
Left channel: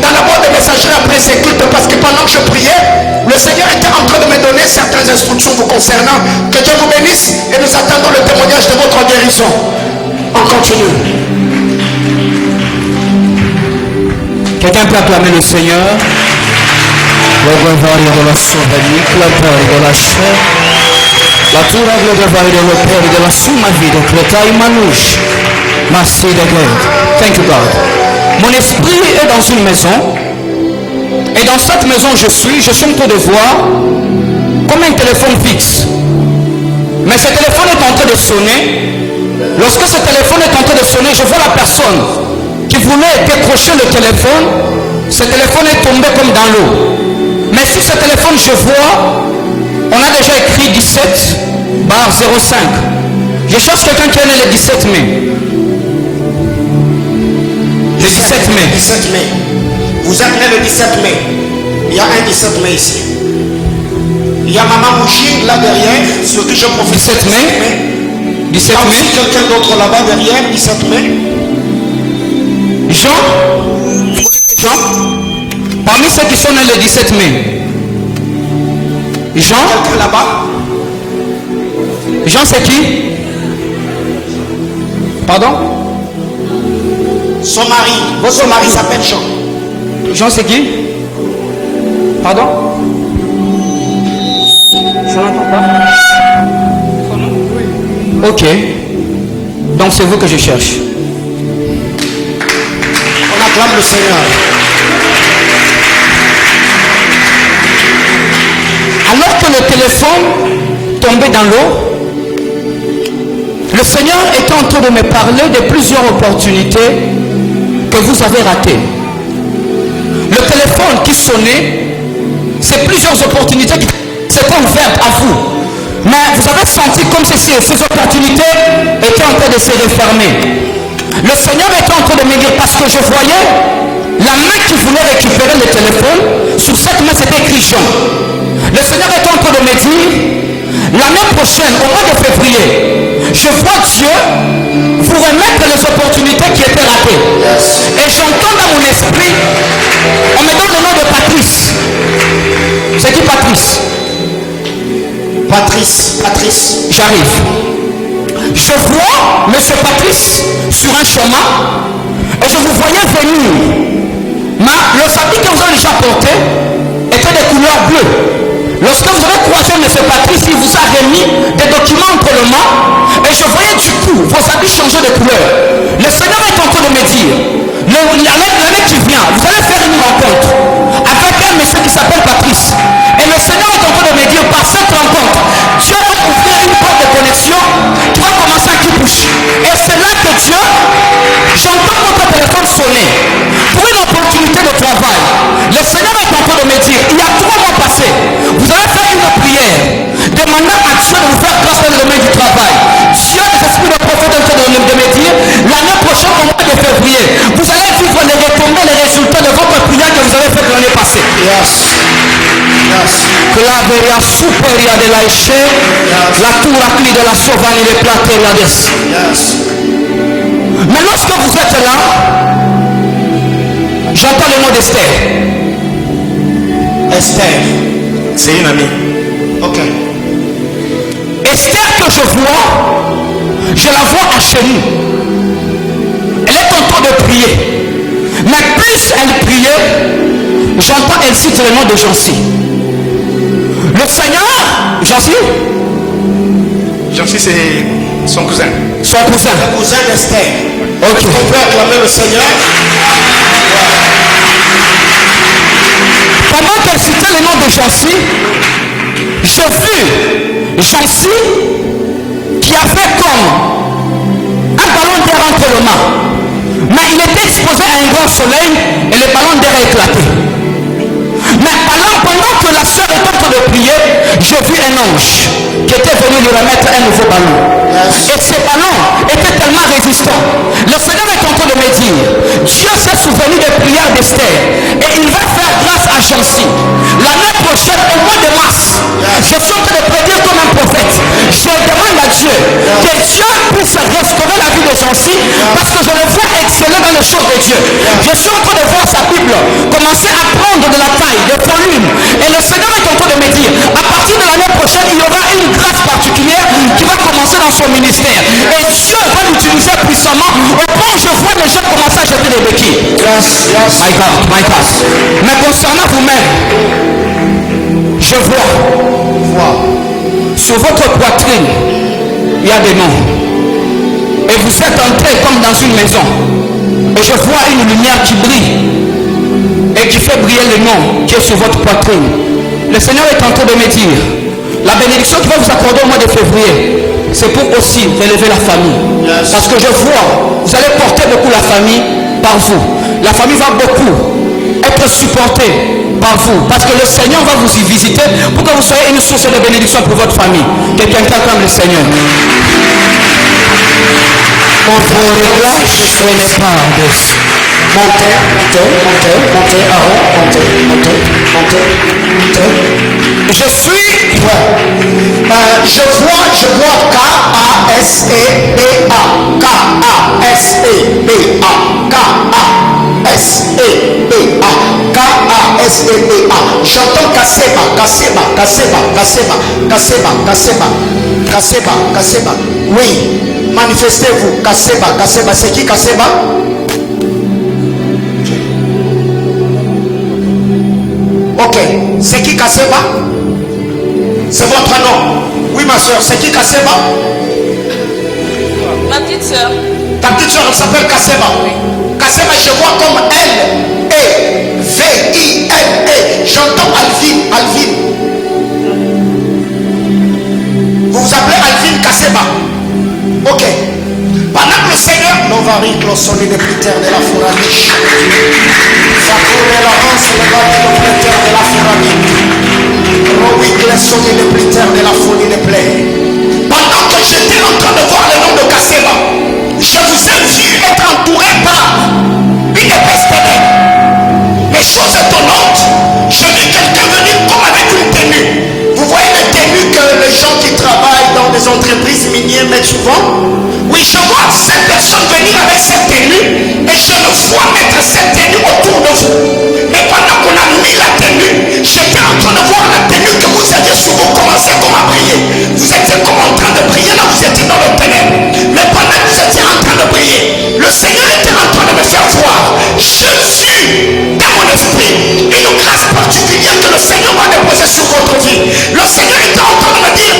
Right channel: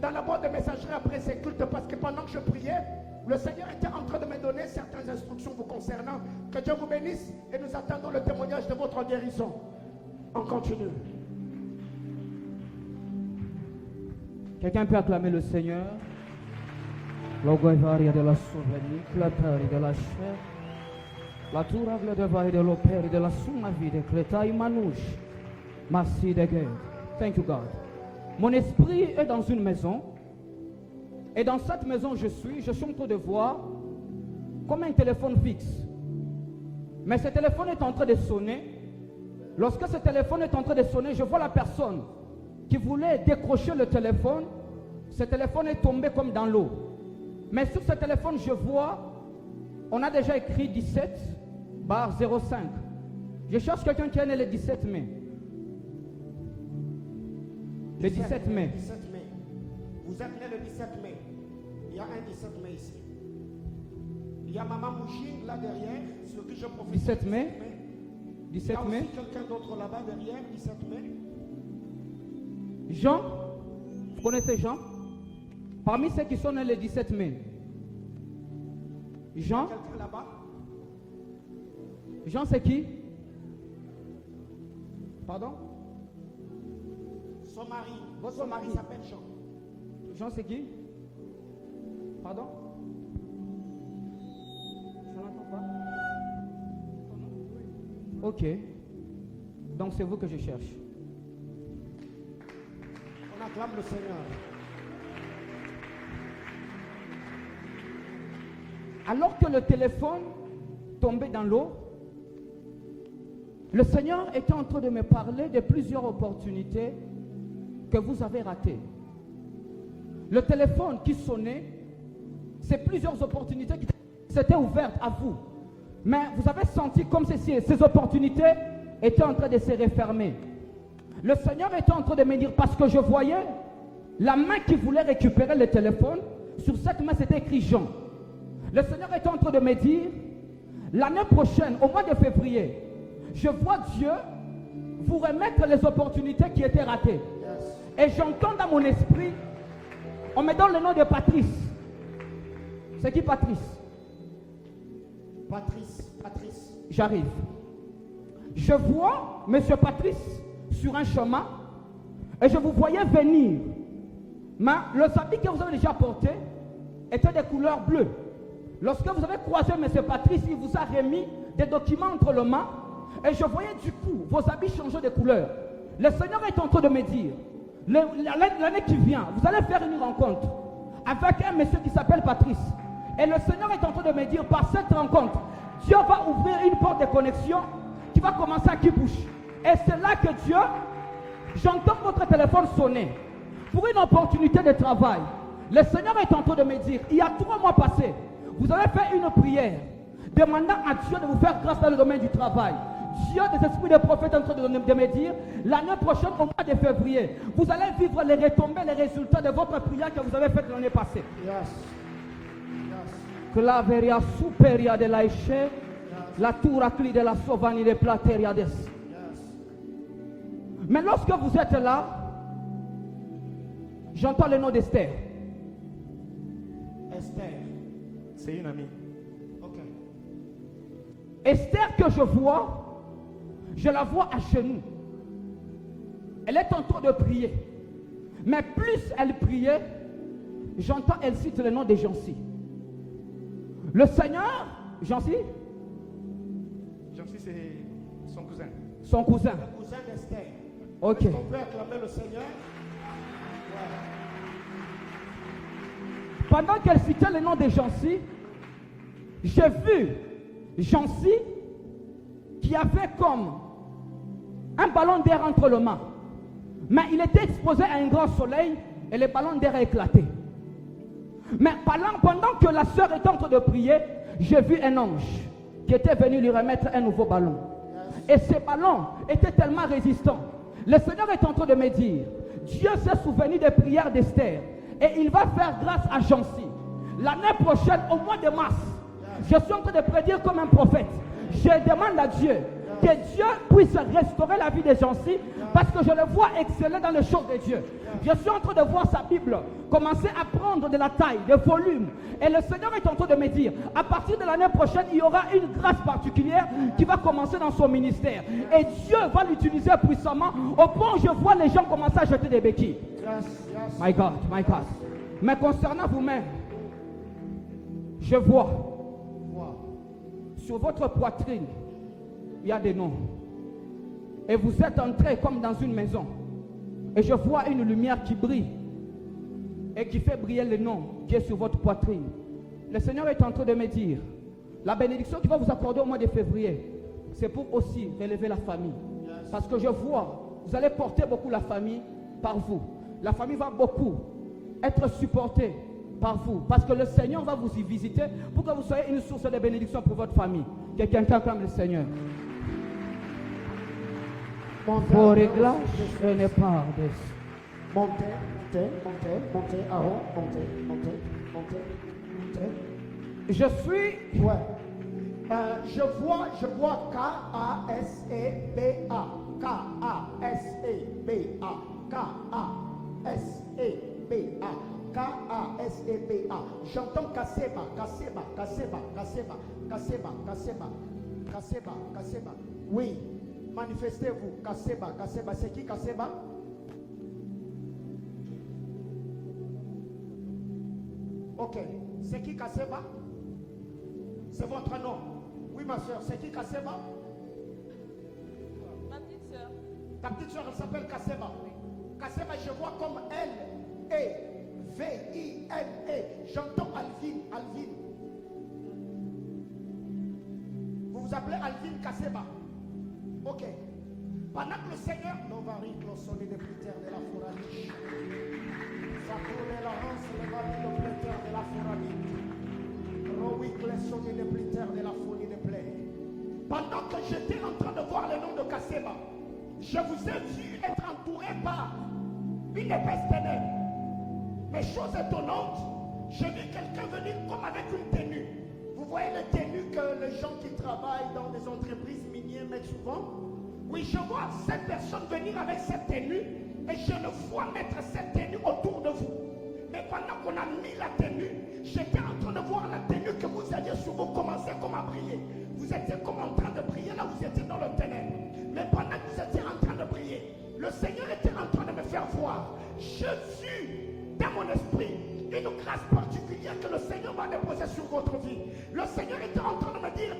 dans la boîte de messagerie après ces cultes, parce que pendant que je priais, le Seigneur était en train de me donner certaines instructions vous concernant. Que Dieu vous bénisse et nous attendons le témoignage de votre guérison. On continue. Quelqu'un peut acclamer le Seigneur. Le gloire de la sauvagie, la peur de la chair, la tour de gloire de la peur de la suma vie de Crétail Manouche. Merci de Dieu. Thank you God. Mon esprit est dans une maison. Et dans cette maison je suis en train de voir comme un téléphone fixe. Mais ce téléphone est en train de sonner. Lorsque ce téléphone est en train de sonner, je vois la personne qui voulait décrocher le téléphone. Ce téléphone est tombé comme dans l'eau. Mais sur ce téléphone, je vois, on a déjà écrit 17/05. Je cherche quelqu'un qui est né le 17 mai. Le 17 mai. 17 mai. Vous êtes né le 17 mai. Il y a un 17 mai ici. Il y a Maman Mouchine là derrière, sur qui je profite. 17 mai. 17 Il y a mai. aussi quelqu'un d'autre là-bas derrière, 17 mai. Jean. Vous connaissez Jean? Parmi ceux qui sont nés le 17 mai. Jean. Quelqu'un là-bas. Jean c'est qui? Pardon? Son mari. Votre mari s'appelle Jean. Jean c'est qui? Pardon? Je n'entends pas. Son nom? Oui. Ok. Donc c'est vous que je cherche. On acclame le Seigneur. Alors que le téléphone tombait dans l'eau, le Seigneur était en train de me parler de plusieurs opportunités que vous avez ratées. Le téléphone qui sonnait, c'est plusieurs opportunités qui s'étaient ouvertes à vous. Mais vous avez senti comme si ces opportunités étaient en train de se refermer. Le Seigneur était en train de me dire, parce que je voyais la main qui voulait récupérer le téléphone. Sur cette main c'était écrit Jean. Le Seigneur est en train de me dire, l'année prochaine, au mois de février, je vois Dieu vous remettre les opportunités qui étaient ratées. Et j'entends dans mon esprit, on me donne le nom de Patrice. C'est qui Patrice? Patrice. J'arrive. Je vois monsieur Patrice sur un chemin et je vous voyais venir. Mais le habit que vous avez déjà porté était de couleur bleue. Lorsque vous avez croisé M. Patrice, il vous a remis des documents entre les mains et je voyais du coup vos habits changer de couleur. Le Seigneur est en train de me dire, l'année qui vient, vous allez faire une rencontre avec un monsieur qui s'appelle Patrice. Et le Seigneur est en train de me dire, par cette rencontre, Dieu va ouvrir une porte de connexion qui va commencer à qui bouge. Et c'est là que Dieu, j'entends votre téléphone sonner pour une opportunité de travail. Le Seigneur est en train de me dire, il y a 3 mois passés, vous allez faire une prière demandant à Dieu de vous faire grâce dans le domaine du travail. Dieu, les esprits de prophète est en train de me dire, l'année prochaine au mois de février, vous allez vivre les retombées, les résultats de votre prière que vous avez fait l'année passée. Yes. Claveria superia de la Eshe, la touracli de la Sauvanie de Plateria des. Mais lorsque vous êtes là, j'entends le nom d'Esther. Esther. C'est une amie. Ok. Esther que je la vois à genoux. Elle est en train de prier. Mais plus elle priait, j'entends elle cite le nom de Jancy. Le Seigneur, Jancy? Jancy, c'est son cousin. Son cousin. Le cousin d'Esther. Ok. On peut acclamer le Seigneur. Pendant qu'elle citait le nom de Jancy, j'ai vu Jancy qui a fait comme un ballon d'air entre les mains. Mais il était exposé à un grand soleil et le ballon d'air a éclaté. Mais pendant que la sœur était en train de prier, j'ai vu un ange qui était venu lui remettre un nouveau ballon. Et ce ballon était tellement résistant. Le Seigneur est en train de me dire, Dieu s'est souvenu des prières d'Esther et il va faire grâce à Jancy. L'année prochaine, au mois de mars, je suis en train de prédire comme un prophète. Je demande à Dieu que Dieu puisse restaurer la vie de Jancy parce que je le vois exceller dans les choses de Dieu. Je suis en train de voir sa Bible commencer à prendre de la taille, de volume. Et le Seigneur est en train de me dire, à partir de l'année prochaine, il y aura une grâce particulière qui va commencer dans son ministère. Et Dieu va l'utiliser puissamment au point où je vois les gens commencer à jeter des béquilles. My God, my God. Mais concernant vous-même, je vois sur votre poitrine, il y a des noms. Et vous êtes entré comme dans une maison. Et je vois une lumière qui brille. Et qui fait briller le nom qui est sur votre poitrine. Le Seigneur est en train de me dire, la bénédiction qu'il va vous accorder au mois de février, c'est pour aussi relever la famille. Parce que je vois, vous allez porter beaucoup la famille par vous. La famille va beaucoup être supportée par vous. Parce que le Seigneur va vous y visiter pour que vous soyez une source de bénédiction pour votre famille. Quelqu'un qui acclame le Seigneur. Montez, Je suis. Je vois K-A-S-E-B-A. K-A-S-E-B-A. K-A-S-E-B-A. K-A-S-E-B-A. J'entends Kaseba. Oui, manifestez-vous. Kaseba. C'est qui Kaseba? Ok, c'est qui Kaseba? C'est votre nom. Oui, ma soeur, c'est qui Kaseba? Ma petite soeur. Ta petite soeur, elle s'appelle Kaseba. Kaseba, je vois comme L-E-V-I-N-E. J'entends Alvin. Vous vous appelez Alvin Kaseba. Ok. Pendant que le Seigneur, l'ovarie, clossoli, le critère de la fouraniche. Ça coule la hanse, le bâti, le critère de la fouraniche. Rowick, le sonné, le critère de la folie, le plaie. Pendant que j'étais en train de voir le nom de Kaseba, je vous ai vu être entouré par une épaisse ténèbre. Mais chose étonnante, je vis quelqu'un venir comme avec une tenue. Vous voyez les tenues que les gens qui travaillent dans des entreprises minières mettent souvent? Oui, je vois cette personne venir avec cette tenue et je le vois mettre cette tenue autour de vous. Mais pendant qu'on a mis la tenue, j'étais en train de voir la tenue que vous aviez sur vous, commencer comme à prier. Vous étiez comme en train de prier, là vous étiez dans le ténèbre. Mais pendant que vous étiez en train de prier, le Seigneur était en train de me faire voir Jésus dans mon esprit. Une grâce particulière que le Seigneur m'a déposée sur votre vie. Le Seigneur était en train de me dire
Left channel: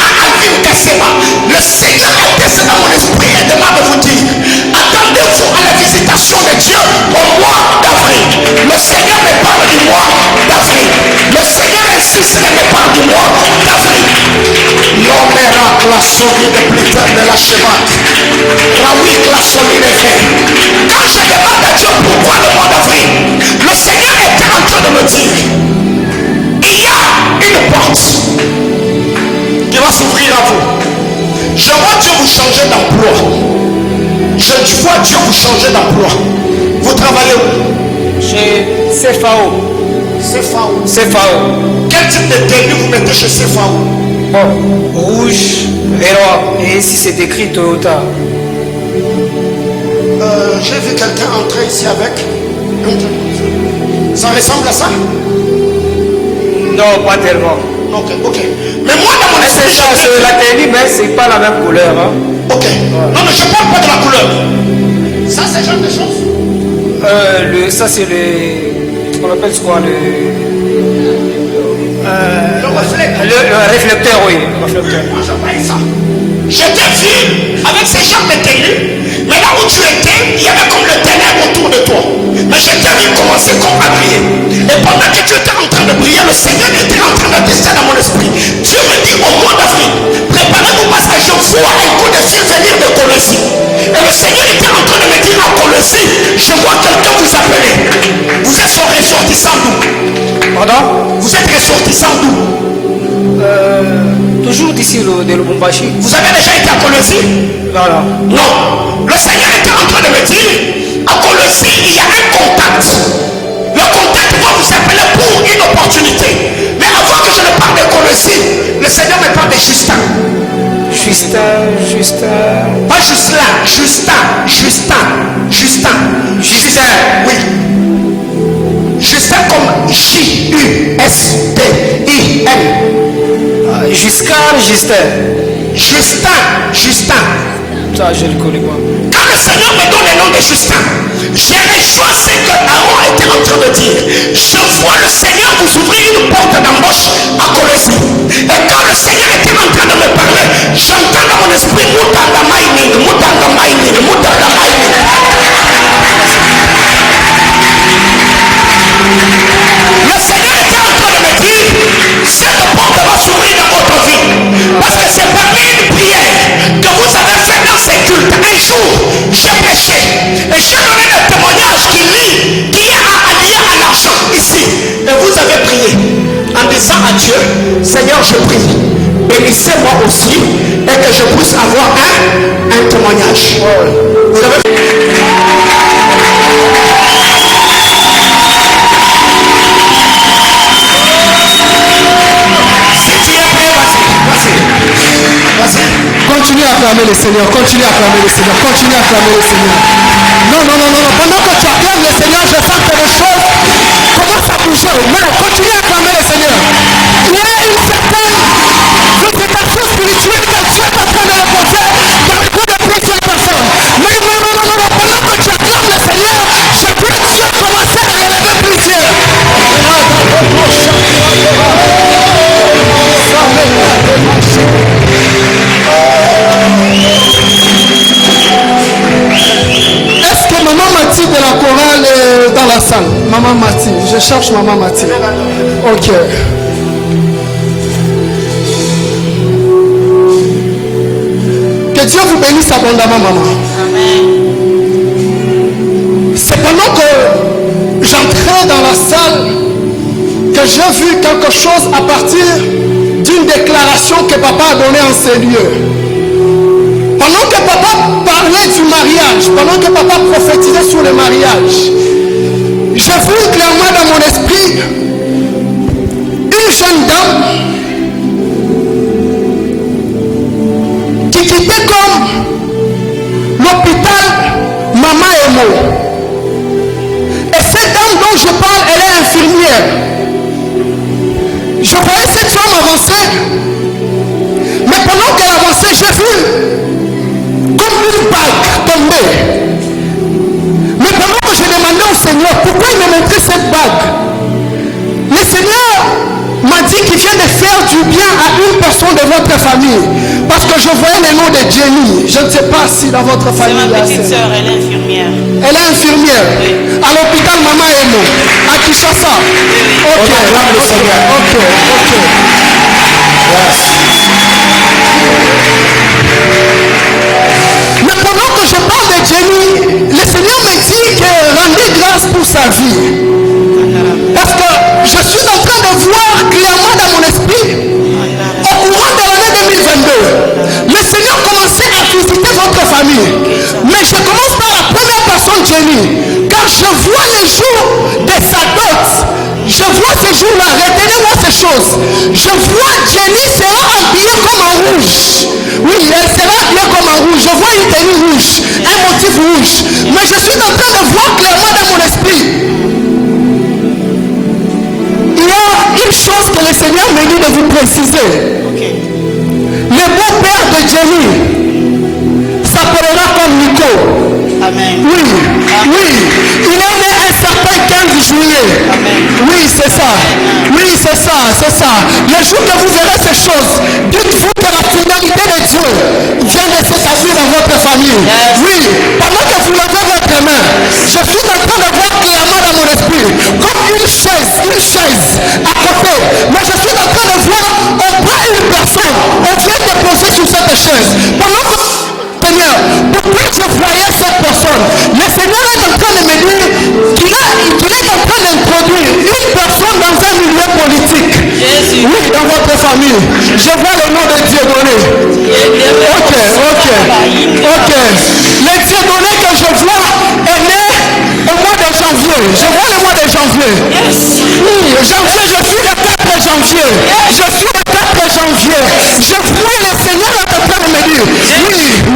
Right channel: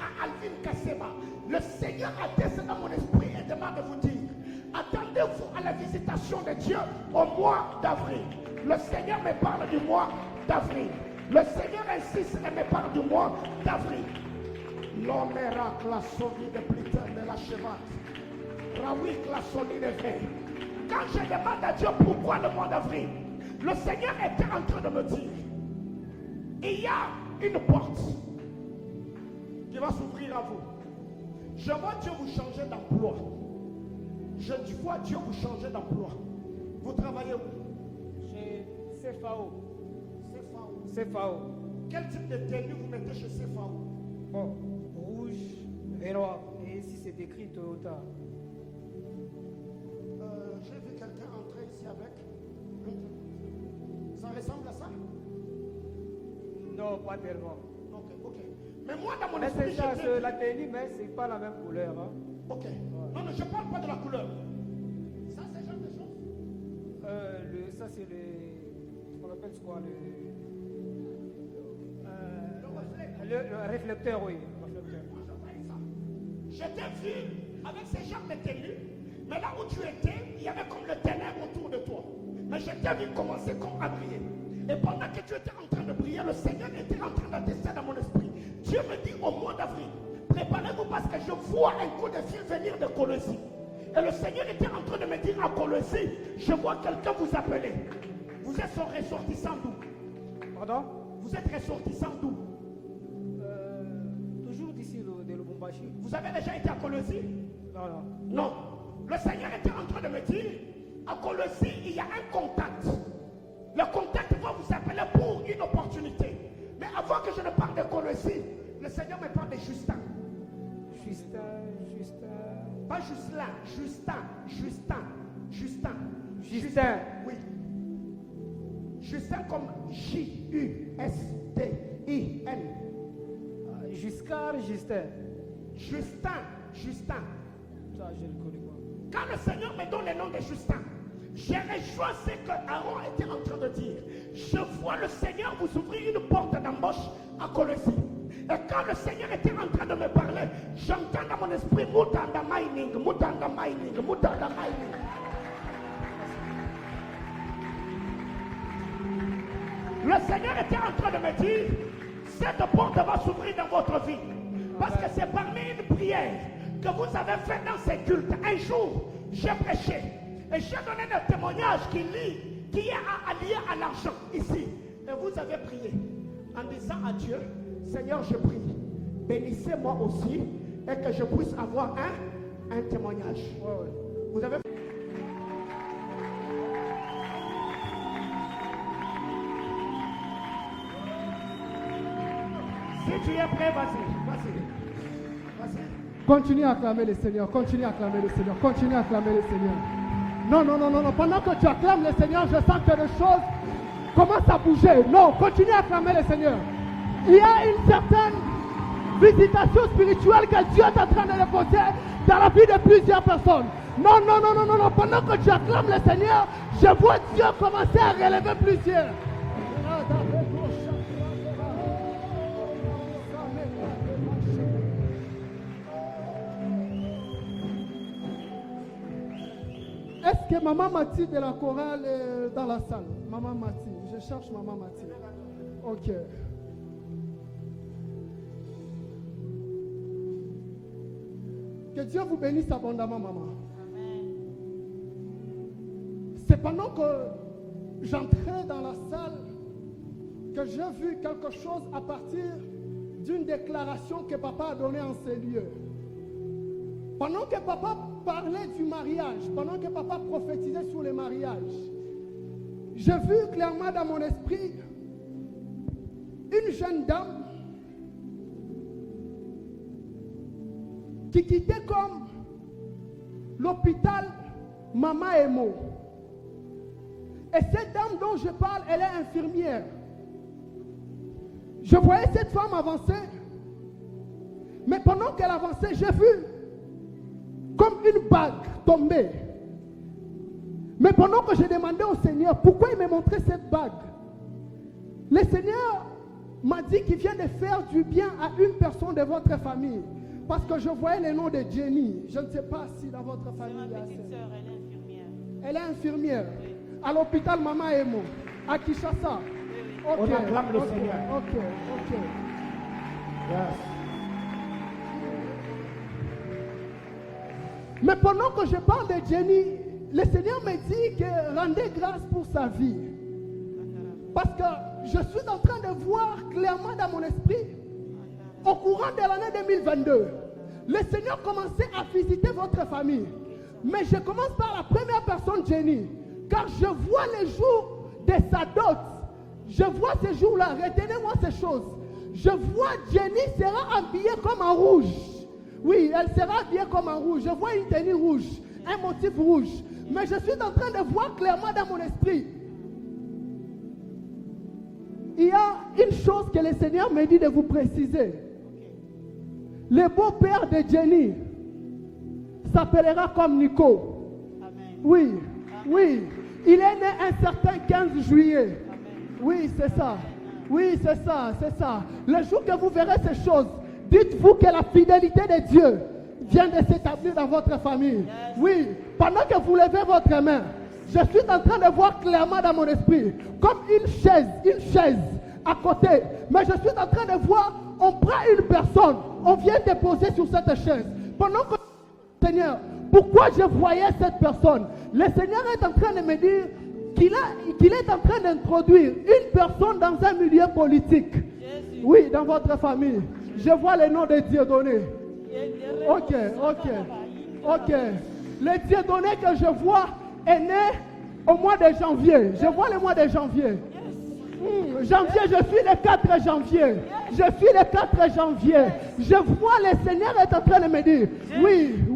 à Alvin Kaseba, le Seigneur était dans mon esprit et demande de vous dire, attendez-vous à la visitation de Dieu au mois d'avril. Le Seigneur me parle du mois d'avril. Le Seigneur insiste et me parle du mois d'avril. L'homme miracle la sauvé de plus tard de la chevate. Raoui la sauvé de fait. Quand je demande à Dieu pourquoi le mois d'avril, le Seigneur était en train de me dire, il y a une porte qui va s'ouvrir à vous. Je vois Dieu vous changer d'emploi. Je vois Dieu vous changer d'emploi. Vous travaillez où? Chez CFAO. CFAO. CFAO. Quel type de tenue vous mettez chez CFAO? Bon, rouge et noir. Et ici c'est écrit Toyota. J'ai vu quelqu'un entrer ici avec. Ça ressemble à ça? Non, pas tellement. Ok, ok. Mais moi, dans mon esprit, C'est la tenue, mais c'est pas la même couleur. Hein. Ok. Non, mais je parle pas de la couleur. Ça, c'est genre de choses. Ça, c'est le. On appelle quoi le réflecteur, oui. Réflecteur. Moi, je paye ça. J'étais vu avec ces gens de tenue. Mais là où tu étais, il y avait comme le ténèbre autour de toi. Mais j'étais vu commencer comme à briller. Et pendant que tu étais en train de briller, le Seigneur était en train de descendre dans mon esprit. Dieu me dit au mois d'avril, préparez-vous parce que je vois un coup de ciel venir de Colossie. Et le Seigneur était en train de me dire à Colossie, je vois quelqu'un vous appeler. Vous êtes son ressortissant d'où? Pardon? Vous êtes ressortissant d'où? Toujours d'ici de Lubumbashi. Vous avez déjà été à Colossie? Voilà. Non. Le Seigneur était en train de me dire, à Colossie, il y a un contact. Le contact va vous appeler pour une opportunité. Mais avant que je ne parle de Colossie, le Seigneur me parle de Justin. Justin. Pas Justin. Oui. Justin comme Justin. Justin. Ça, je le connais pas. Quand le Seigneur me donne le nom de Justin, j'ai rejoint ce que Aaron était en train de dire. Je vois le Seigneur vous ouvrir une porte d'embauche à Colossie. Et quand le Seigneur était en train de me parler, j'entends dans mon esprit Moutanga Mining. Le Seigneur était en train de me dire, cette porte va s'ouvrir dans votre vie. Parce que c'est parmi une prière que vous avez fait dans ces cultes. Un jour, j'ai prêché et j'ai donné le témoignage qui est lié à l'argent ici. Et vous avez prié en disant à Dieu, Seigneur, je prie, bénissez-moi aussi et que je puisse avoir un témoignage. Vous avez... Continuez à acclamer le Seigneur, continuez à acclamer le Seigneur, continuez à acclamer le Seigneur. Non. Pendant que tu acclames le Seigneur, je sens que les choses commencent à bouger. Mais continue à acclamer le Seigneur. Il y a une certaine visitation spirituelle que Dieu est en train de reposer dans le bout de plusieurs personnes. Mais non. Pendant que tu acclames le Seigneur, je vois Dieu commencer à élever plusieurs. Est-ce que Maman Mati de la chorale est dans la salle? Maman Mati, je cherche Maman Mati. Ok. Que Dieu vous bénisse abondamment, maman. C'est pendant que j'entrais dans la salle que j'ai vu quelque chose à partir d'une déclaration que papa a donnée en ces lieux. Pendant que papa parlait du mariage, pendant que papa prophétisait sur le mariage, j'ai vu clairement dans mon esprit une jeune dame qui quittait comme l'hôpital Mama Emo. Et cette dame dont je parle, elle est infirmière. Je voyais cette femme avancer, mais pendant qu'elle avançait, j'ai vu comme une bague tomber. Mais pendant que je demandais au Seigneur pourquoi il me montrait cette bague, le Seigneur m'a dit qu'il vient de faire du bien à une personne de votre famille. Parce que je voyais le nom de Jenny. Je ne sais pas si dans votre famille. C'est ma petite soeur, elle est infirmière. Elle est infirmière. Oui. À l'hôpital Mama Emo, à Kinshasa. Ok. Ok. Yes. Mais pendant que je parle de Jenny, le Seigneur me dit que rendez grâce pour sa vie. Parce que je suis en train de voir clairement dans mon esprit, au courant de l'année 2022, le Seigneur commençait à visiter votre famille. Mais je commence par la première personne, Jenny. Car je vois les jours de sa dot. Je vois ces jours-là, retenez-moi ces choses. Je vois Jenny sera habillée comme en rouge. Oui, elle sera habillée comme en rouge. Je vois une tenue rouge, un motif rouge. Mais je suis en train de voir clairement dans mon esprit. Il y a une chose que le Seigneur me dit de vous préciser. Le beau-père de Jenny s'appellera comme Nico. Amen. Oui, oui. Il est né un certain 15 juillet. Amen. Oui, c'est ça. Oui, c'est ça, c'est ça. Le jour que vous verrez ces choses, dites-vous que la finalité de Dieu vient de s'établir dans votre famille. Yes. Oui, pendant que vous levez votre main, je suis en train de voir clairement dans mon esprit, comme une chaise à côté. Mais je suis en train de voir, on prend une personne, on vient de poser sur cette chaise. Pendant que Seigneur, pourquoi je voyais cette personne? Le Seigneur est en train de me dire qu'il est en train d'introduire une personne dans un milieu politique. Jésus. Oui, dans votre famille. Je vois le nom de Dieu donné. Ok. Le Dieu donné que je vois est né au mois de janvier. Je vois le mois de janvier. Oui, janvier, je suis le 4 janvier. Je suis le 4 janvier. Je vois le Seigneur est en train de me dire, oui.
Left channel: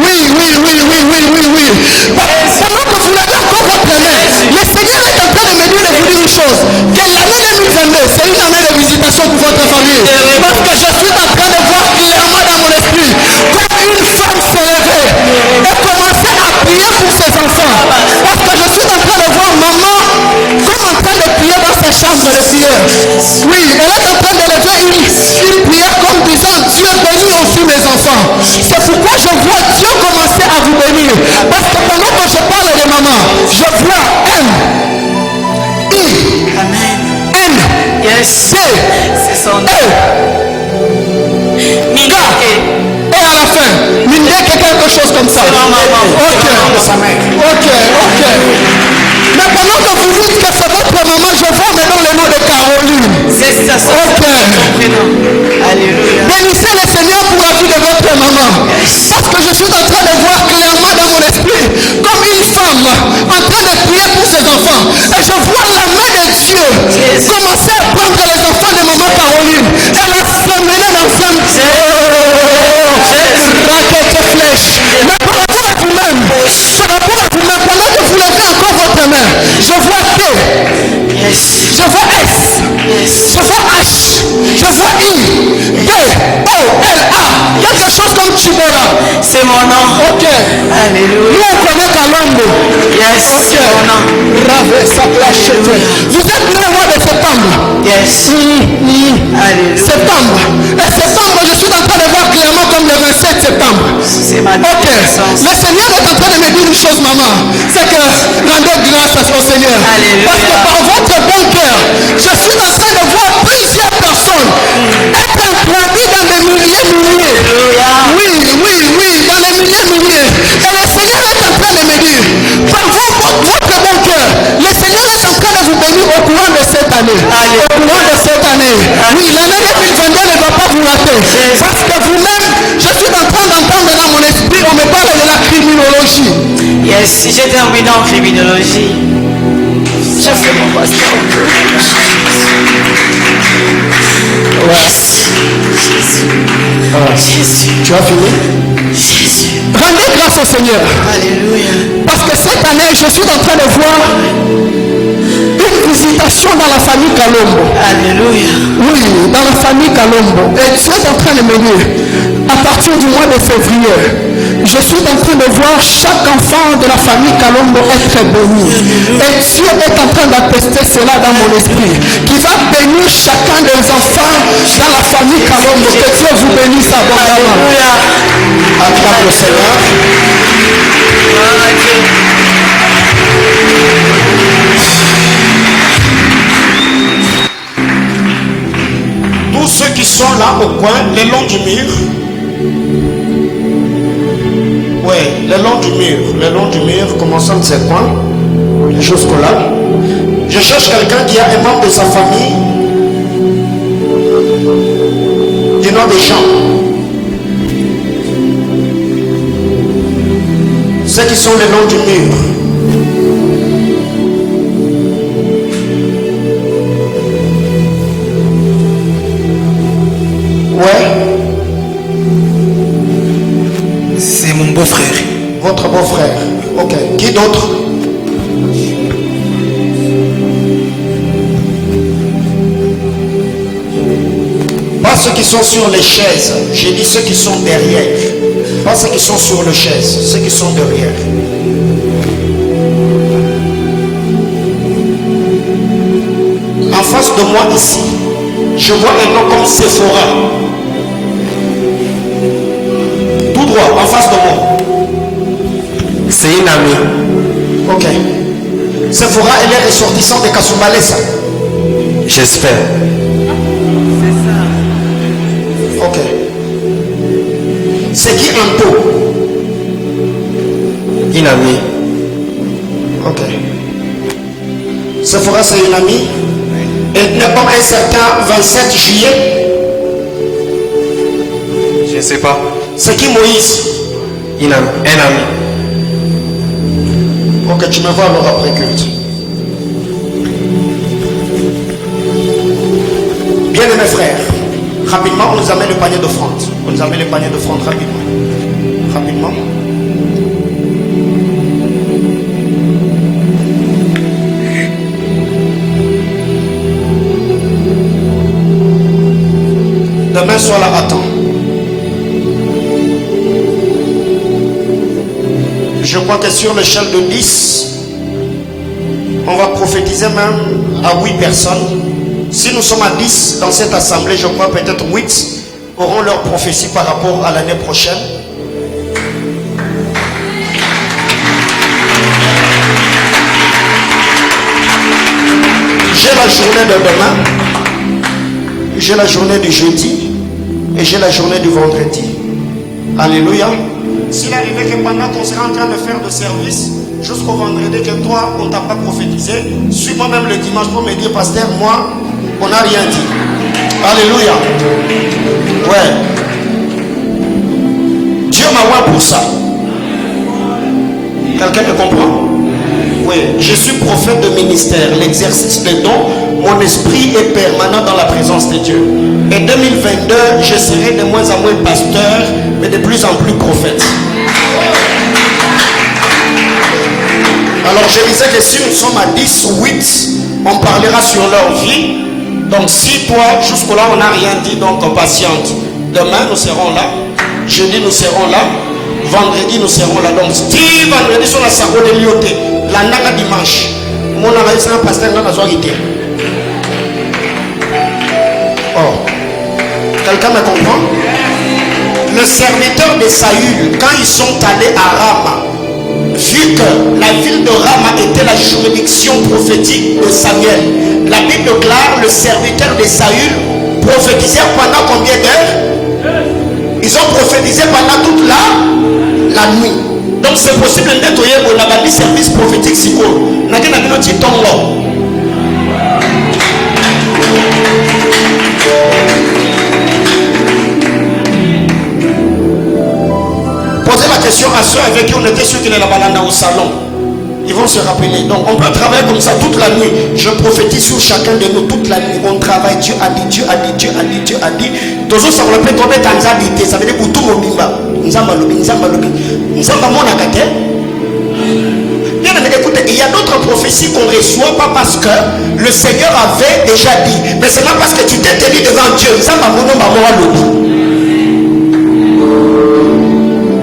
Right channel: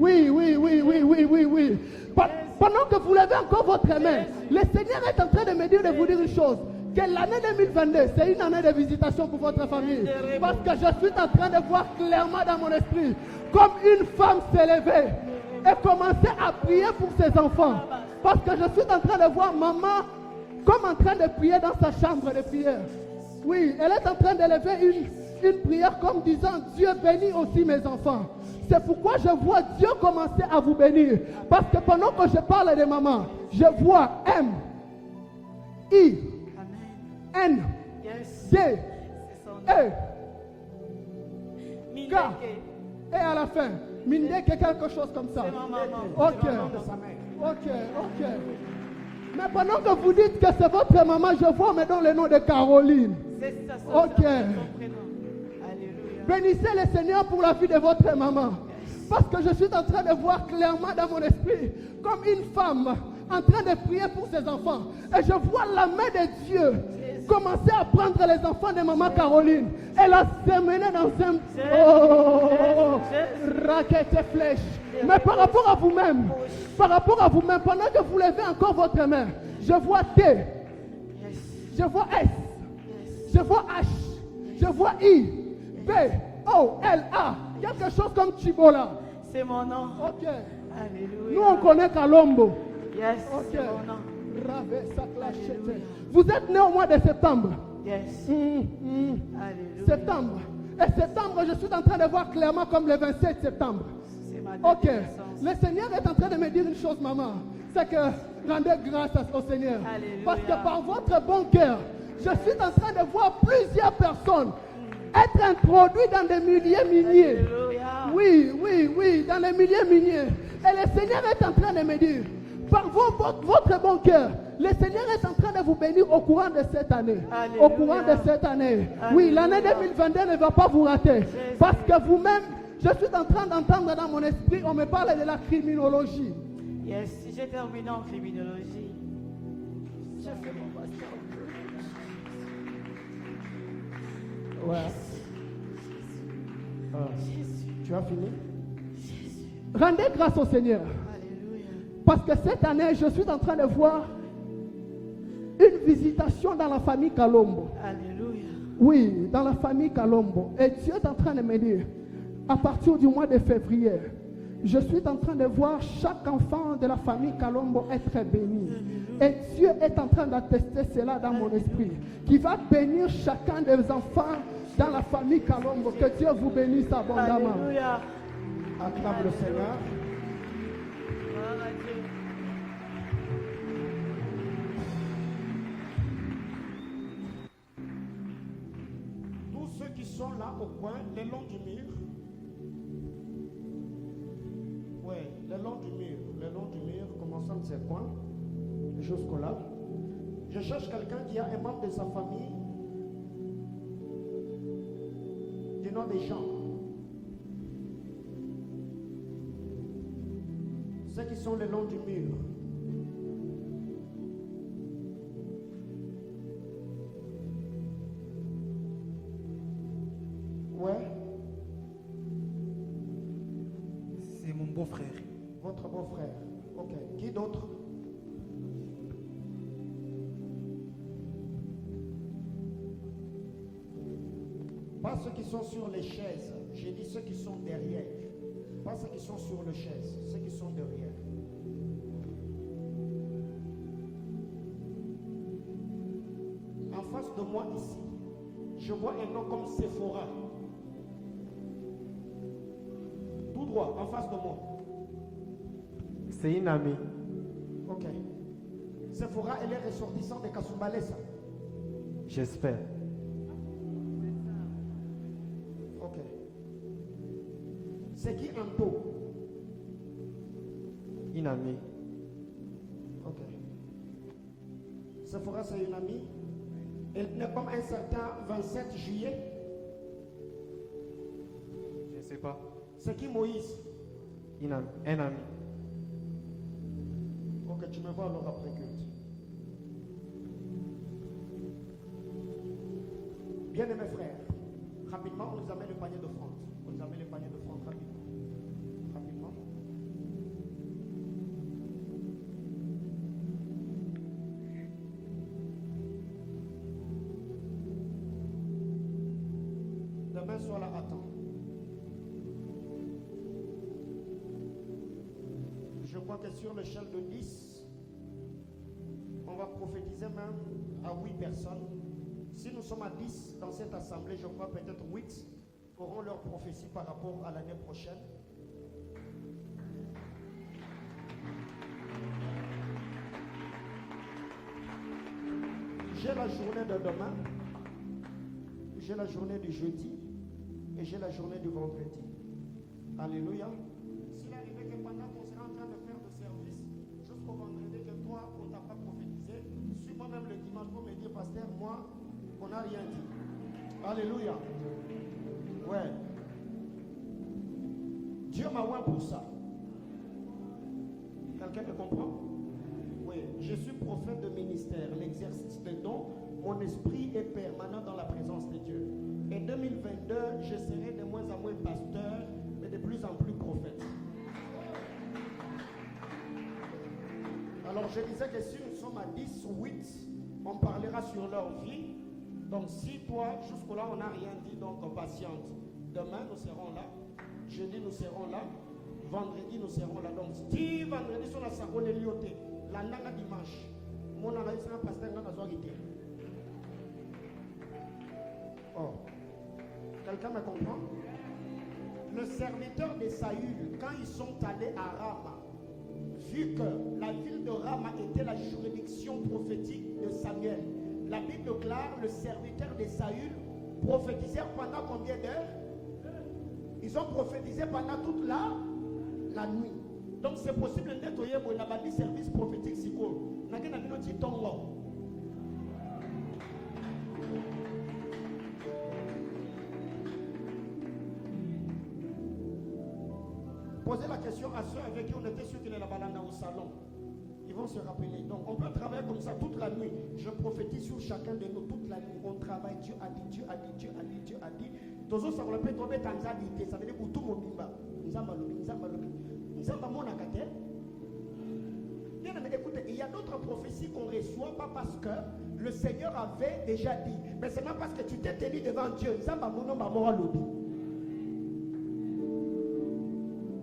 Pendant que vous l'avez encore votre main, le Seigneur est en train de me dire de vous dire une chose, que l'année 2022, c'est une année de visitation pour votre famille. Parce que je suis en train de voir clairement dans mon esprit, comme une femme se lever et commencer à prier pour ses enfants. Parce que je suis en train de voir maman comme en train de prier dans sa chambre de prière. Oui, elle est en train de lever une prière comme disant, Dieu bénit aussi mes enfants. C'est pourquoi je vois Dieu commencer à vous bénir. Parce que pendant que je parle de maman, je vois M, I, N, C, C'est son nom. E, K, et à la fin, Mindé, quelque chose comme ça. Ok. Mais pendant que vous dites que c'est votre maman, je vois maintenant le nom de Caroline. C'est ça, son Ok. prénom. Alléluia. Bénissez le Seigneur pour la vie de votre maman. Parce que je suis en train de voir clairement dans mon esprit comme une femme en train de prier pour ses enfants. Et je vois la main de Dieu commencer à prendre les enfants de maman Caroline. Elle a semé dans un raquette flèche. Mais par rapport à vous-même, pendant que vous levez encore votre main, je vois T, je vois S, je vois H, je vois I, D, O, L, A. Quelque chose comme Chibora. C'est mon nom. Ok. Alléluia. Nous on connaît Kalombo. Yes, Ok. c'est mon nom. Rave, ça plachette. Vous êtes né au mois de septembre. Yes. Alléluia. Septembre. Et septembre, je suis en train de voir clairement comme le 27 septembre. C'est ma Ok. naissance. Le Seigneur est en train de me dire une chose, maman. C'est que rendez grâce au Seigneur. Alléluia. Parce que par votre bon cœur, je suis en train de voir plusieurs personnes être introduites dans des milliers. Alléluia. Oui, dans les milliers. Et le Seigneur est en train de me dire, par votre bon cœur, le Seigneur est en train de vous bénir au courant de cette année. Alléluia. Au courant de cette année. Oui, l'année 2022 ne va pas vous rater. Parce que vous-même, je suis en train d'entendre dans mon esprit, on me parle de la criminologie. Yes, si j'ai terminé en criminologie, je fais mon pasteur. Jésus. Tu as fini? Jésus. Rendez grâce au Seigneur. Alléluia. Parce que cette année, je suis en train de voir une visitation dans la famille Kalombo. Alléluia. Oui, dans la famille Kalombo. Et Dieu est en train de me dire, à partir du mois de février, je suis en train de voir chaque enfant de la famille Kalombo être béni. Et Dieu est en train d'attester cela dans mon esprit. Qui va bénir chacun des enfants dans la famille Kalombo. Que Dieu vous bénisse abondamment. Alléluia. Acclame le Seigneur. Tous ceux qui sont là au coin, le long du mur. Oui, le long du mur, commençant de ces coins, jusque-là. Je cherche quelqu'un qui a un membre de sa famille du nom des gens. Ceux qui sont le long du mur. beau-frère. Votre beau-frère. Ok. Qui d'autre? Pas ceux qui sont sur les chaises. J'ai dit ceux qui sont derrière. Pas ceux qui sont sur les chaises. Ceux qui sont derrière. En face de moi ici, je vois un nom comme Sephora. Tout droit, en face de moi. C'est une amie. Ok. Sephora, elle est ressortissante de Kasumbalesa. J'espère. Ok. C'est qui Anto? Une amie. Ok. Sephora, c'est une amie. Elle n'est pas un certain 27 juillet. Je ne sais pas. C'est qui Moïse? Un ami. Ok, tu me vois alors après culte. Bien mes frères, rapidement, on nous amène le panier d'offrande. On nous amène le panier d'offrande rapidement. Rapidement. Demain soir là, attends. Je crois que sur l'échelle de 10, on va prophétiser même à 8 personnes. Si nous sommes à 10 dans cette assemblée, je crois peut-être 8 auront leur prophétie par rapport à l'année prochaine. J'ai la journée de demain, j'ai la journée du jeudi et j'ai la journée du vendredi. Alléluia. S'il arrivait que pendant qu'on sera en train de faire de service, jusqu'au vendredi que toi, on ne t'a pas prophétisé, suis-moi même le dimanche pour me dire, pasteur, moi, on n'a rien dit. Alléluia. Ouais. Dieu m'a oint pour ça. Quelqu'un me comprend? Oui. Je suis prophète de ministère. L'exercice des dons, mon esprit est permanent dans la présence de Dieu. Et 2022, je serai de moins en moins pasteur, mais de plus en plus prophète. Alors je disais que si nous sommes à 10 ou 8, on parlera sur leur vie. Donc si toi, jusque-là, on n'a rien dit, donc on patiente. Demain, nous serons là. Jeudi, nous serons là. Vendredi, nous serons là. Donc si vendredi, sur la sago de l'ioté, la naga dimanche, mon analyse est un pasteur dans la soirée. Oh. Quelqu'un me comprend? Le serviteur de Saül, quand ils sont allés à Rama, vu que la ville de Rama était la juridiction prophétique de Samuel, la Bible déclare le serviteur de Saül prophétisait pendant combien d'heures? Ils ont prophétisé pendant toute la nuit. Donc c'est possible de nettoyer le service prophétique si court. Posez la question à ceux avec qui on était sûr qu'il est là-bas au salon. Ils vont se rappeler. Donc on peut travailler comme ça toute la nuit. Je prophétise sur chacun de nous toute la nuit. On travaille. Dieu a dit, Dieu a dit, Dieu a dit, Dieu a dit. Toujours ça on peut tomber dans l'habité. Ça veut dire pour tout le monde. Bien aimé, écoutez, il y a d'autres prophéties qu'on reçoit pas parce que le Seigneur avait déjà dit. Mais c'est pas parce que tu t'es tenu devant Dieu.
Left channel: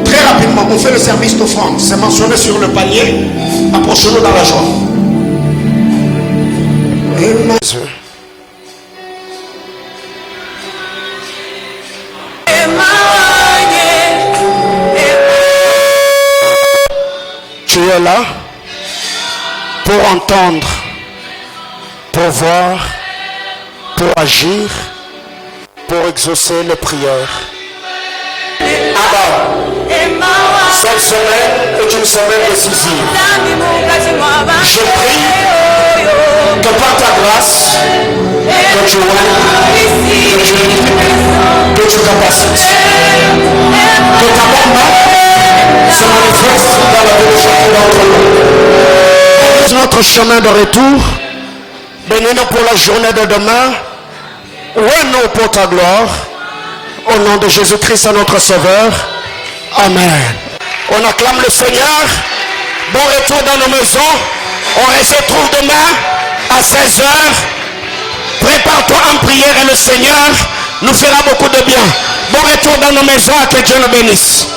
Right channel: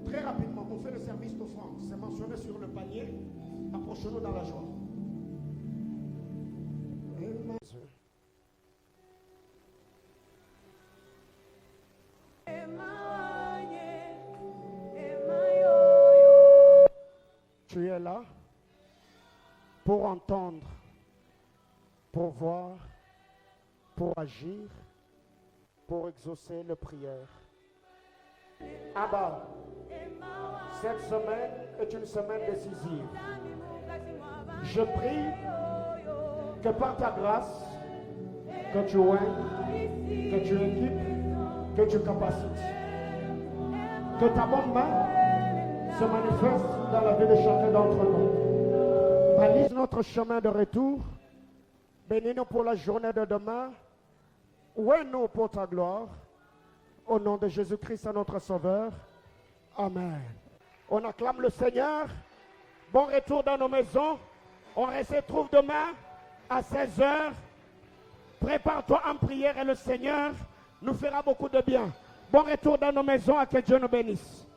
Très rapidement, on fait le service d'offrande. C'est mentionné sur le panier. Approchez-nous dans la joie. Tu es là pour entendre, pour voir, pour agir, pour exaucer les prières. Cette semaine est une semaine décisive. Je prie que par ta grâce, que tu aies, que tu capacites, que ta bonne main se manifeste dans la vie de chacun d'entre nous. Notre chemin de retour, bénis-nous pour la journée de demain, ouais-nous pour ta gloire, au nom de Jésus-Christ, notre Sauveur. Amen. On acclame le Seigneur. Bon retour dans nos maisons. On se retrouve demain à 16h. Prépare-toi en prière et le Seigneur nous fera beaucoup de bien. Bon retour dans nos maisons. Que Dieu nous bénisse.